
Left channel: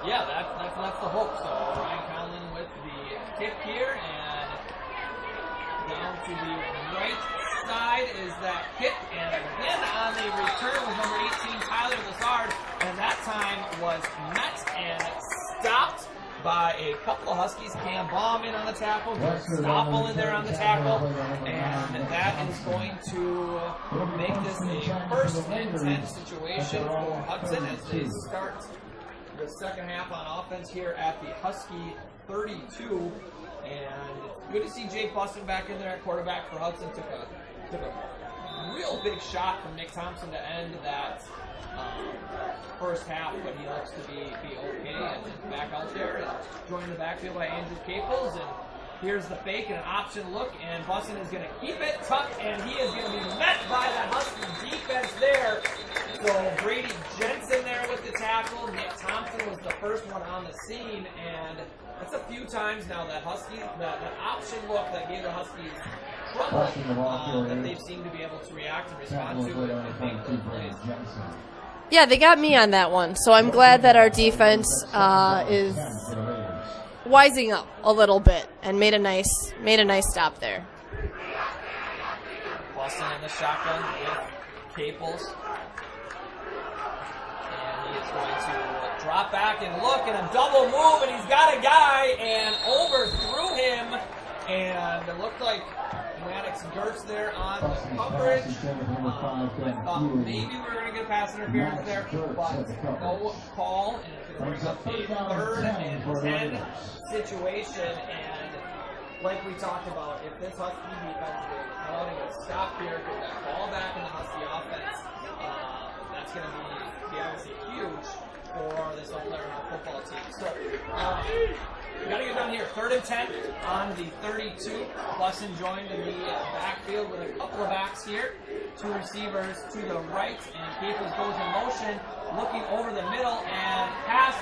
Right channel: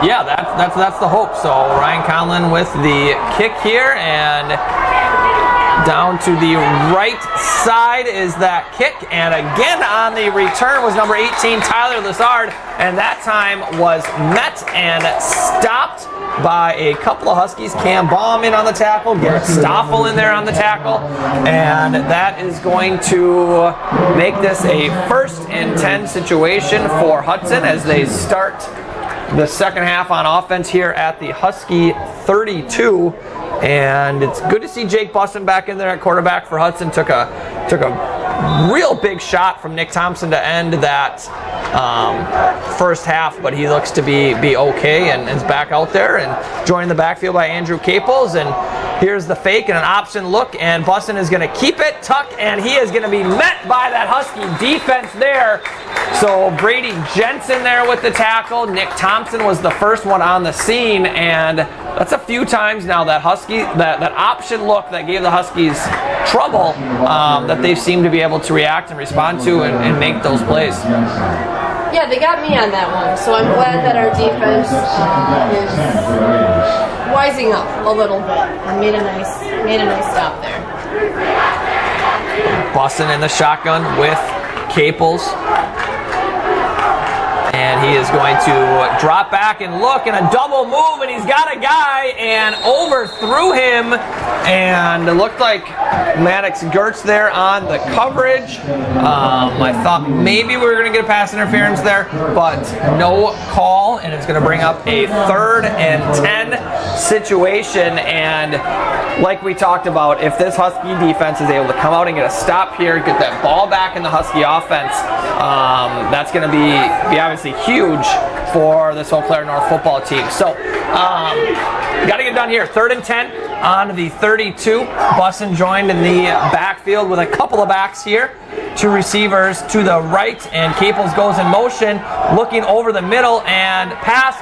Yeah, that's the hope. So Ryan Conlon with the kick here, and down to the right side is that kick. And again on the return was number 18, Tyler Lizard, and that time was met and stopped by a couple of Huskies. Cam Baum in on the tackle, Garrett Stoffel in there on the tackle, and that is going to make this a 1st and 10 situation for Hudson as they start the second half on offense here at the Husky 32. And it's good to see Jake Bussin back in there at quarterback for Hudson. Took a real big shot from Nick Thompson to end that first half, but he looks to be okay and is back out there and joining the backfield by Andrew Caples. And here's the fake and an option look, and Bussin is going to keep it tucked, and he is going to be met by that Husky defense there. So Brady Jensen there with the tackle. Nick Thompson was the first one on the scene, and that's a few times now that Husky, that option look that gave the Huskies trouble, that they seem to be able to react and respond to and make those plays. Yeah, they got me on that one, so I'm glad that our defense is wising up a little bit and made a nice stop there. Bussin in the shotgun with Caples. And he is going to drop back and look, and a double move, and he's got a guy and overthrew him, and it looked like Maddox Gertz there on the coverage. I thought maybe we were going to get a pass interference there, but no call, and it's going to bring up a 3rd and 10 situation. And like we talked about, if this Husky defense is able to come out and get a stop here, get that ball back in the Husky offense, that's going to be obviously huge for this Eau Claire North football team. So, got to get done here. 3rd and 10 on the 32. Bussin joined in the backfield with a couple of backs here. 2 receivers to the right, and Caples goes in motion, looking over the middle, and pass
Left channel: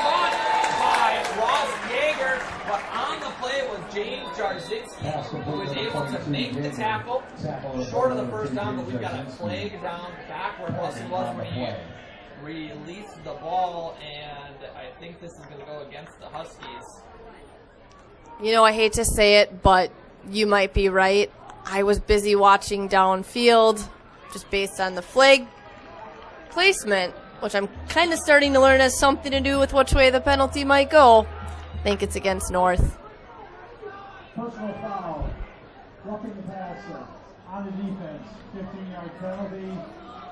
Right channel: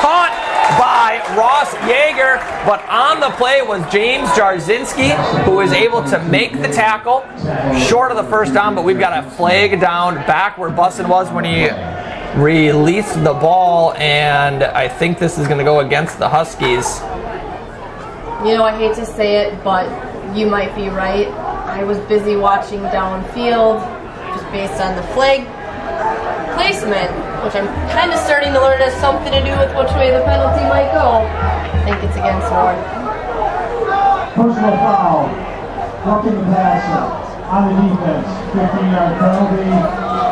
caught by Ross Yeager, but on the play was James Jarzinski, who was able to make the tackle short of the first down, but we've got a flag down back where Bussin was when he released the ball, and I think this is going to go against the Huskies. You know, I hate to say it, but you might be right. I was busy watching downfield, just based on the flag placement, which I'm kind of starting to learn has something to do with which way the penalty might go. I think it's against North. Personal foul, blocking the pass on the defense, 15-yard penalty,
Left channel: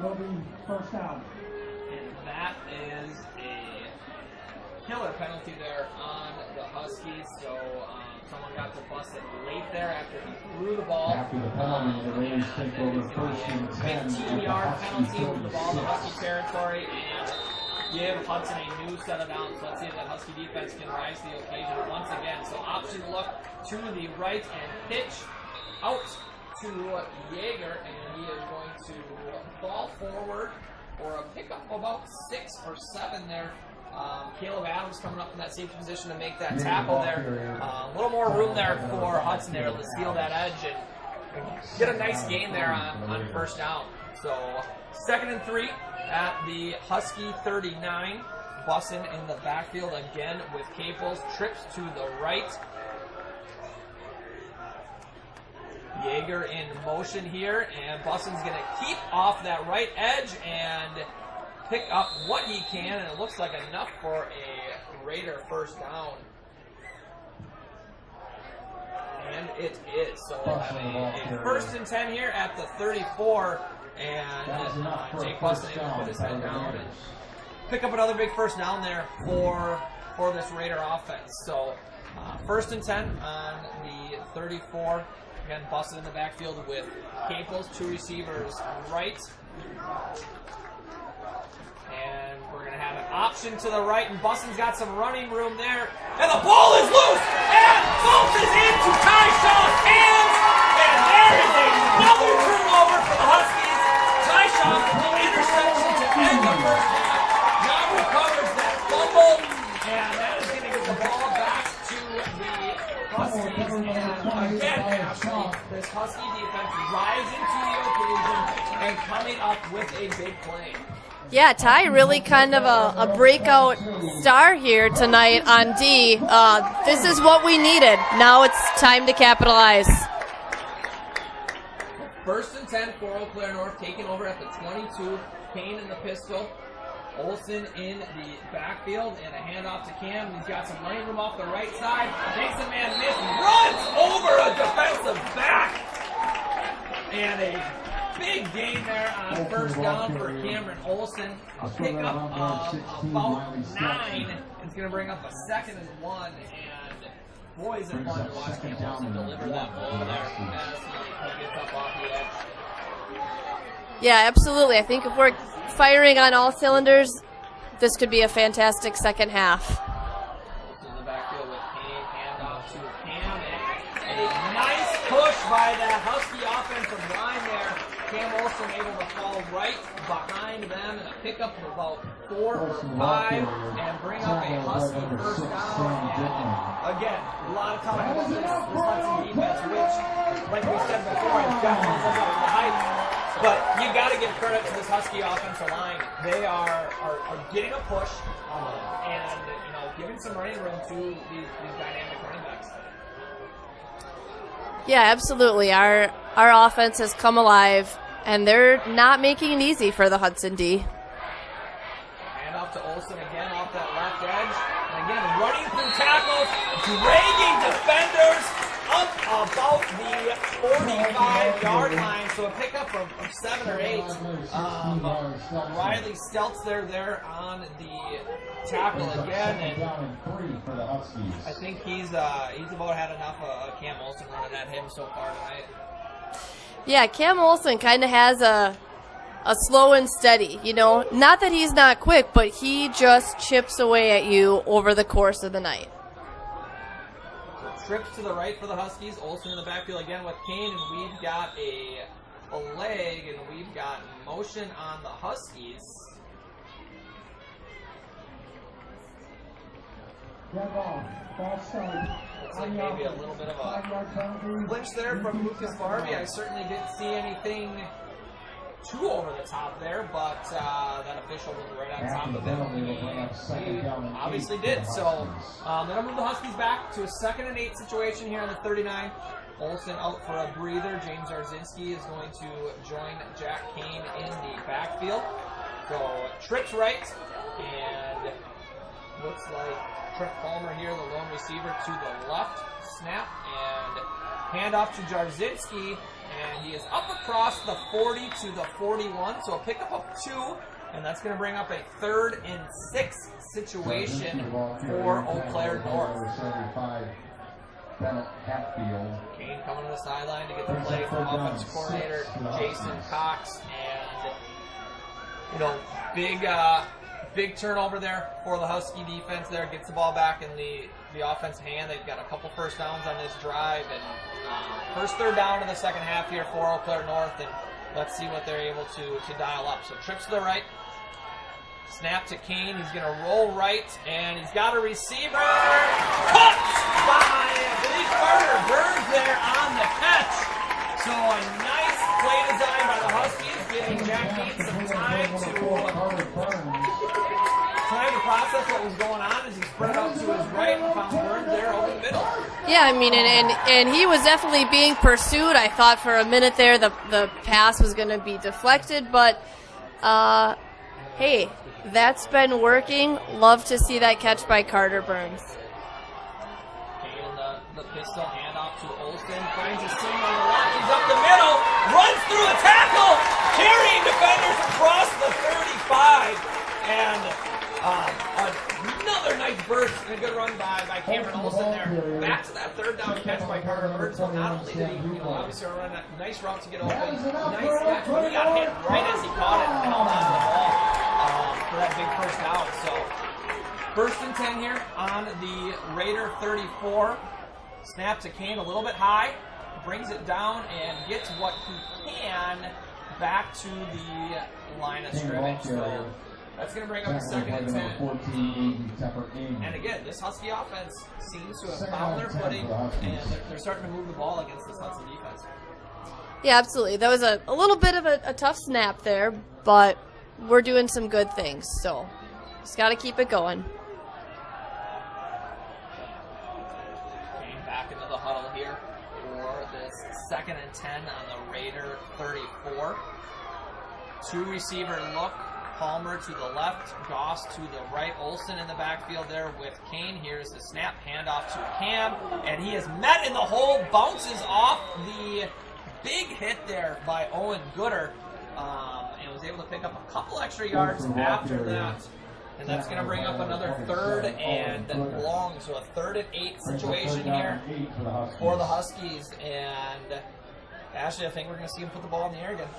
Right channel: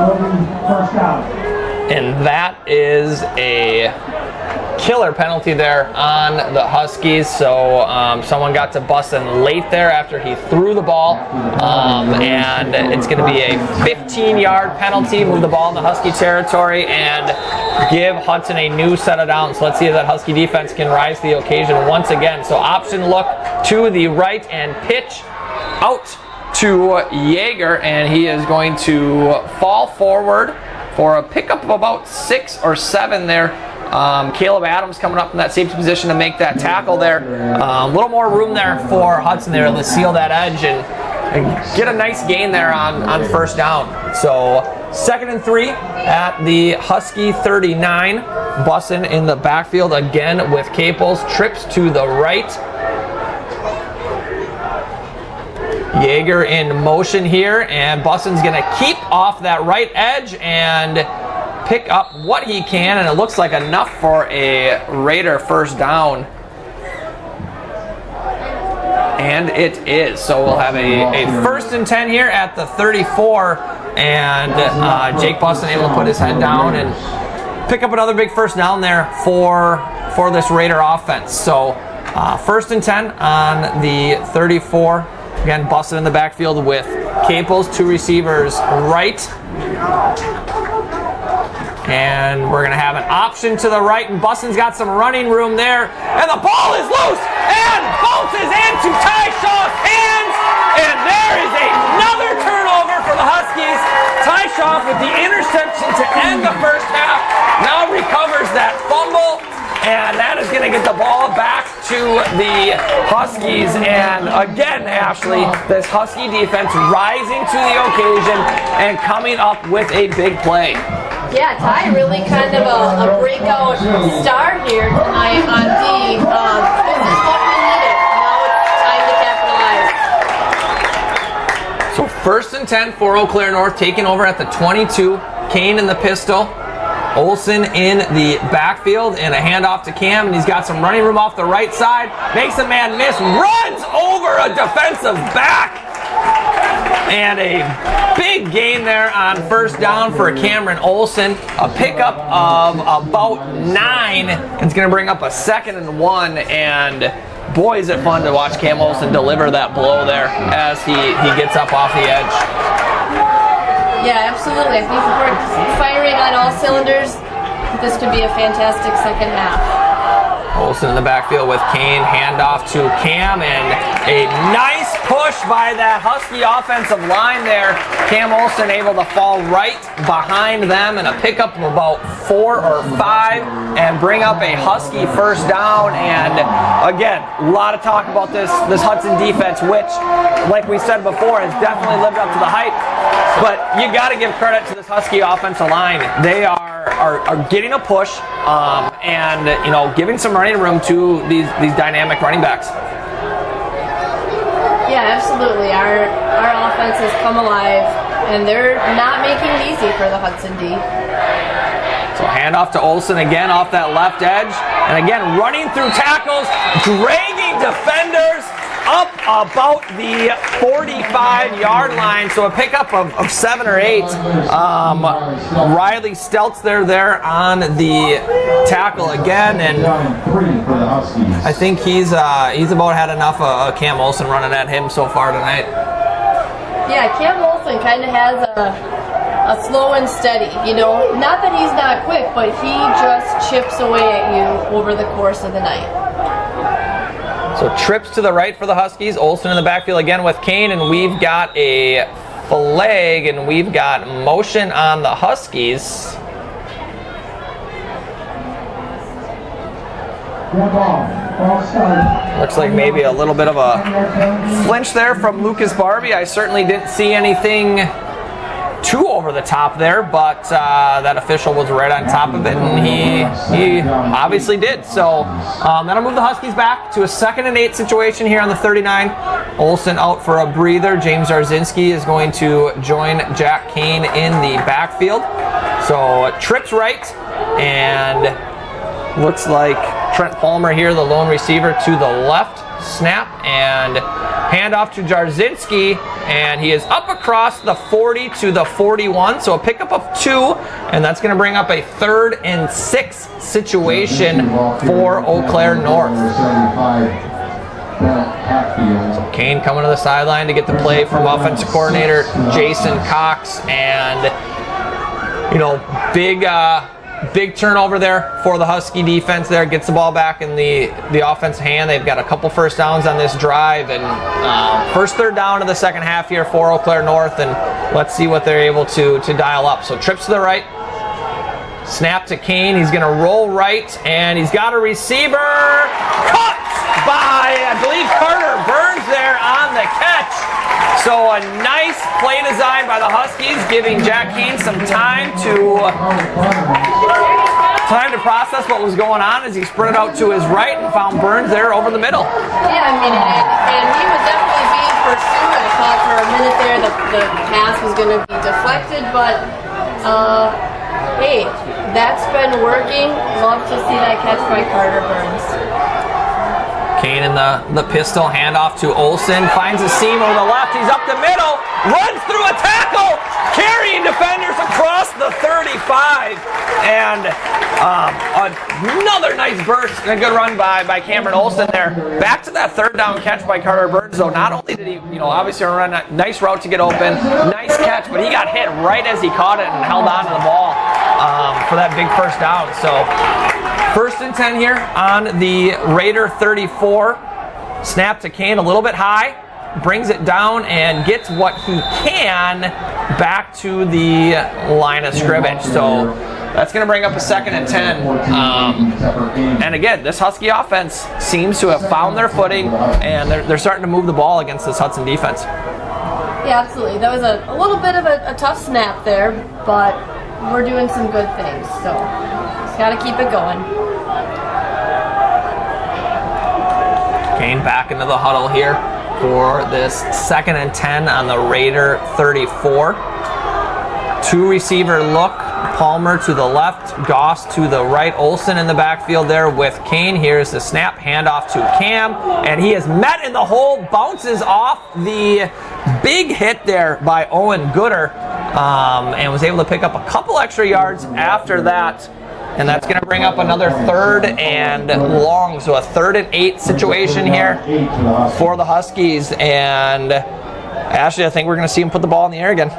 will be first down. And that is a killer penalty there on the Huskies. So someone got to Bussin late there after he threw the ball. And it's going to be a 15-yard penalty, move the ball in the Husky territory, and give Hudson a new set of downs. So let's see if that Husky defense can rise to the occasion once again. So option look to the right and pitch out to Yeager, and he is going to fall forward for a pickup of about 6 or 7 there. Caleb Adams coming up from that safety position to make that tackle there. A little more room there for Hudson there to seal that edge and get a nice gain there on first down. So 2nd and 3 at the Husky 39. Bussin in the backfield again with Caples. Trips to the right. Yeager in motion here, and Bussin's going to keep off that right edge and pick up what he can, and it looks like enough for a Raider first down. And it is. So we'll have a 1st and 10 here at the 34, and Jake Bussin able to put his head down and pick up another big first down there for this Raider offense. So 1st and 10 on the 34. Again, Bussin in the backfield with Caples, 2 receivers right. And we're going to have an option to the right, and Bussin's got some running room there. And the ball is loose and bounces into Tyshaw's hands. And there is another turnover for the Huskies. Tyshaw with the interception to end the first half. Now recovers that fumble. And that is going to get the ball back to the Huskies. And again, Ashley, this Husky defense rising to the occasion and coming up with a big play. Yeah, Ty really kind of a breakout star here tonight on D. This is what we needed. Now it's time to capitalize. So 1st and 10 for Eau Claire North, taking over at the 22. Kane in the pistol. Olsen in the backfield, and a handoff to Cam, and he's got some running room off the right side. Makes a man miss, runs over a defensive back. And a big gain there on first down for Cameron Olsen. A pickup of about 9. It's going to bring up a 2nd and 1, and boy, is it fun to watch Cam Olsen deliver that blow there as he gets up off the edge. Yeah, absolutely. I think if we're firing on all cylinders, this could be a fantastic second half. Olsen in the backfield with Kane, handoff to Cam, and a nice push by that Husky offensive line there. Cam Olsen able to fall right behind them and a pickup of about 4 or 5 and bring up a Husky first down. And again, a lot of talk about this Hudson defense, which, like we said before, has definitely lived up to the hype. But you got to give credit to this Husky offensive line. They are getting a push and giving some running room to these dynamic running backs. Yeah, absolutely. Our offense has come alive, and they're not making it easy for the Hudson D. So handoff to Olsen again off that left edge, and again running through tackles, dragging defenders up about the 45-yard line. So a pickup of 7 or 8. Riley Steltz there on the tackle again, and I think he's about had enough of Cam Olsen running at him so far tonight. Yeah, Cam Olsen kind of has a slow and steady. Not that he's not quick, but he just chips away at you over the course of the night. So trips to the right for the Huskies. Olsen in the backfield again with Kane, and we've got a flag, and we've got motion on the Huskies. Looks like maybe a little bit of a flinch there from Lucas Barbie. I certainly didn't see anything too over the top there, but that official was right on top of it, and he obviously did. So that'll move the Huskies back to a 2nd and 8 situation here on the 39. Olsen out for a breather. James Arzinski is going to join Jack Kane in the backfield. So trips right, and looks like Trent Palmer here, the lone receiver to the left. Snap and handoff to Jarzynski, and he is up across the 40 to the 41, so a pickup of 2, and that's going to bring up a 3rd and 6 situation for Eau Claire North. So Kane coming to the sideline to get the play from offensive coordinator Jason Cox, and big turnover there for the Husky defense there. Gets the ball back in the offensive hand. They've got a couple first downs on this drive, and first 3rd down of the second half here for Eau Claire North, and let's see what they're able to dial up. So trips to the right, snap to Kane. He's going to roll right, and he's got a receiver. Caught by, I believe, Carter Burns there on the catch. So a nice play design by the Huskies, giving Jack Kane some time to process what was going on as he sprinted out to his right and found Burns there over the middle. Yeah, I mean, and he was definitely being pursued. I thought for a minute there the pass was going to be deflected, but hey, that's been working. Love to see that catch by Carter Burns. Kane in the pistol, handoff to Olsen, finds a seam over the left, he's up the middle, runs through a tackle, carrying defenders across the 35, and another nice burst and a good run by Cameron Olsen there. Back to that 3rd down catch by Carter Burns, though. Not only did he, obviously run a nice route to get open, nice catch, but he got hit right as he caught it and held on to the ball for that big first down. So 1st and 10 here on the Raider 34. Snap to Kane a little bit high, brings it down and gets what he can back to the line of scrimmage. So that's going to bring up a 2nd and 10. And again, this Husky offense seems to have found their footing, and they're starting to move the ball against this Hudson defense. Yeah, absolutely. That was a little bit of a tough snap there, but we're doing some good things, so just got to keep it going. Kane back into the huddle here for this 2nd and 10 on the Raider 34. 2 receiver look, Palmer to the left, Goss to the right, Olsen in the backfield there with Kane. Here's the snap, handoff to Cam, and he is met in the hole, bounces off the big hit there by Owen Gooder, and was able to pick up a couple extra yards after that. And that's going to bring up another 3rd and long. So a 3rd and 8 situation here for the Huskies. And Ashley, I think we're going to see him put the ball in the air again.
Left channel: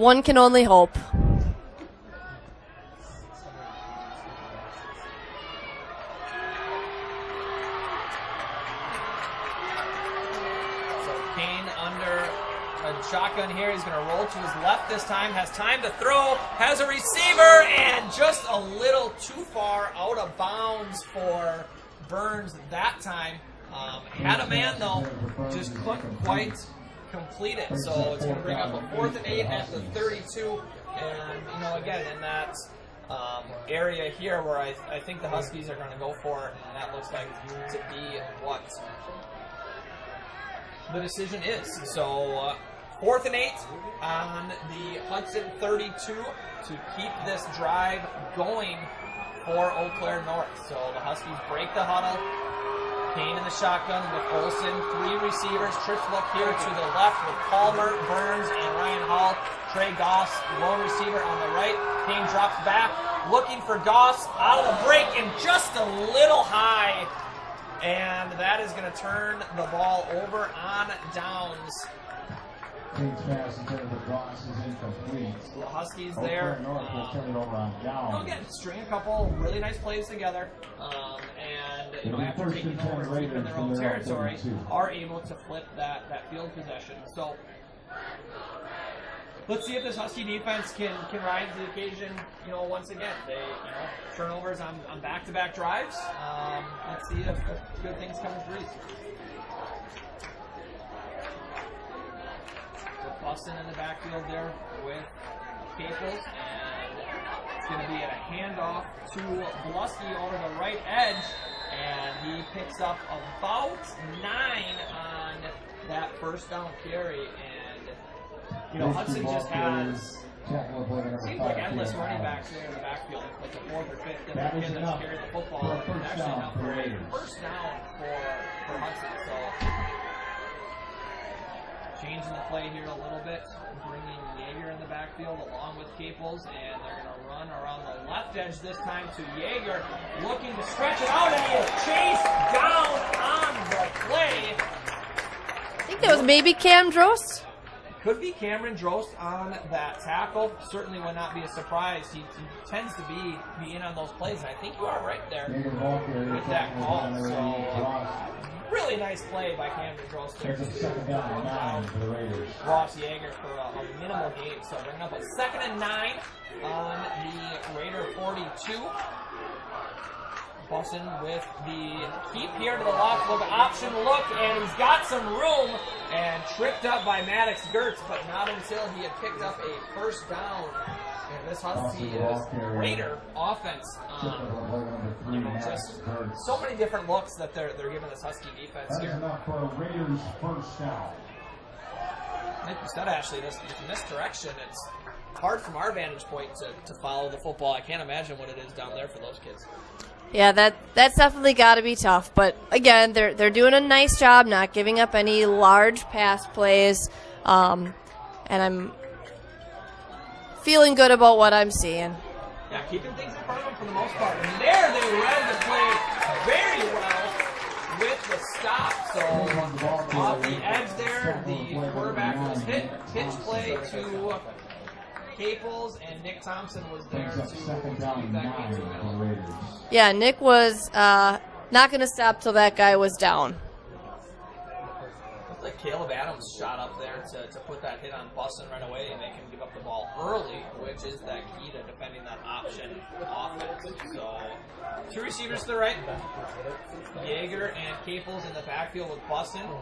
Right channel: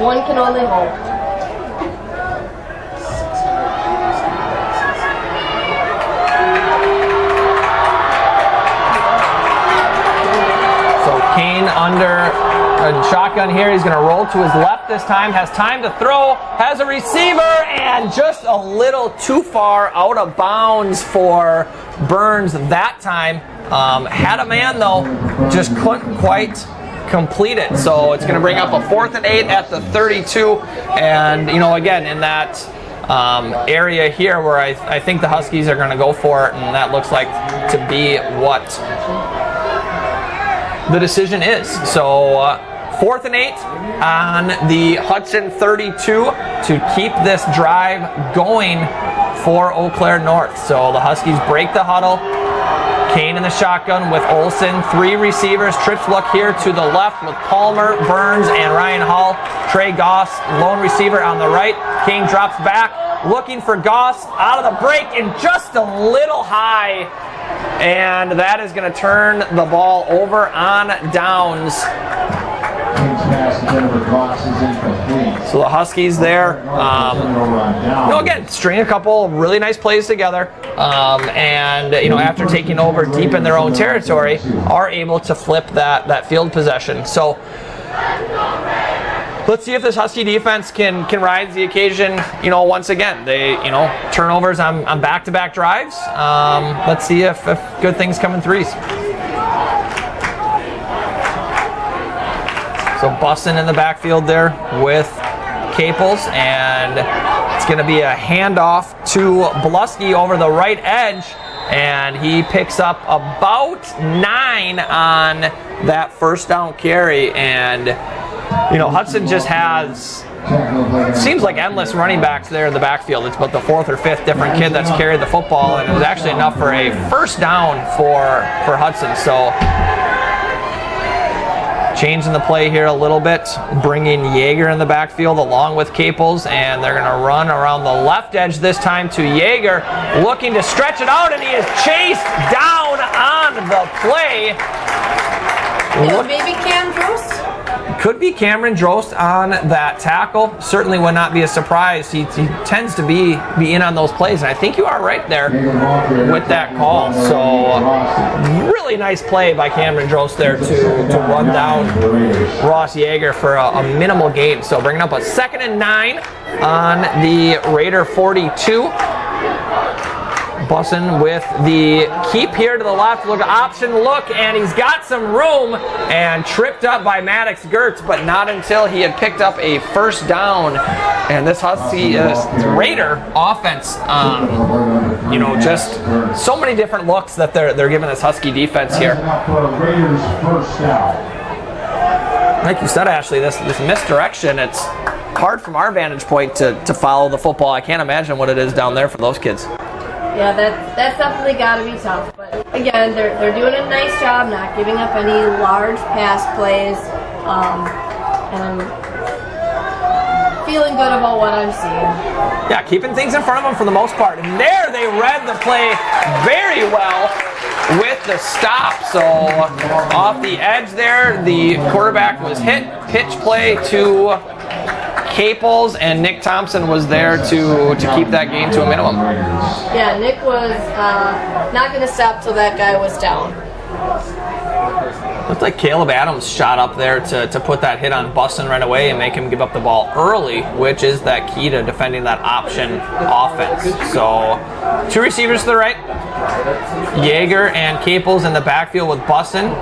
One can only hope. So Kane under shotgun here. He's going to roll to his left this time. Has time to throw. Has a receiver, and just a little too far out of bounds for Burns that time. Had a man though, just couldn't quite complete it. So it's going to bring up a 4th and 8 at the 32. And again, in that area here where I think the Huskies are going to go for it, and that looks like to be what the decision is. So 4th and 8 on the Hudson 32 to keep this drive going for Eau Claire North. So the Huskies break the huddle. Kane in the shotgun with Olsen. 3 receivers. Trips look here to the left with Palmer, Burns, and Ryan Hall. Trey Goss, lone receiver on the right. Kane drops back, looking for Goss out of the break and just a little high. And that is going to turn the ball over on downs. So the Huskies there, again, string a couple really nice plays together, and after taking over deep in their own territory, are able to flip that field possession. So let's see if this Husky defense can rise to the occasion. Once again, they turnovers on back-to-back drives. Let's see if good things come in threes. So Bussin in the backfield there with Caples, and it's going to be a handoff to Blusky over the right edge, and he picks up about 9 on that first down carry. And Hudson just has seems like endless running backs there in the backfield. It's about the 4th or 5th different kid that's carried the football, and it was actually enough for a first down for Hudson. So changing the play here a little bit, bringing Yeager in the backfield along with Caples, and they're going to run around the left edge this time to Yeager, looking to stretch it out, and he is chased down on the play. It was maybe Cam Drost. Could be Cameron Drost on that tackle. Certainly would not be a surprise. He tends to be in on those plays, and I think you are right there with that call. So really nice play by Cameron Drost there to run down Ross Yeager for a minimal gain. So bringing up a 2nd and 9 on the Raider 42. Bussin with the keep here to the left, look, option look, and he's got some room and tripped up by Maddox Gertz, but not until he had picked up a first down. And this Husky Raider offense, you know, just so many different looks that they're giving this Husky defense here. Like you said, Ashley, this misdirection, it's hard from our vantage point to follow the football. I can't imagine what it is down there for those kids. Yeah, that's definitely got to be tough. But again, they're doing a nice job not giving up any large pass plays, and I'm feeling good about what I'm seeing. Yeah, keeping things in front of them for the most part. And there they read the play very well with the stop. So off the edge there, the quarterback was hit. Pitch play to Caples, and Nick Thompson was there to keep that game to a minimum. Yeah, Nick was not going to stop till that guy was down. Looked like Caleb Adams shot up there to put that hit on Bussin right away and make him give up the ball early, which is that key to defending that option offense. So 2 receivers to the right, Yeager and Caples in the backfield with Bussin.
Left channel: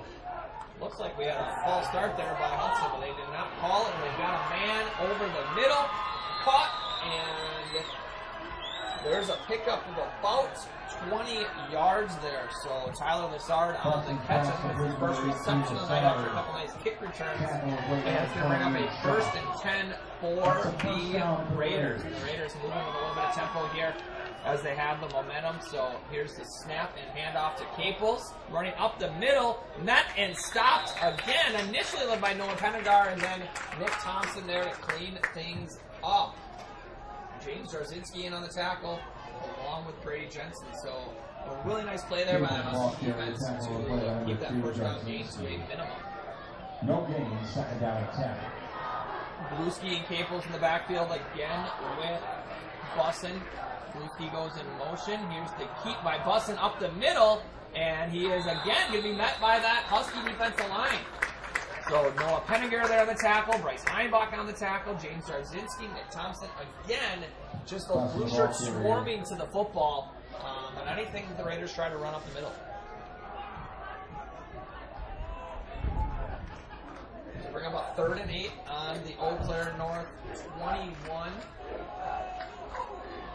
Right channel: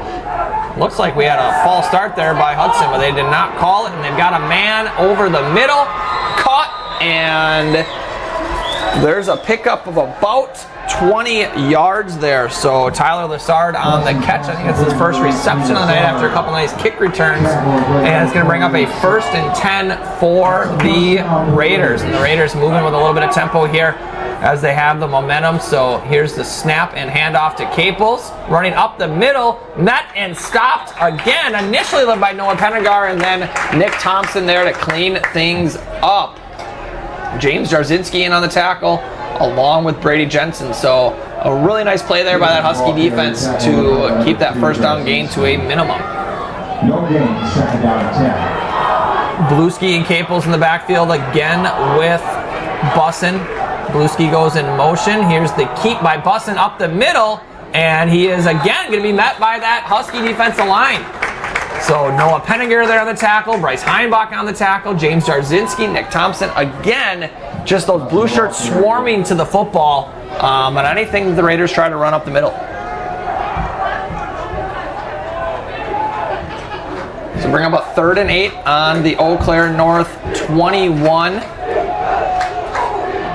Looks like we had a false start there by Hudson, but they did not call it, and they've got a man over the middle, caught, and there's a pickup of about 20 yards there. So Tyler Lessard on the catch. I think it's his first reception of the night after a couple nice kick returns, and it's going to bring up a 1st and 10 for the Raiders. And the Raiders moving with a little bit of tempo here as they have the momentum. So here's the snap and handoff to Caples, running up the middle, met and stopped again, initially led by Noah Pennegar, and then Nick Thompson there to clean things up. James Jarzinski in on the tackle, along with Brady Jensen. So a really nice play there by that Husky defense to keep that first down gain to a minimum. No gain, 2nd down and 10. Bluski and Caples in the backfield again with Bussin. Bluski goes in motion. Here's the keep by Bussin up the middle, and he is again going to be met by that Husky defensive line. So Noah Penninger there on the tackle, Bryce Heinbach on the tackle, James Jarzinski, Nick Thompson. Again, just those blue shirts swarming to the football on anything the Raiders try to run up the middle. So bring up a 3rd and 8 on the Eau Claire North 21.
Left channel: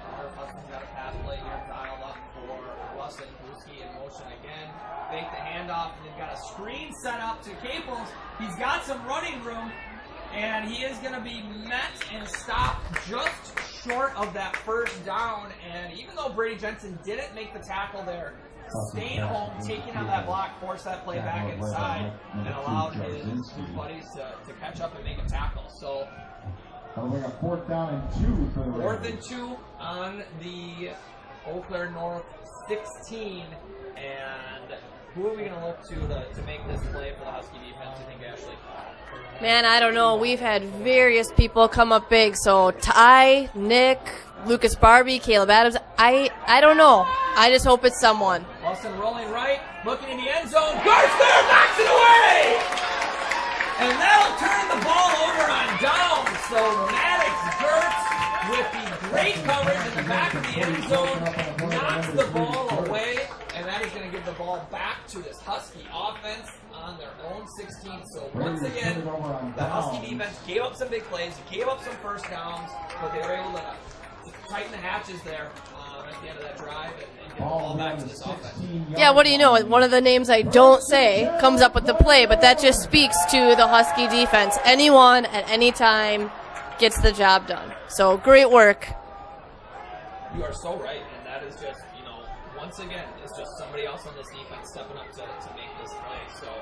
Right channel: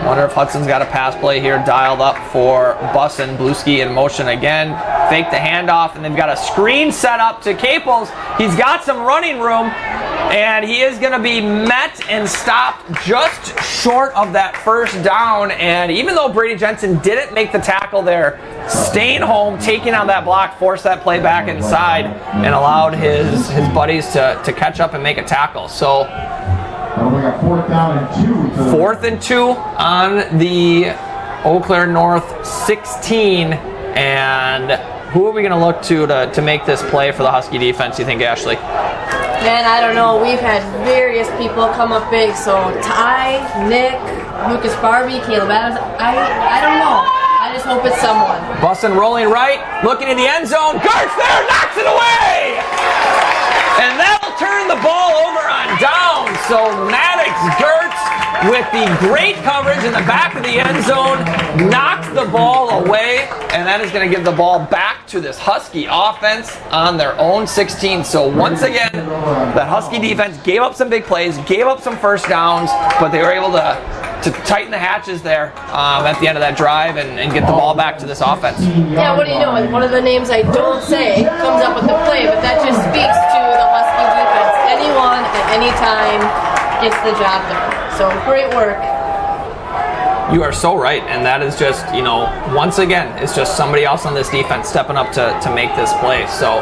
Wonder if Hudson's got a pass play here dialed up for Bussin. Bluski in motion again. Fake the handoff, and they've got a screen set up to Caples. He's got some running room, and he is going to be met and stopped just short of that first down. And even though Brady Jensen didn't make the tackle there, staying home, taking on that block, forced that play back inside, and allowed his buddies to catch up and make a tackle. So We got 4th down and 2. 4th and 2 on the Eau Claire North 16, and who are we going to look to make this play for the Husky defense, you think, Ashley? Man, I don't know. We've had various people come up big. So Ty, Nick, Lucas Barbie, Caleb Adams. I don't know. I just hope it's someone. Bussin rolling right, looking in the end zone. Gertz there, knocks it away! And that'll turn the ball over on down. So Maddox Gertz, with the great coverage in the back of the end zone, knocks the ball away, and that is going to give the ball back to this Husky offense on their own 16. So once again, the Husky defense gave up some big plays, gave up some first downs, but they were able to tighten the hatches there at the end of that drive and get the ball back to this offense. Yeah, what do you know? One of the names I don't say comes up with the play, but that just speaks to the Husky defense. Anyone at any time gets the job done. So great work. You are so right, and that is just, you know, once again, it's just somebody else on this defense stepping up to make this play. So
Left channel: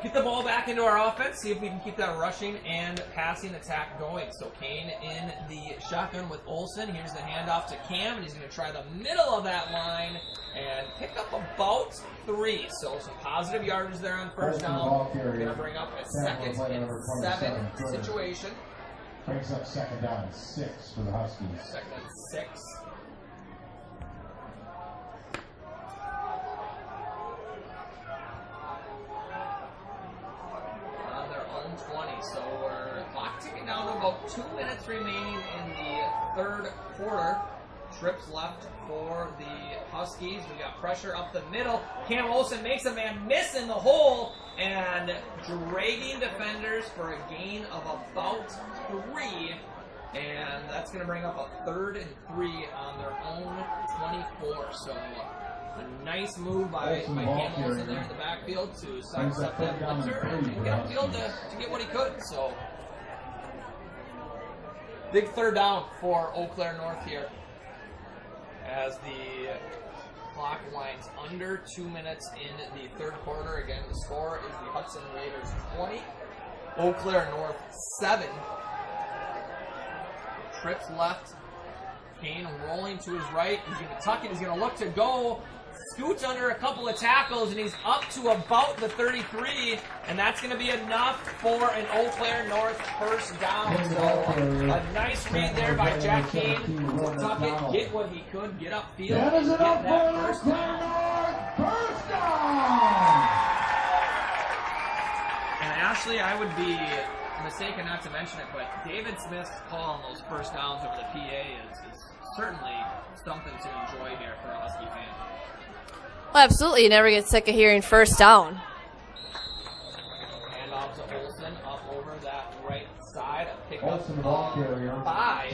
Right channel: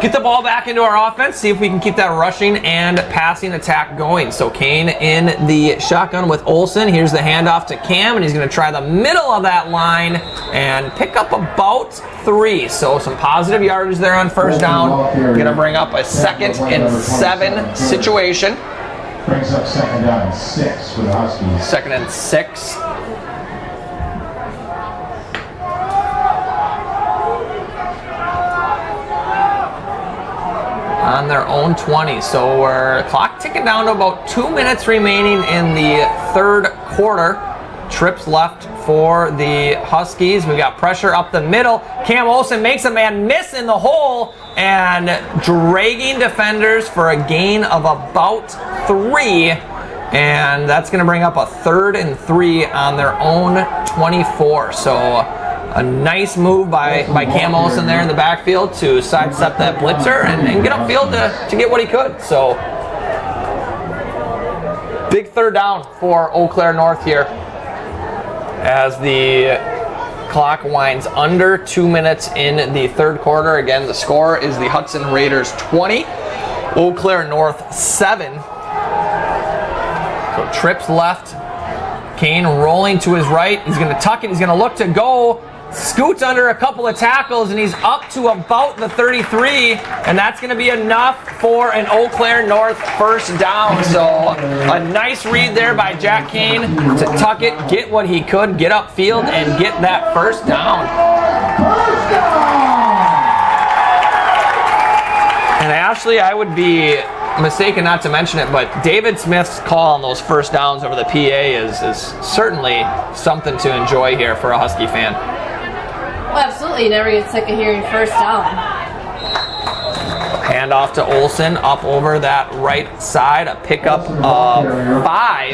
get the ball back into our offense, see if we can keep that rushing and passing attack going. So Kane in the shotgun with Olsen. Here's the handoff to Cam, and he's going to try the middle of that line and pick up about 3. So some positive yardage there on first down. Going to bring up a 2nd and 7 situation. Brings up 2nd down and 6 for the Huskies. 2nd and 6. On their own 20. So we're clock ticking down to about 2 minutes remaining in the third quarter. Trips left for the Huskies. We got pressure up the middle. Cam Olsen makes a man miss in the hole and dragging defenders for a gain of about 3. And that's going to bring up a 3rd and 3 on their own 24. So a nice move by Cam Olsen there in the backfield to sidestep that blitzer and get upfield to get what he could. So big 3rd down for Eau Claire North here as the clock winds under 2 minutes in the third quarter. Again, the score is the Hudson Raiders 20, Eau Claire North 7. So trips left. Kane rolling to his right. He's going to tuck it. He's going to look to go. Scoots under a couple of tackles, and he's up to about the 33, and that's going to be enough for an Eau Claire North first down. So a nice read there by Jack Kane to tuck it, get what he could, get upfield, and get that first down. And Ashley, I would be mistaken not to mention it, but David Smith's call on those first downs over the PA is certainly something to enjoy here for a Husky fan. Well, absolutely. You never get sick of hearing first down. Hand off to Olsen up over that right side. A pickup of 5.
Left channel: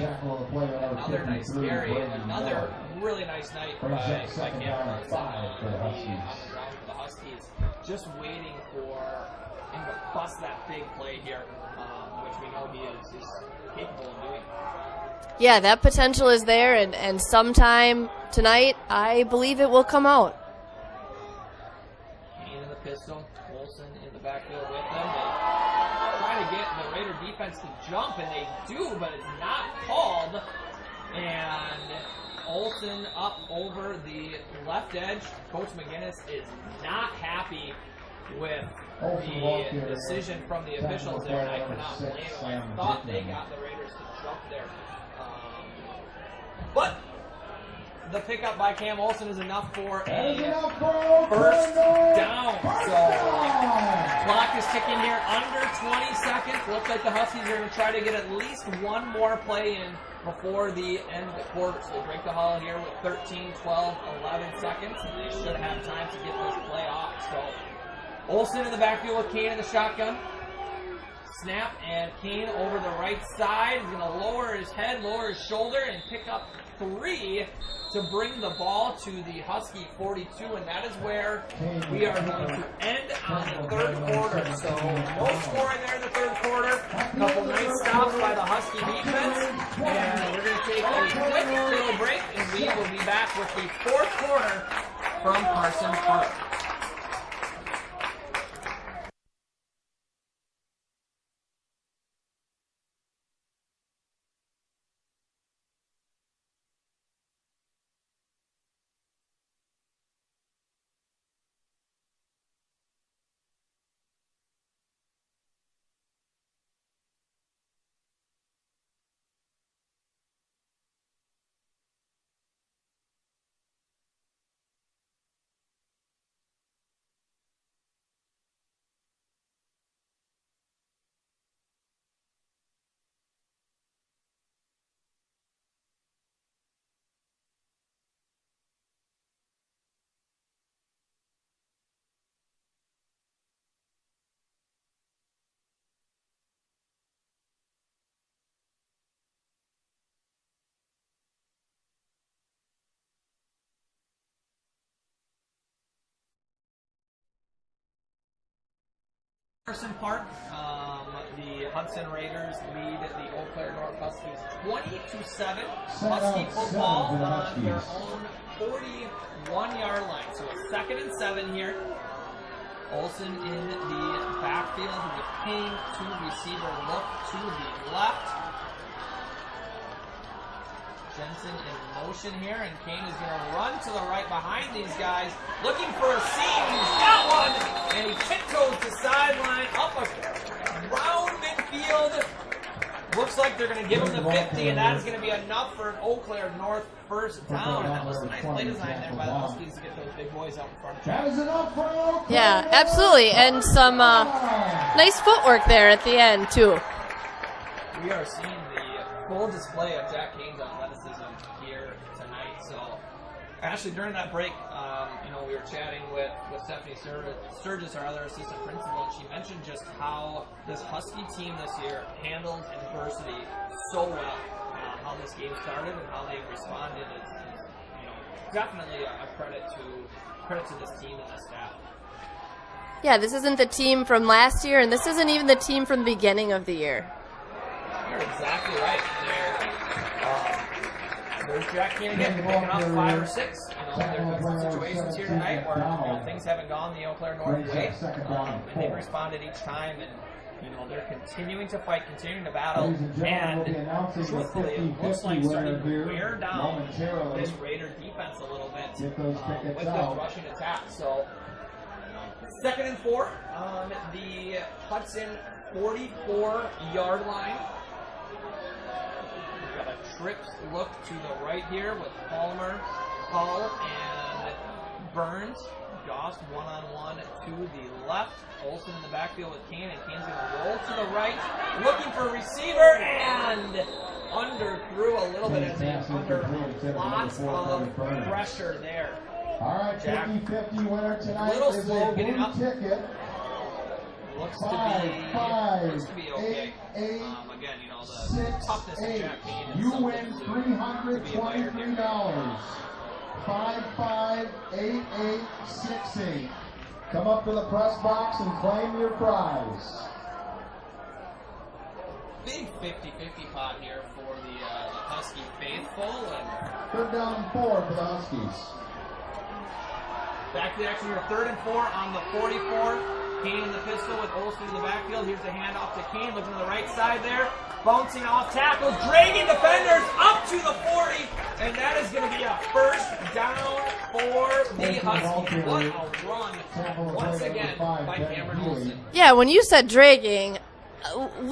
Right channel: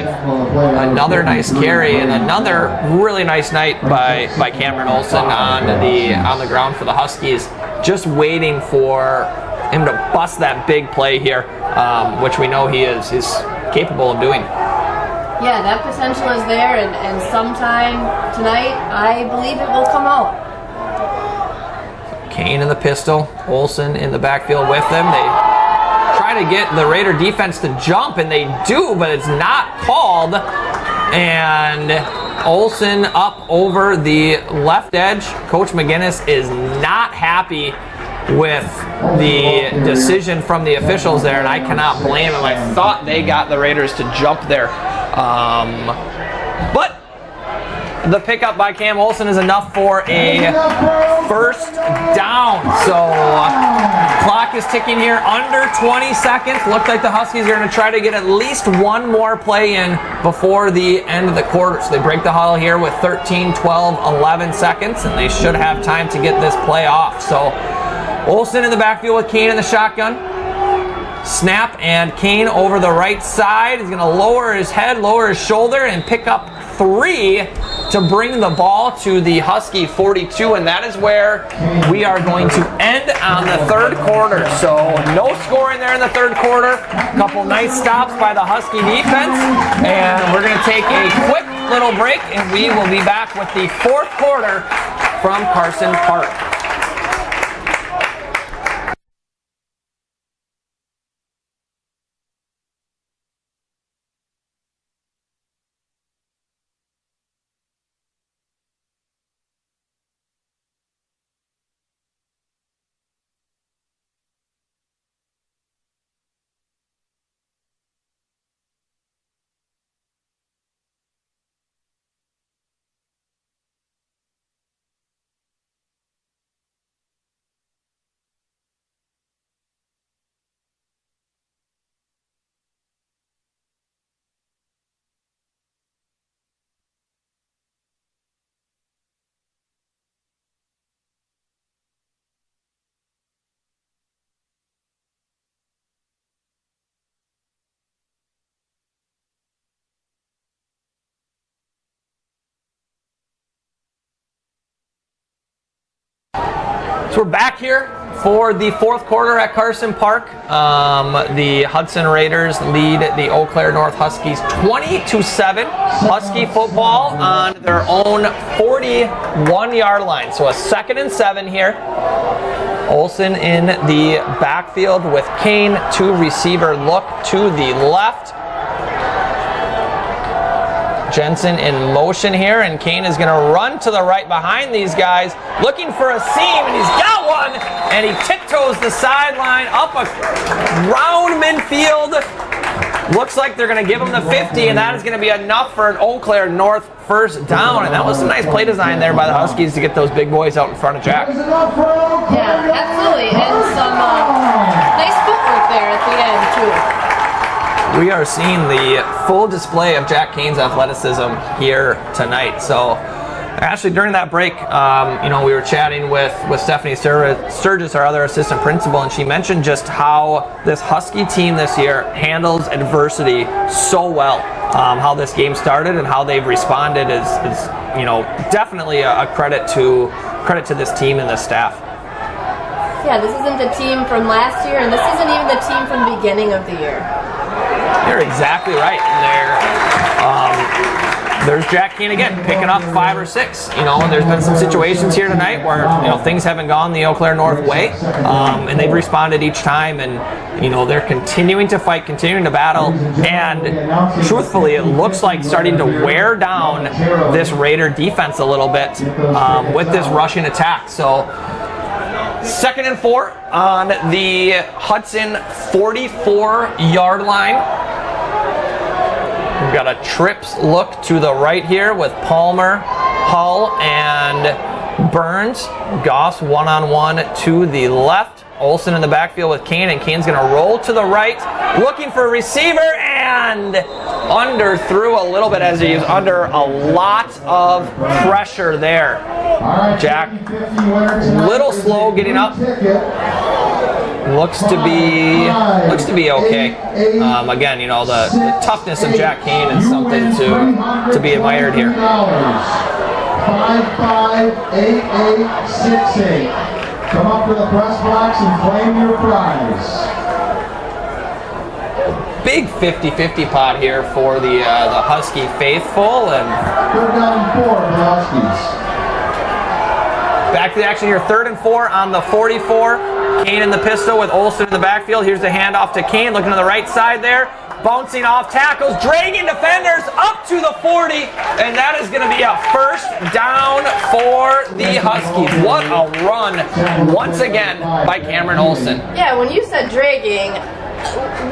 Another nice carry and another really nice night by Cameron Olsen on the ground for the Huskies. Just waiting for him to bust that big play here, which we know he is capable of doing. Yeah, that potential is there, and sometime tonight, I believe it will come out. Kane in the pistol, Olsen in the backfield with them. They try to get the Raider defense to jump, and they do, but it's not called. And Olsen up over the left edge. Coach McGinnis is not happy with the decision from the officials there, and I cannot blame him. I thought they got the Raiders to jump there. But the pickup by Cam Olsen is enough for a first down. So clock is ticking here under 20 seconds. Looks like the Huskies are going to try to get at least one more play in before the end of the quarter. So they break the huddle here with 13, 12, 11 seconds, and they should have time to get this play off. So Olsen in the backfield with Kane in the shotgun. Snap, and Kane over the right side. He's going to lower his head, lower his shoulder, and pick up 3 to bring the ball to the Husky 42, and that is where we are going to end on the third quarter. So no scoring there in the third quarter. A couple nice stops by the Husky defense, and we're going to take a quick little break, and we will be back with the fourth quarter from Carson Park. So we're back here for the fourth quarter at Carson Park. The Hudson Raiders lead the Eau Claire North Huskies 20-7. Husky football on their own 41-yard line. So a 2nd and 7 here. Olsen in the backfield with Kane, 2 receiver look to the left. Jensen in motion here, and Kane is going to run to the right behind these guys, looking for a seam, and he's got one, and he tiptoes the sideline up around midfield. Looks like they're going to give him the 50, and that is going to be enough for an Eau Claire North first down, and that was some nice play design there by the Huskies to get those big boys out in front of Jack. Yeah, absolutely, and some nice footwork there at the end, too. We are seeing the full display of Jack Kane's athleticism here tonight. So, actually, during that break, we were chatting with Stephanie Sturgis, our other assistant principal, and she mentioned just how this Husky team this year handles adversity so well. How this game started and how they've responded is definitely a credit to this team and this staff. Yeah, this isn't the team from last year, and this isn't even the team from the beginning of the year. You're exactly right. There's Jack Kane again, picking up 5 or 6. And there's been some situations here tonight where things haven't gone the Eau Claire North way, and they've responded each time. And they're continuing to fight, continuing to battle, and truthfully, it looks like starting to wear down this Raider defense a little bit with this rushing attack. So. 2nd and 4 on the Hudson 44-yard line. We've got a trips look to the right here with Palmer, Hull, and Burns. Goss one-on-one to the left. Olsen in the backfield with Kane, and Kane's going to roll to the right, looking for a receiver, and underthrew a little bit as he's under a lot of pressure there. Jack, little slow getting up. Looks to be okay. Again, the toughness of Jack Kane is something to be admired here. 558868. Come up to the press box and claim your prize. Big 50-50 pot here for the Husky faithful, and 3rd down and 4 for the Huskies. Back to the action here, 3rd and 4 on the 44. Kane in the pistol with Olsen in the backfield. Here's the handoff to Kane, looking to the right side there. Bouncing off tackles, dragging defenders up to the 40, and that is going to be a first down for the Huskies. What a run, once again, by Cameron Olsen. Yeah, when you said dragging,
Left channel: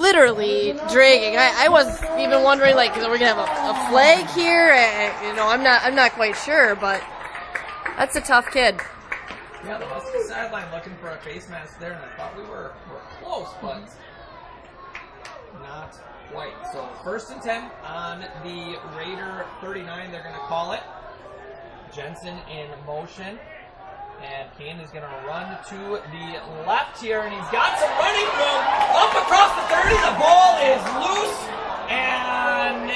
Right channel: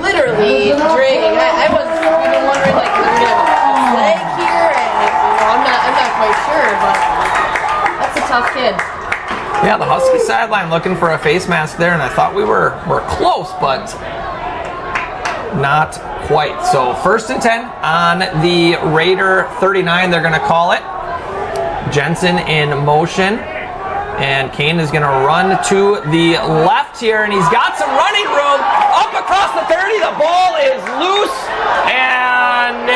literally dragging, I was even wondering, like, could we have a flag here? And, I'm not quite sure, but that's a tough kid. Yeah, the Husky sideline looking for a face mask there, and I thought we were close, but not quite. So 1st and 10 on the Raider 39, they're going to call it. Jensen in motion, and Kane is going to run to the left here, and he's got some running room up across the 30. The ball is loose, and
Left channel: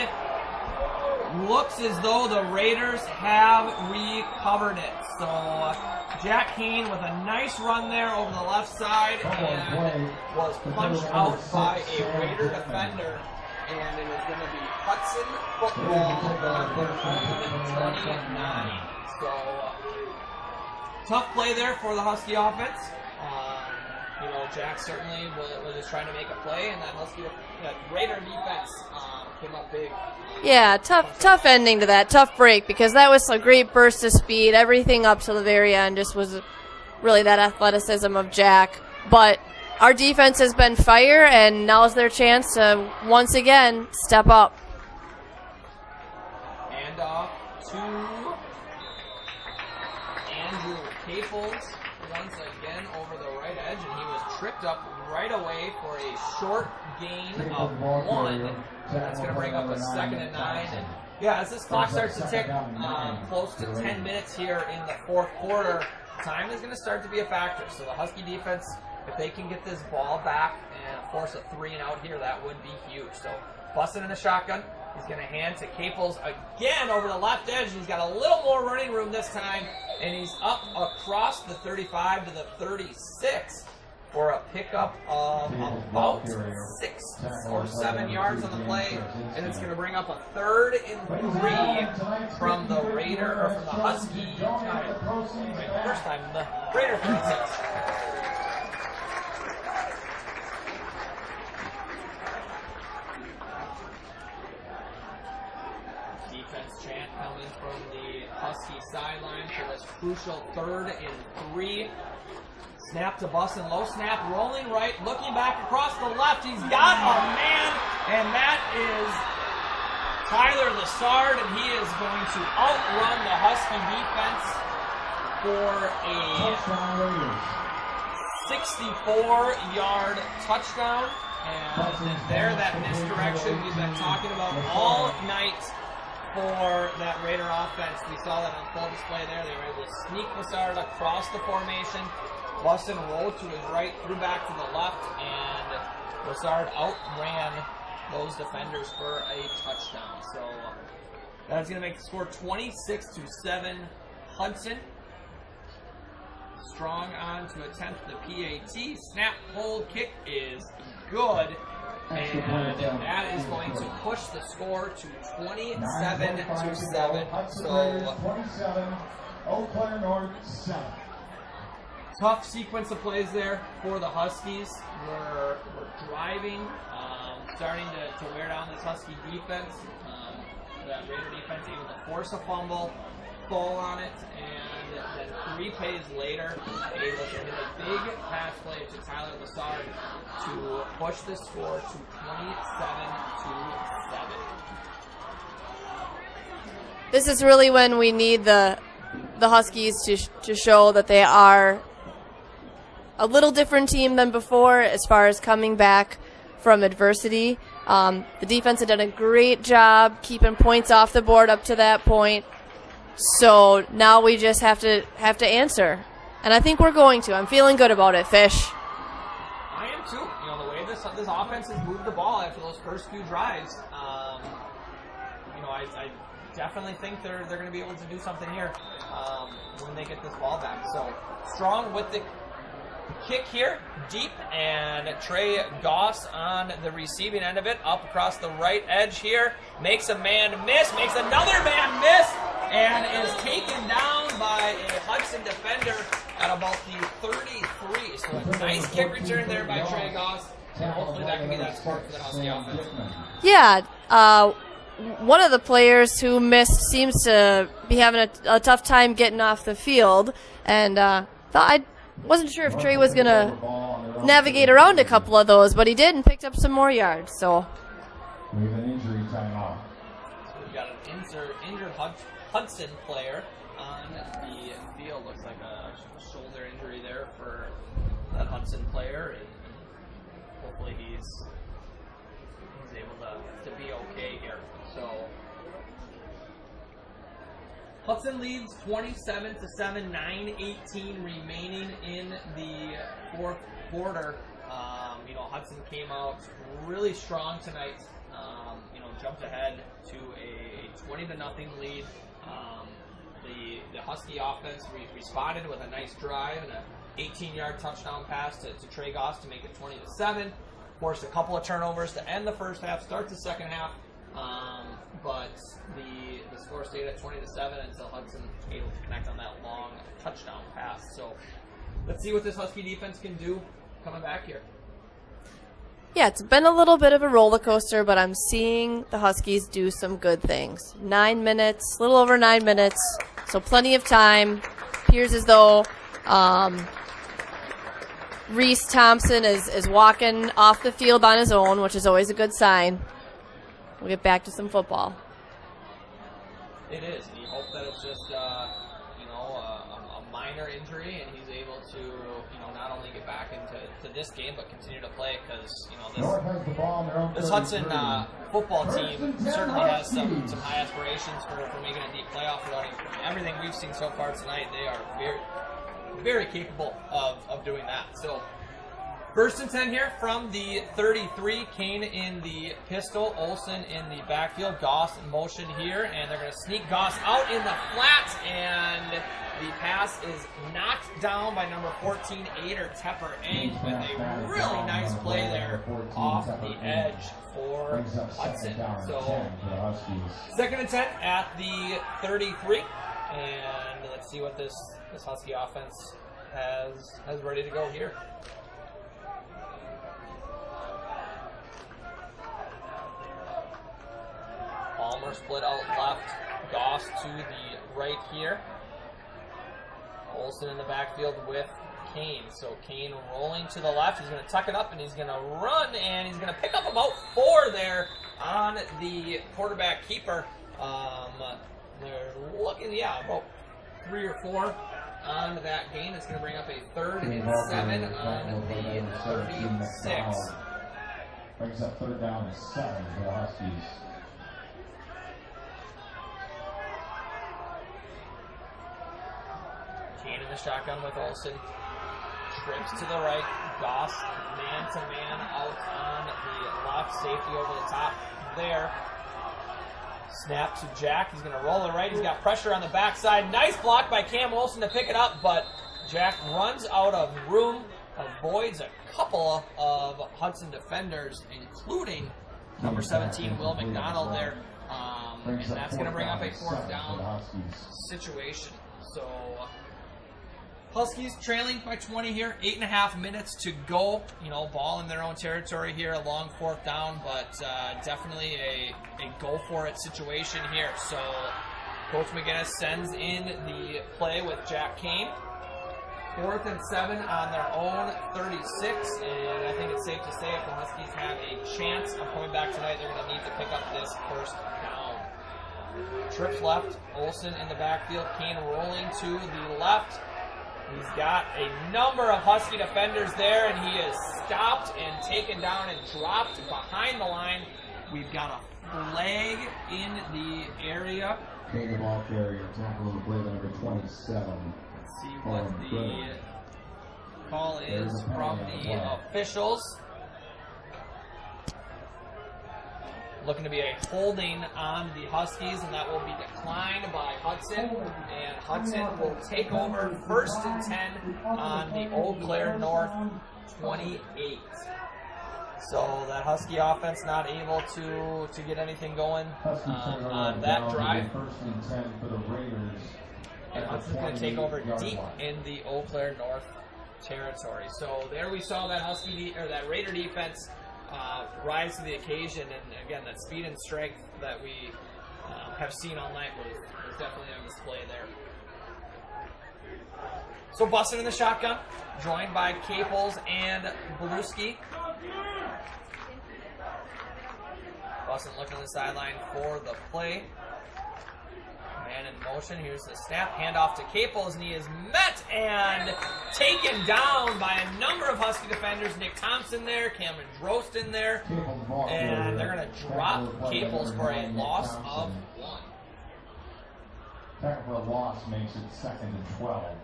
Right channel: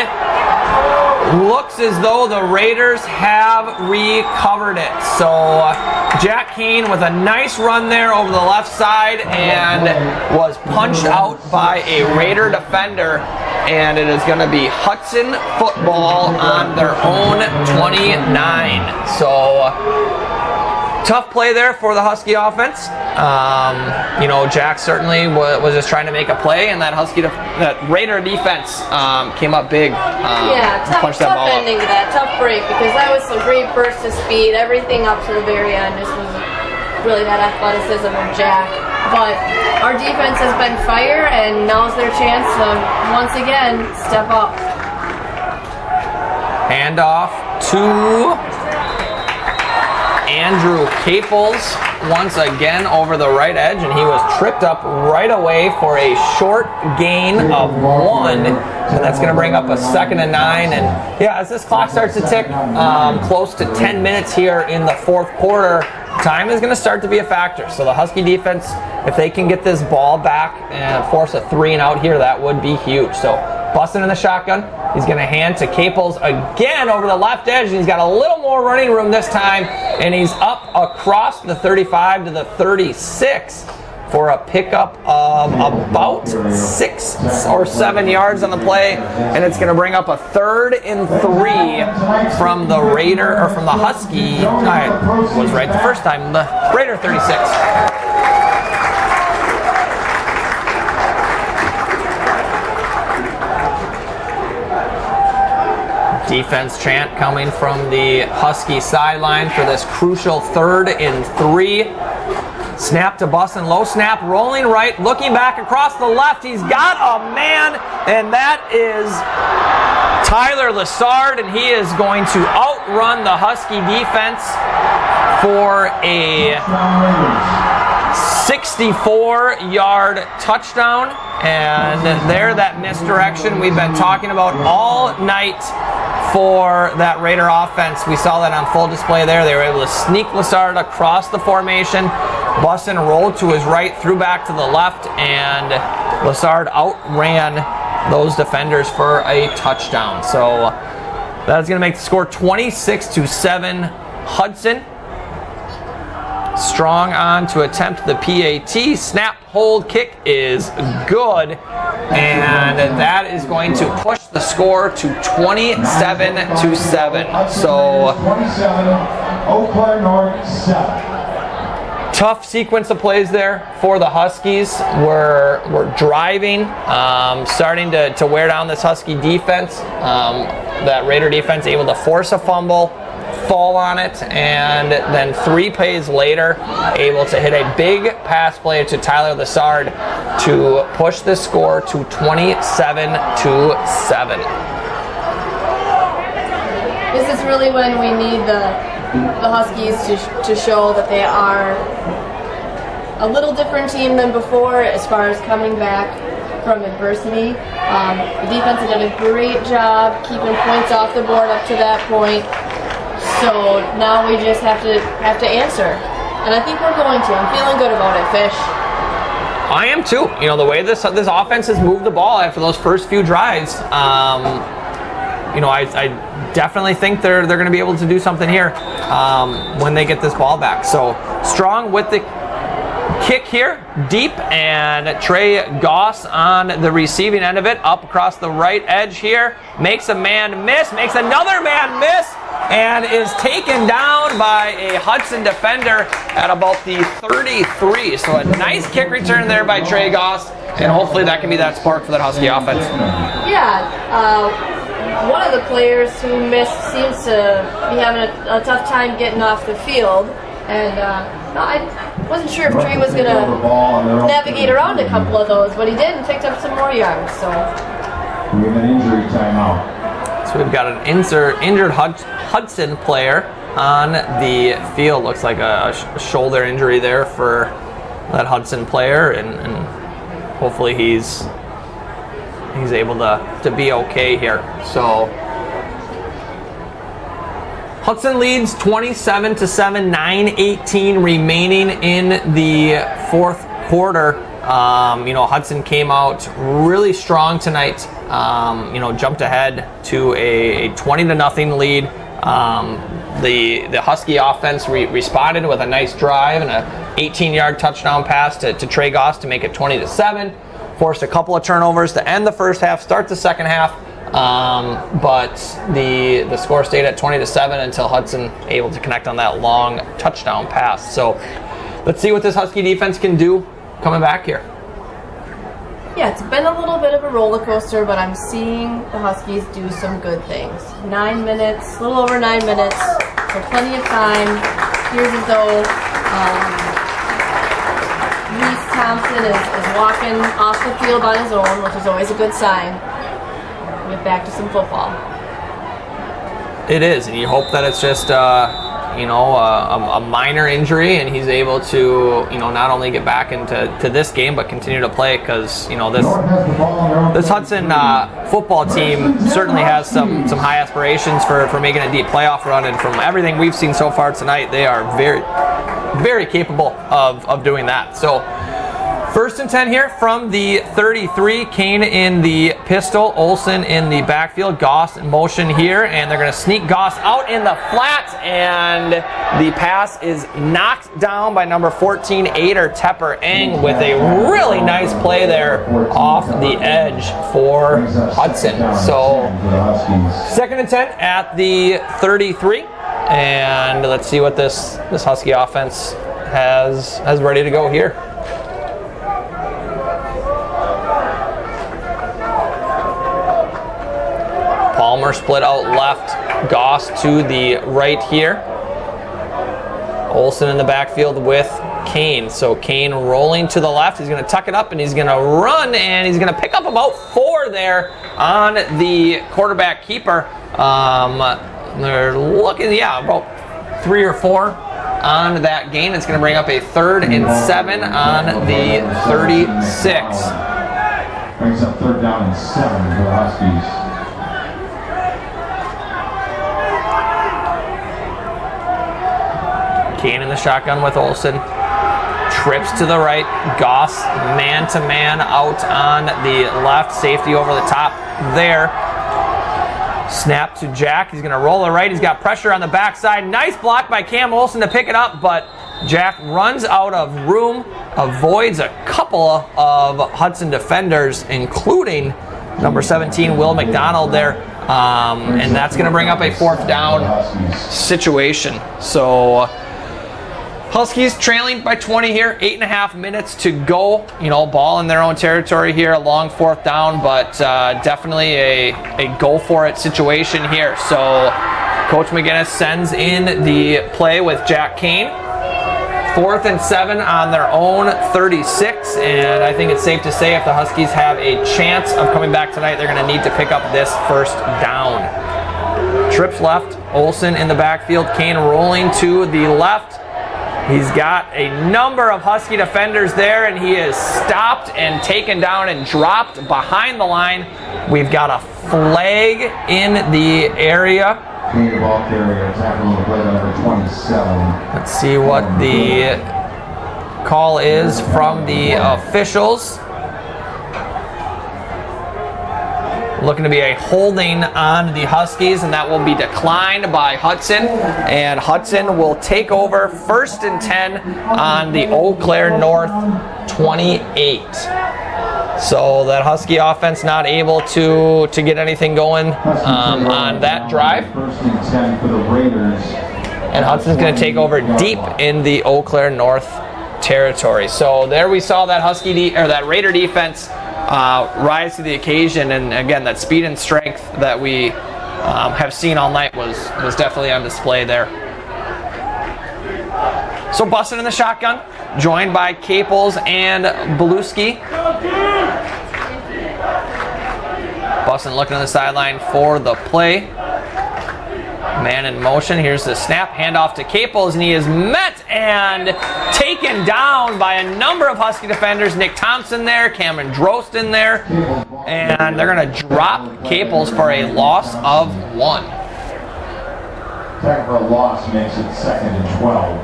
looks as though the Raiders have recovered it. So Jack Kane with a nice run there over the left side, and was punched out by a Raider defender, and it is going to be Hudson football on their own 29. So tough play there for the Husky offense. Jack certainly was just trying to make a play, and that Raider defense came up big. Tough ending to that, tough break, because that was a great burst of speed. Everything up to the very end just was really that athleticism of Jack. But our defense has been fire, and now's their chance to once again step up. Handoff to Andrew Caples once again over the right edge, and he was tripped up right away for a short gain of 1, and that's going to bring up a 2nd and 9. And yeah, as this clock starts to tick close to 10 minutes here in the 4th quarter, time is going to start to be a factor. So the Husky defense, if they can get this ball back and force a 3 and out here, that would be huge. So busting in the shotgun, he's going to hand to Caples again over the left edge, and he's got a little more running room this time, and he's up across the 35 to the 36 for a pickup of about 6 or 7 yards on the play, and it's going to bring up a 3rd and 3 from the Raider, or from the Husky. I was right the first time. The Raider 36. Defense chant coming from the Husky sideline for this crucial 3rd and 3. Snap to Bussin, low snap, rolling right, looking back across the left. He's got a man, and that is Tyler Lessard, and he is going to outrun the Husky defense for a 64-yard touchdown. And there, that misdirection we've been talking about all night for that Raider offense. We saw that on full display there. They were able to sneak Lessard across the formation. Bussin rolled to his right, threw back to the left, and Lessard outran those defenders for a touchdown. So that's going to make the score 26-7 Hudson. Strong on to attempt the PAT. Snap, hold, kick is good. And that is going to push the score to 27-7. So 27, Eau Claire North 7. Tough sequence of plays there for the Huskies. We're driving, starting to wear down this Husky defense. That Raider defense able to force a fumble, fall on it, and then 3 plays later, able to hit a big pass play to Tyler Lessard to push the score to 27-7. This is really when we need the Huskies to show that they are a little different team than before as far as coming back from adversity. The defense had done a great job keeping points off the board up to that point. So now we just have to answer, and I think we're going to. I'm feeling good about it, Fish. I am too. You know, the way this offense has moved the ball after those first few drives. You know, I definitely think they're going to be able to do something here when they get this ball back. So strong with the kick here, deep, and Trey Goss on the receiving end of it, up across the right edge here, makes a man miss, makes another man miss, and is taken down by a Hudson defender at about the 33. So a nice kick return there by Trey Goss, and hopefully that can be that spark for that Husky offense. Yeah, one of the players who missed seems to be having a tough time getting off the field, and I wasn't sure if Trey was going to navigate around a couple of those, but he did and picked up some more yards. So we have an injury timeout. So we've got an injured Hudson player on the field. Looks like a shoulder injury there for that Hudson player, and hopefully he's able to be okay here. So Hudson leads 27-7, 9:18 remaining in the fourth quarter. You know, Hudson came out really strong tonight. You know, jumped ahead to a 20-0 lead. The Husky offense responded with a nice drive and a 18-yard touchdown pass to Trey Goss to make it 20-7. Forced a couple of turnovers to end the first half, start the second half. But the score stayed at 20-7 until Hudson able to connect on that long touchdown pass. So let's see what this Husky defense can do coming back here. yeah, it's been a little bit of a roller coaster, but I'm seeing the Huskies do some good things. 9 minutes, a little over 9 minutes, so plenty of time. Appears as though Reese Thompson is walking off the field on his own, which is always a good sign. We get back to some football. It is, and you hope that it's just a minor injury, and he's able to not only get back into this game but continue to play, because this Hudson football team certainly has some high aspirations for making a deep playoff run, and from everything we've seen so far tonight, they are very, very capable of doing that. So First and 10 here from the 33. Kane in the pistol, Olsen in the backfield. Goss in motion here, and they're going to sneak Goss out in the flat, and the pass is knocked down by number 14, Ader Tepper-Eng, with a really nice play there off the edge for Hudson. So second and 10 at the 33, and let's see what this Husky offense has ready to go here. Palmer split out left, Goss to the right here. Olsen in the backfield with Kane. So Kane rolling to the left. He's going to tuck it up and he's going to run, and he's going to pick up about 4 there on the quarterback keeper. They're looking, about 3 or 4 on that gain. It's going to bring up a 3rd and 7 on the 36. Brings up 3rd down and 7 for the Huskies. Kane in the shotgun with Olsen. Trips to the right. Goss man-to-man out on the left. Safety over the top there. Snap to Jack. He's going to roll the right. He's got pressure on the backside. Nice block by Cam Olsen to pick it up, but Jack runs out of room, avoids a couple of Hudson defenders, including number 17, Will McDonald there. And that's going to bring up a 4th down situation. So Huskies trailing by 20 here, 8.5 minutes to go. Ball in their own territory here, a long 4th down, but definitely a go-for-it situation here. So Coach McGinnis sends in the play with Jack Kane. 4th and 7 on their own 36, and I think it's safe to say if the Huskies have a chance of coming back tonight, they're going to need to pick up this 1st down. Trips left, Olsen in the backfield, Kane rolling to the left. He's got a number of Husky defenders there, and he is stopped and taken down and dropped behind the line. We've got a flag in the area. Ball carrier tackling the play number 27. Let's see what the call is from the officials. Looking to be a holding on the Huskies, and that will be declined by Hudson. And Hudson will take over 1st and 10 on the Eau Claire North 28. So that Husky offense not able to get anything going on that drive. 1st and 10 for the Raiders. And Hudson's going to take over deep in the Eau Claire North territory. So there we saw that that Raider defense rise to the occasion, and again, that speed and strength that we have seen all night was definitely on display there. So Bussin in the shotgun, joined by Caples and Beluski. Bussin looking on the sideline for the play. Man in motion. Here's the snap. Handoff to Caples, and he is met and taken down by a number of Husky defenders. Nick Thompson there, Cameron Drost in there, and they're going to drop Caples for a loss of 1. Tackle for a loss makes it 2nd and 12.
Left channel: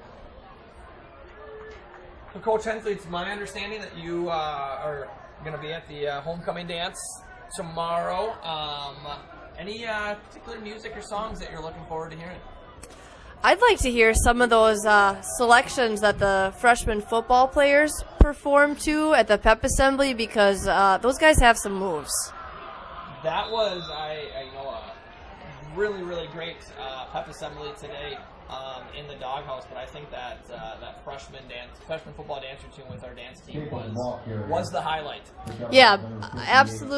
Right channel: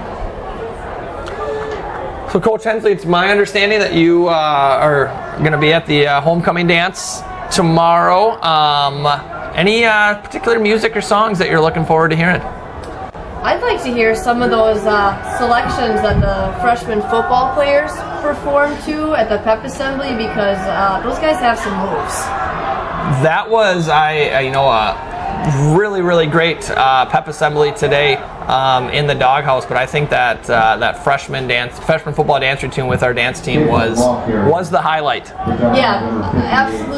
So, Coach Hensley, it's my understanding that you are going to be at the homecoming dance tomorrow. Any particular music or songs that you're looking forward to hearing? I'd like to hear some of those selections that the freshman football players perform to at the pep assembly, because those guys have some moves. That was really, really great pep assembly today in the doghouse. But I think that that freshman football dance routine with our dance team was the highlight. Yeah, absolute.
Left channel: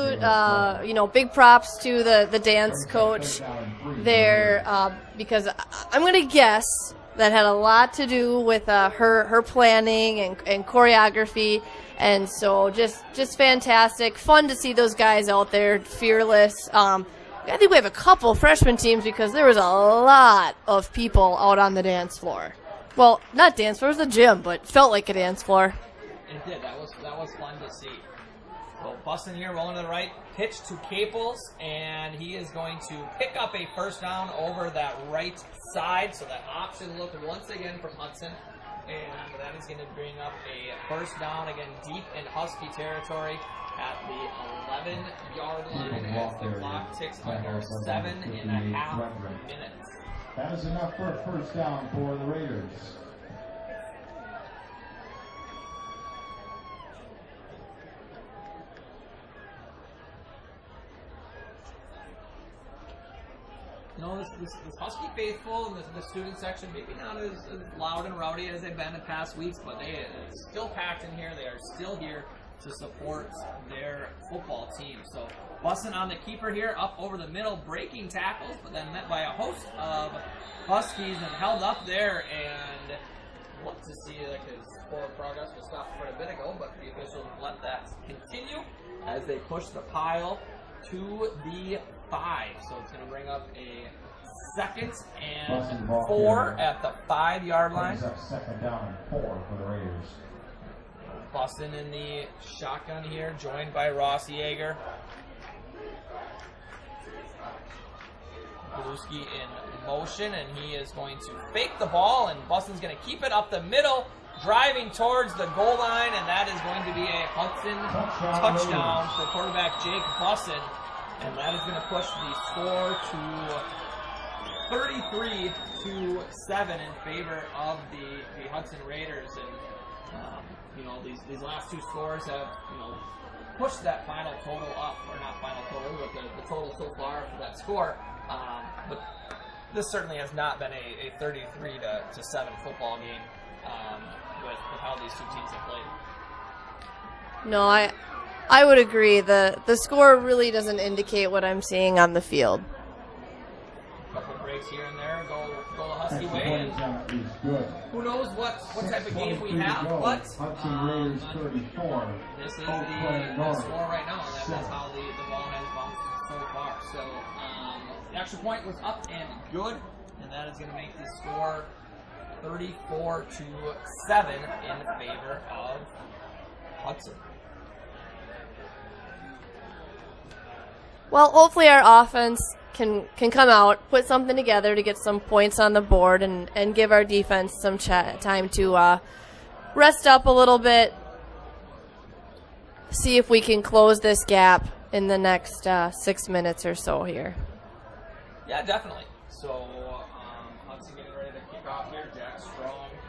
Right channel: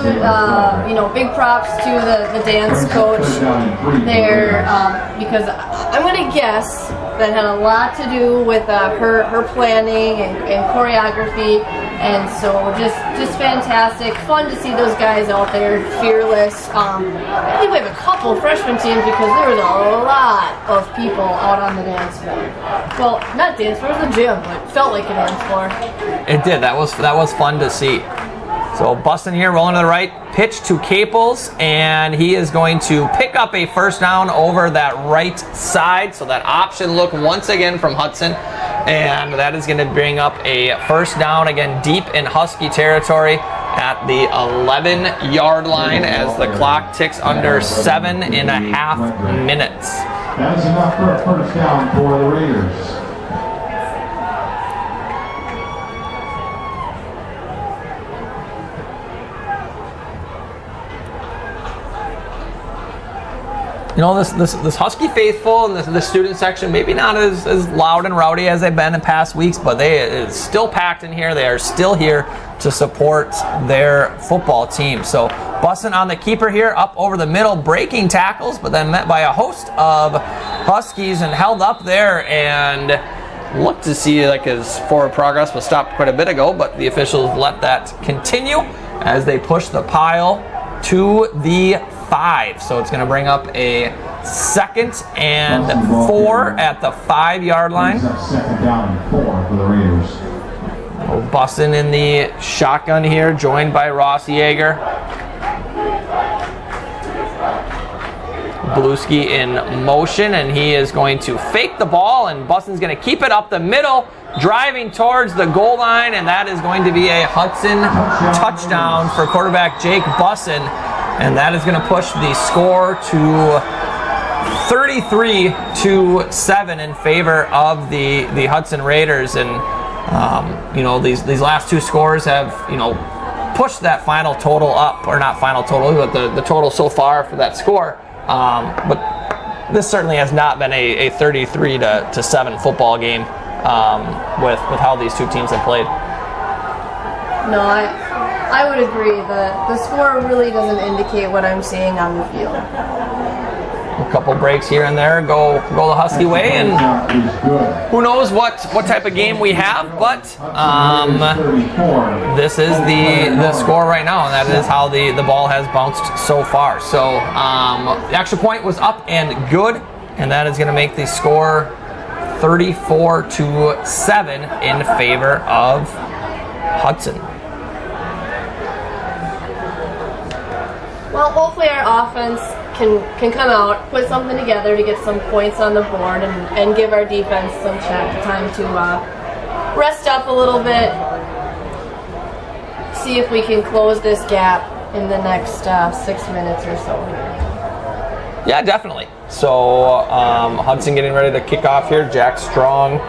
Big props to the dance coach there, because I'm gonna guess that had a lot to do with her planning and choreography. And so just fantastic. Fun to see those guys out there, fearless. I think we have a couple freshman teams, because there was a lot of people out on the dance floor. Well, not dance floor, it was a gym, but felt like a dance floor. It did. That was fun to see. So Bustin here, rolling to the right, pitch to Caples, and he is going to pick up a 1st down over that right side. So that option look once again from Hudson. And that is going to bring up a first down, again, deep in Husky territory at the 11-yard line as the clock ticks under 7.5 minutes. That is enough for a first down for the Raiders. You know, this Husky faithful and the student section, maybe not as loud and rowdy as they've been in past weeks, but it's still packed in here. They are still here to support their football team. So Bussin on the keeper here, up over the middle, breaking tackles, but then met by a host of Huskies and held up there and looked to see like his forward progress was stopped quite a bit ago, but the officials let that continue as they push the pile to the 5. So it's going to bring up a 2nd and 4 at the 5-yard line. Second down and 4 for the Raiders. Bussin in the shotgun here, joined by Ross Yeager. Bluski in motion, and he is going to fake the ball, and Bussin's going to keep it up the middle, driving towards the goal line, and that is going to be a Hudson touchdown for quarterback Jake Bussin. And that is going to push the score to 33-7 in favor of the Hudson Raiders. And you know, these last two scores have, you know, pushed that final total up, or not final total, but the total so far for that score. But this certainly has not been a 33-7 football game with how these two teams have played. No, I would agree. The score really doesn't indicate what I'm seeing on the field. A couple breaks here and there go the Husky way, and who knows what type of game we have, but this is the score right now, and that is how the ball has bounced so far. So the extra point was up and good, and that is going to make the score 34-7 in favor of Hudson. Well, hopefully our offense can come out, put something together to get some points on the board and give our defense some time to rest up a little bit, see if we can close this gap in the next 6 minutes or so here. Yeah, definitely. So Hudson getting ready to kick off here. Jack Strong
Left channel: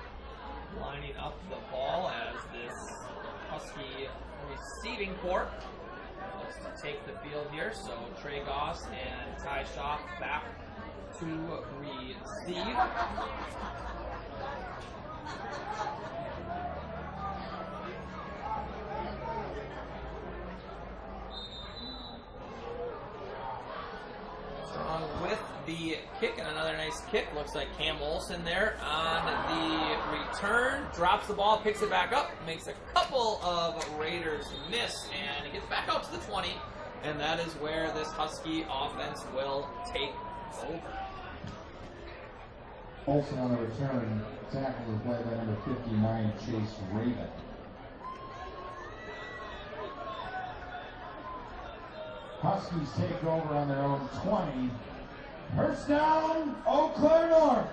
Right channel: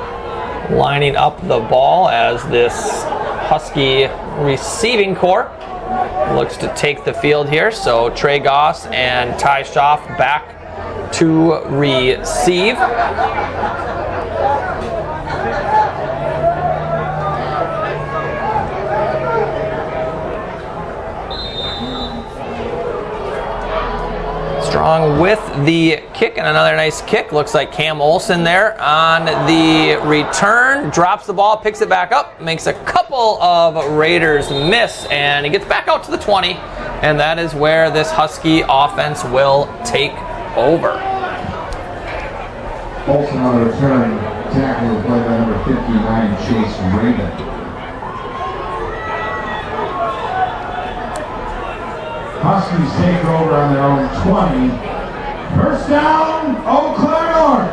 lining up the ball as this Husky receiving corps looks to take the field here. So Trey Goss and Ty Schaff back to receive. Strong with the kick, and another nice kick. Looks like Cam Olsen there on the return. Drops the ball, picks it back up, makes a couple of Raiders miss, and he gets back out to the 20, and that is where this Husky offense will take over. Olsen on the return, tackle played by number 59, Chase Raven. Huskies take over on their own 20. First down, Eau Claire North.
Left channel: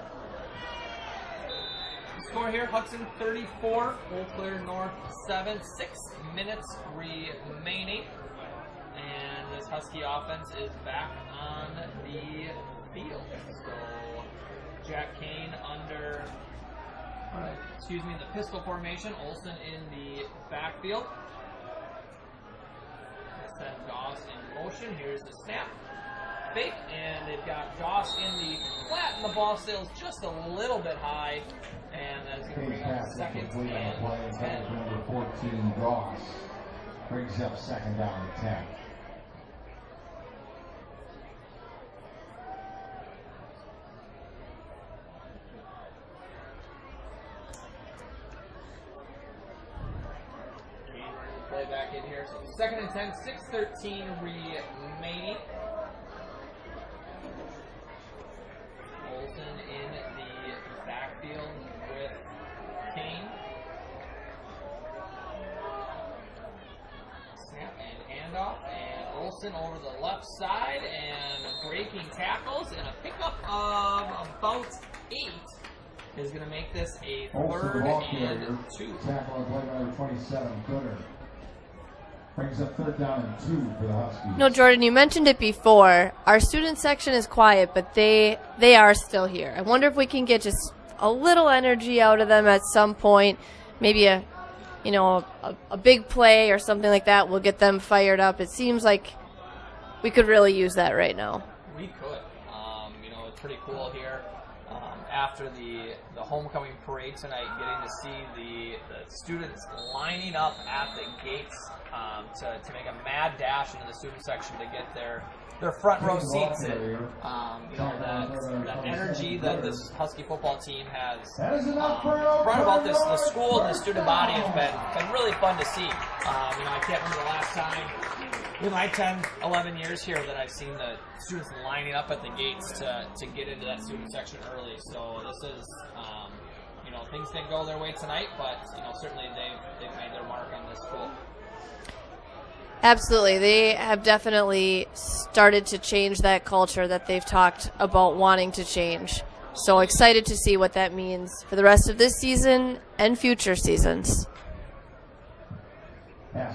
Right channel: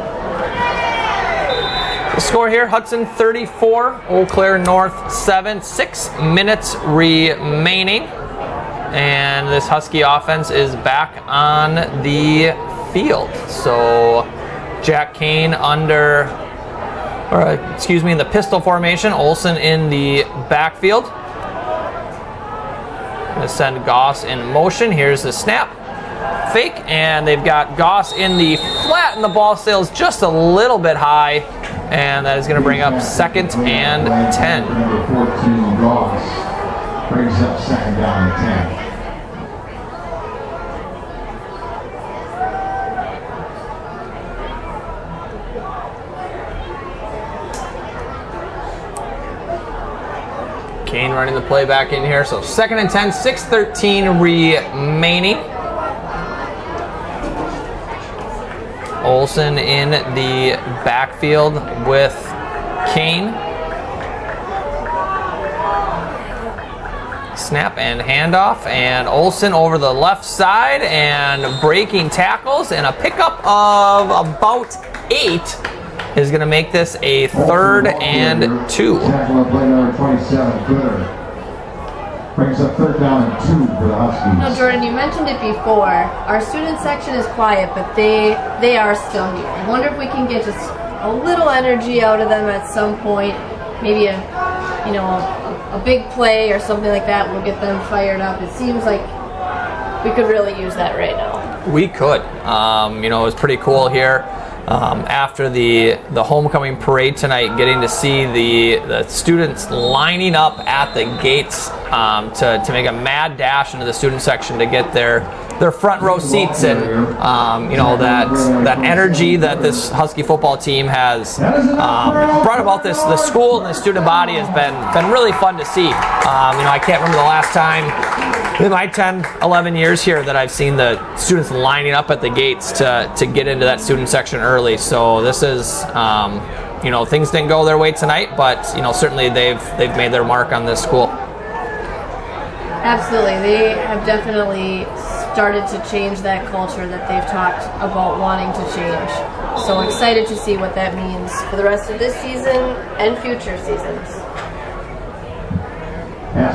The score here, Hudson 34, Eau Claire North 7, 6 minutes remaining. And this Husky offense is back on the field. So Jack Kane in the pistol formation, Olsen in the backfield. Going to send Goss in motion. Here's the snap. Fake, and they've got Goss in the flat, and the ball sails just a little bit high, and that is going to bring up 2nd and 10. Number 14, Goss, brings up 2nd down and 10. Kane running the play back in here. So 2nd and 10, 6:13 remaining. Olsen in the backfield with Kane. Snap and handoff, and Olsen over the left side and breaking tackles, and a pickup of about 8 is going to make this a 3rd and 2. Tackle on play number 27, Gooder. Brings up 3rd down and 2 for the Huskies. No, Jordan, you mentioned it before. Our student section is quiet, but they are still here. I wonder if we can get just a little energy out of them at some point. Maybe a big play or something like that will get them fired up. It seems like we could really use that right now. We could. It was pretty cool here. After the homecoming parade tonight, getting to see the students lining up at the gates to make a mad dash into the student section to get their front row seats, and that energy that this Husky football team has brought about the school and the student body has been really fun to see. I can't remember the last time in my 10, 11 years here that I've seen the students lining up at the gates to get into that student section early. So this is, things didn't go their way tonight, but certainly they've made their mark on this school. Absolutely, they have definitely started to change that culture that they've talked about wanting to change. So excited to see what that means for the rest of this season and future seasons.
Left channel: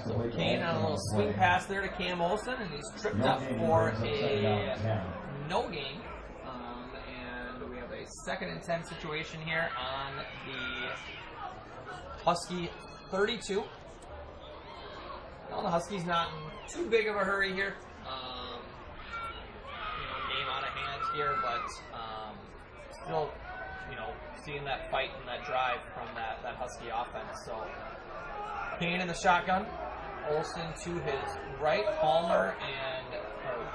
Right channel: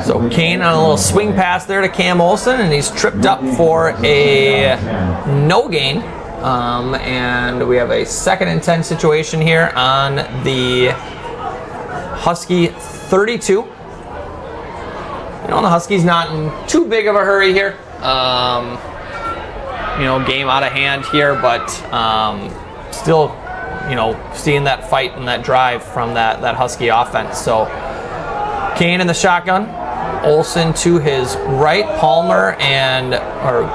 So Kane on a little swing pass there to Cam Olson, and he's tripped up for a no gain. And we have a 2nd and 10 situation here on the Husky 32. The Huskies not in too big of a hurry here. Game out of hand here, but still, seeing that fight and that drive from that Husky offense. So Kane in the shotgun, Olson to his right, Palmer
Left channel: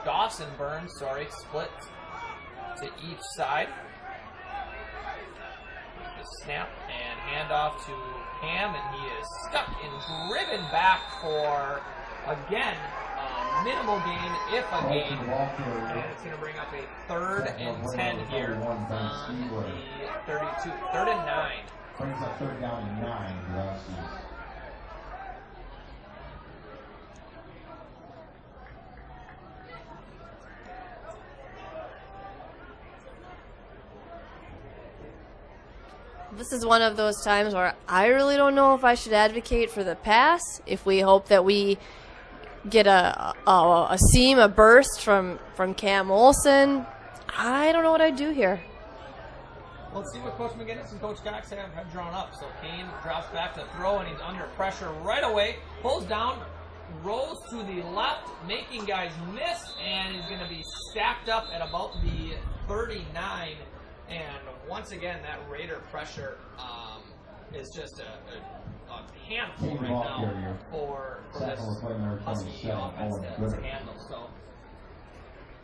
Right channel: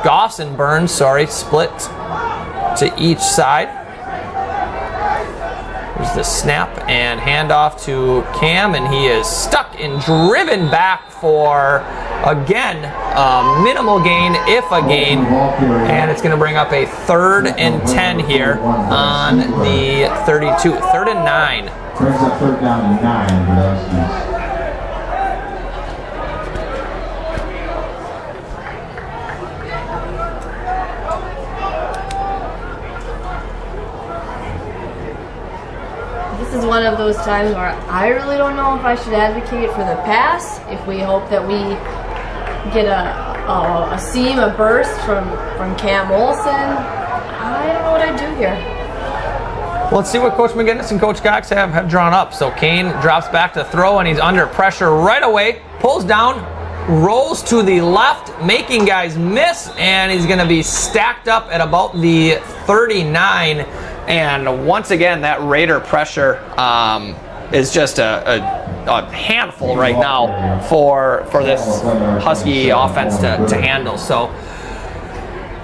Goss and Burns, split to each side. There's the snap and handoff to Cam, and he is stuck and driven back for, again, a minimal gain, if a gain, and it's going to bring up a 3rd and 10 here on the 32. 3rd and 9. Brings up 3rd down and 9 for the Huskies. This is one of those times where I really don't know if I should advocate for the pass, if we hope that we get a seam, a burst from Cam Olson. I don't know what I do here. Well, let's see what Coach McGinnis and Coach Cox have drawn up. So Kane drops back to throw, and he's under pressure right away, pulls down, rolls to the left, making guys miss, and he's going to be stacked up at about the 39. And once again, that Raider pressure is just a handful right now for this Husky offense to handle. So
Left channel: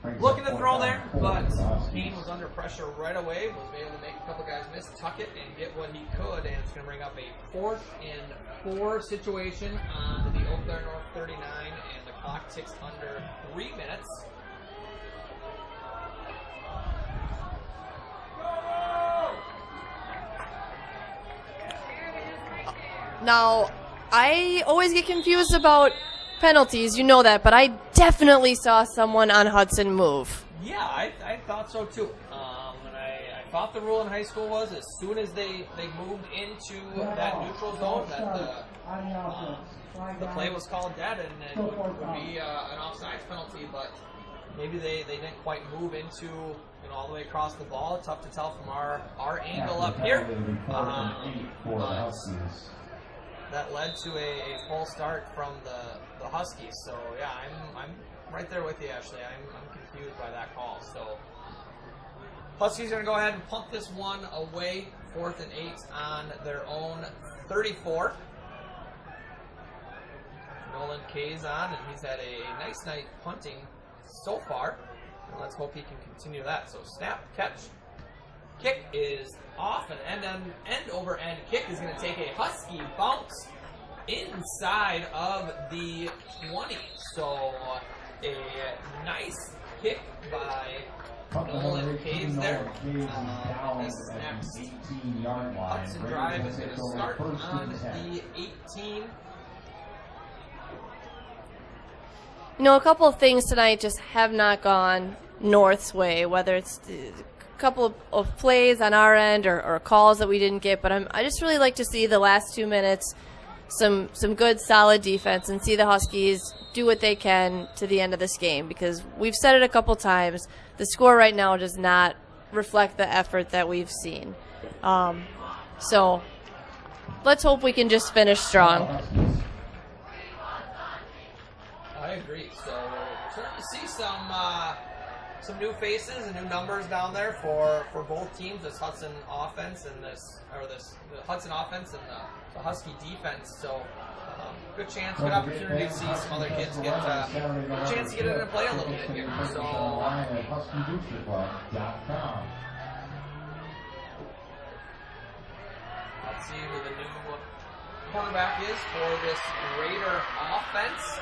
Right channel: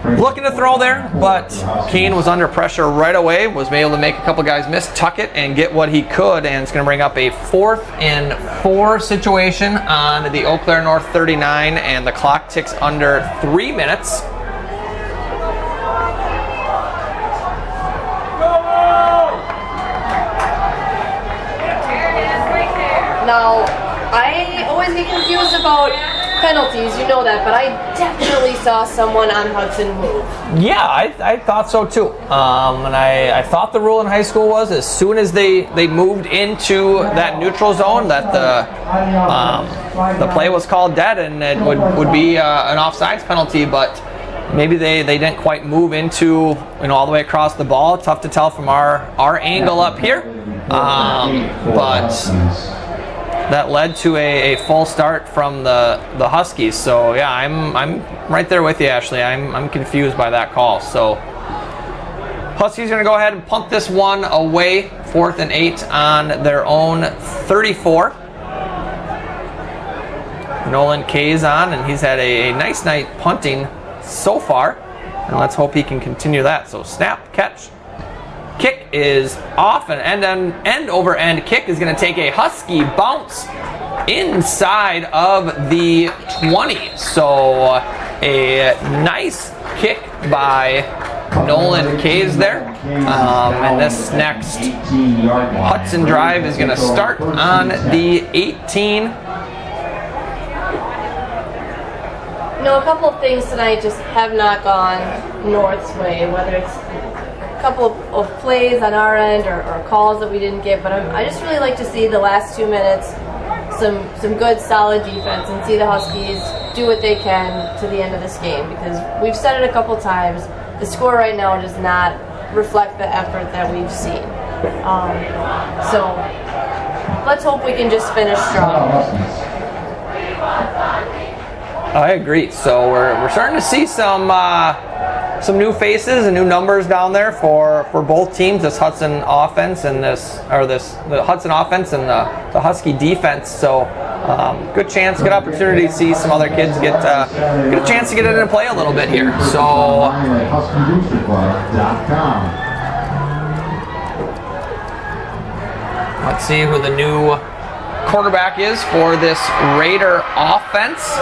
looking to throw there, but Kane was under pressure right away, was able to make a couple guys miss, tuck it, and get what he could, and it's going to bring up a 4th and 4 situation on the Eau Claire North 39, and the clock ticks under 3 minutes. Now, I always get confused about penalties, you know that, but I definitely saw someone on Hudson move. Yeah, I thought so too. And I thought the rule in high school was as soon as they moved into that neutral zone that the play was called dead, and it would be an offsides penalty, but maybe they didn't quite move into all the way across the ball. Tough to tell from our angle up here. But that led to a full start from the Huskies. So yeah, I'm right there with you, Ashley. I'm confused by that call. So Huskies going to go ahead and punt this one away, 4th and 8 on their own 34. Nolan Kay's on, and he's had a nice night punting so far, and let's hope he can continue that. So snap, catch, kick is off, and end over end kick is going to take a Husky bounce inside of the 20. So a nice kick by Nolan Kays there. And this next Hudson drive is going to start on the 18. A couple of things tonight just have not gone North's way, whether it's couple of plays on our end or calls that we didn't get, but I just really like to see the last 2 minutes, some good solid defense, and see the Huskies do what they can to the end of this game, because we've said it a couple times, the score right now does not reflect the effort that we've seen. So let's hope we can just finish strong. I agree. So we're starting to see some new faces and new numbers down there for both teams. This Hudson offense and the Hudson offense and the Husky defense. So good chance, good opportunity to see some other kids get a chance to get in and play a little bit here. So. Let's see who the new quarterback is for this Raider offense.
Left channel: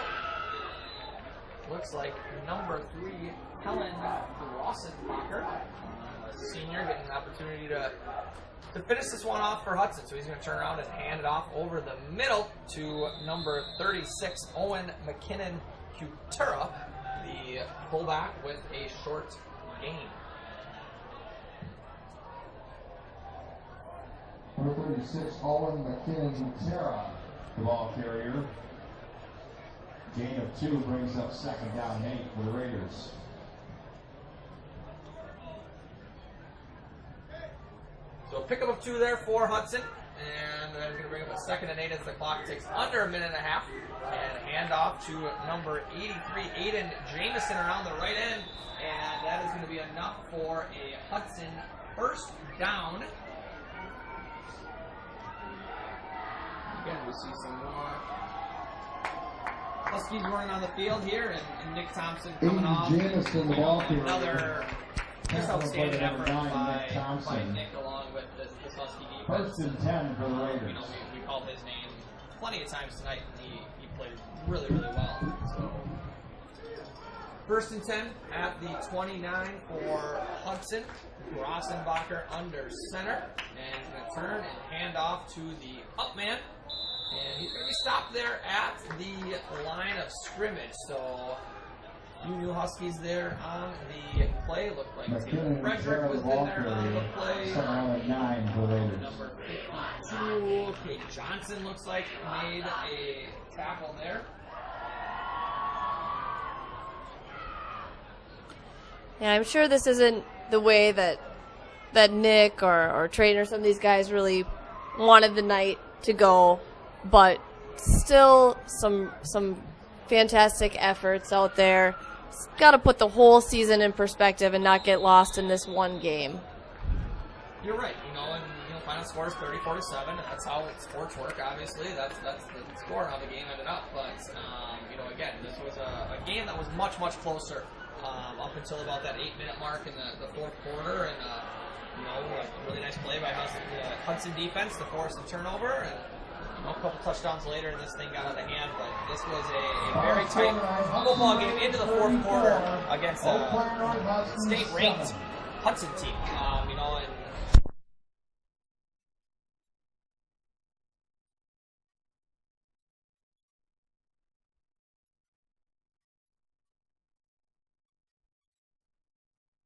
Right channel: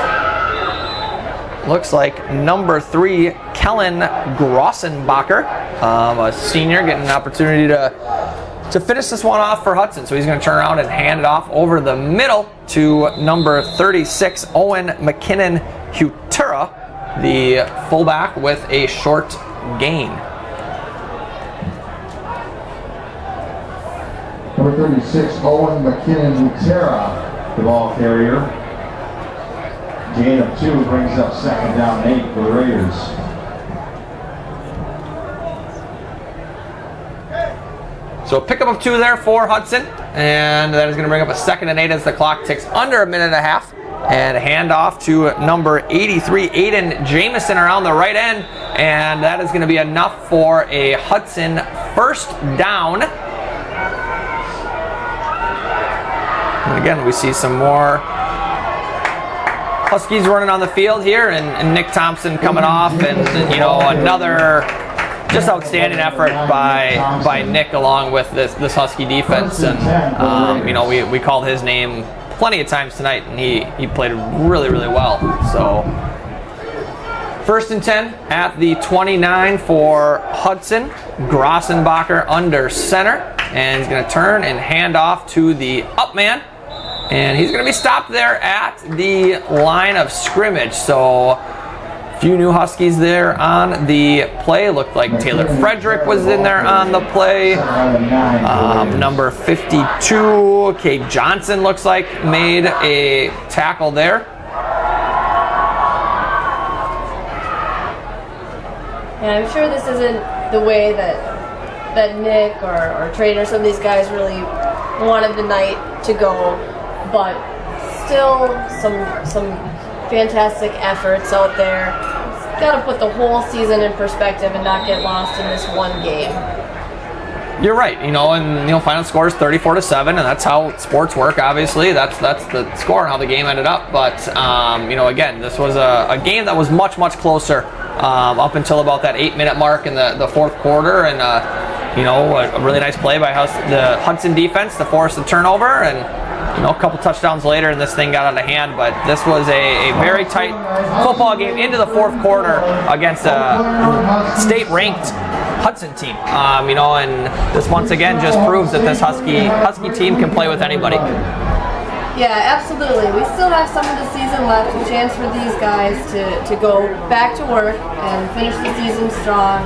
Looks like number 3, Kellen Grossenbacher, a senior, getting an opportunity to finish this one off for Hudson. So he's going to turn around and hand it off over the middle to number 36, Owen McKinnon-Hutura, the fullback, with a short gain. Number 36, Owen McKinnon-Hutura, the ball carrier. Gain of 2 brings up 2nd down and 8 for the Raiders. So a pickup of 2 there for Hudson, and that is going to bring up a 2nd and 8 as the clock ticks under a minute and a half. And hand off to number 83, Aiden Jamison, around the right end, and that is going to be enough for a Hudson first down. And again, we see some more Huskies running on the field here, and Nick Thompson coming off, and another just outstanding effort by Nick along with this Husky defense. And we called his name plenty of times tonight, and he played really, really well. So 1st and 10 at the 29 for Hudson. Grossenbacher under center, and he's going to turn and hand off to the up man. And he's going to be stopped there at the line of scrimmage. So a few new Huskies there on the play. Looked like Taylor Frederick was in there on the play. Number 52, Kate Johnson, looks like made a tackle there. And I'm sure this isn't the way that Nick or Trainer, some of these guys really wanted the night to go, but still some fantastic efforts out there. Got to put the whole season in perspective and not get lost in this one game. You're right, final score is 34-7, and that's how sports work. Obviously, that's the score and how the game ended up. But again, this was a game that was much closer up until about that 8-minute mark in the fourth quarter, and a really nice play by the Hudson defense to force the turnover, and a couple touchdowns later, and this thing got out of hand. But this was a very tight football game into the fourth quarter against a state-ranked Hudson team. And this once again just proves that this Husky team can play with anybody. Yeah, absolutely. We still have some of the season left, a chance for these guys to go back to work and finish the season strong.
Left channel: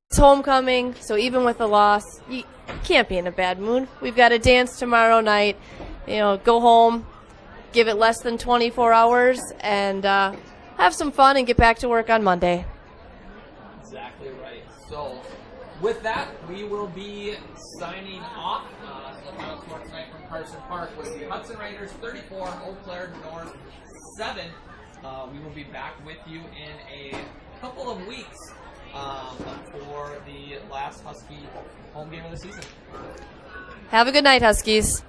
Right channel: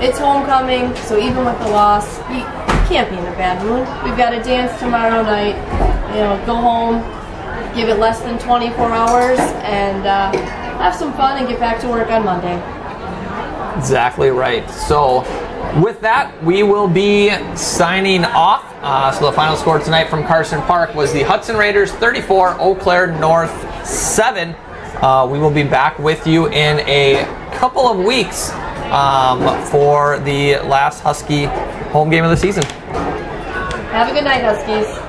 It's homecoming, so even with the loss, you can't be in a bad mood. We've got a dance tomorrow night. Go home, give it less than 24 hours, and have some fun and get back to work on Monday. Exactly right. So with that, we will be signing off. So the final score tonight from Carson Park was the Hudson Raiders 34, Eau Claire North 7. We will be back with you in a couple of weeks for the last Husky home game of the season. Have a good night, Huskies.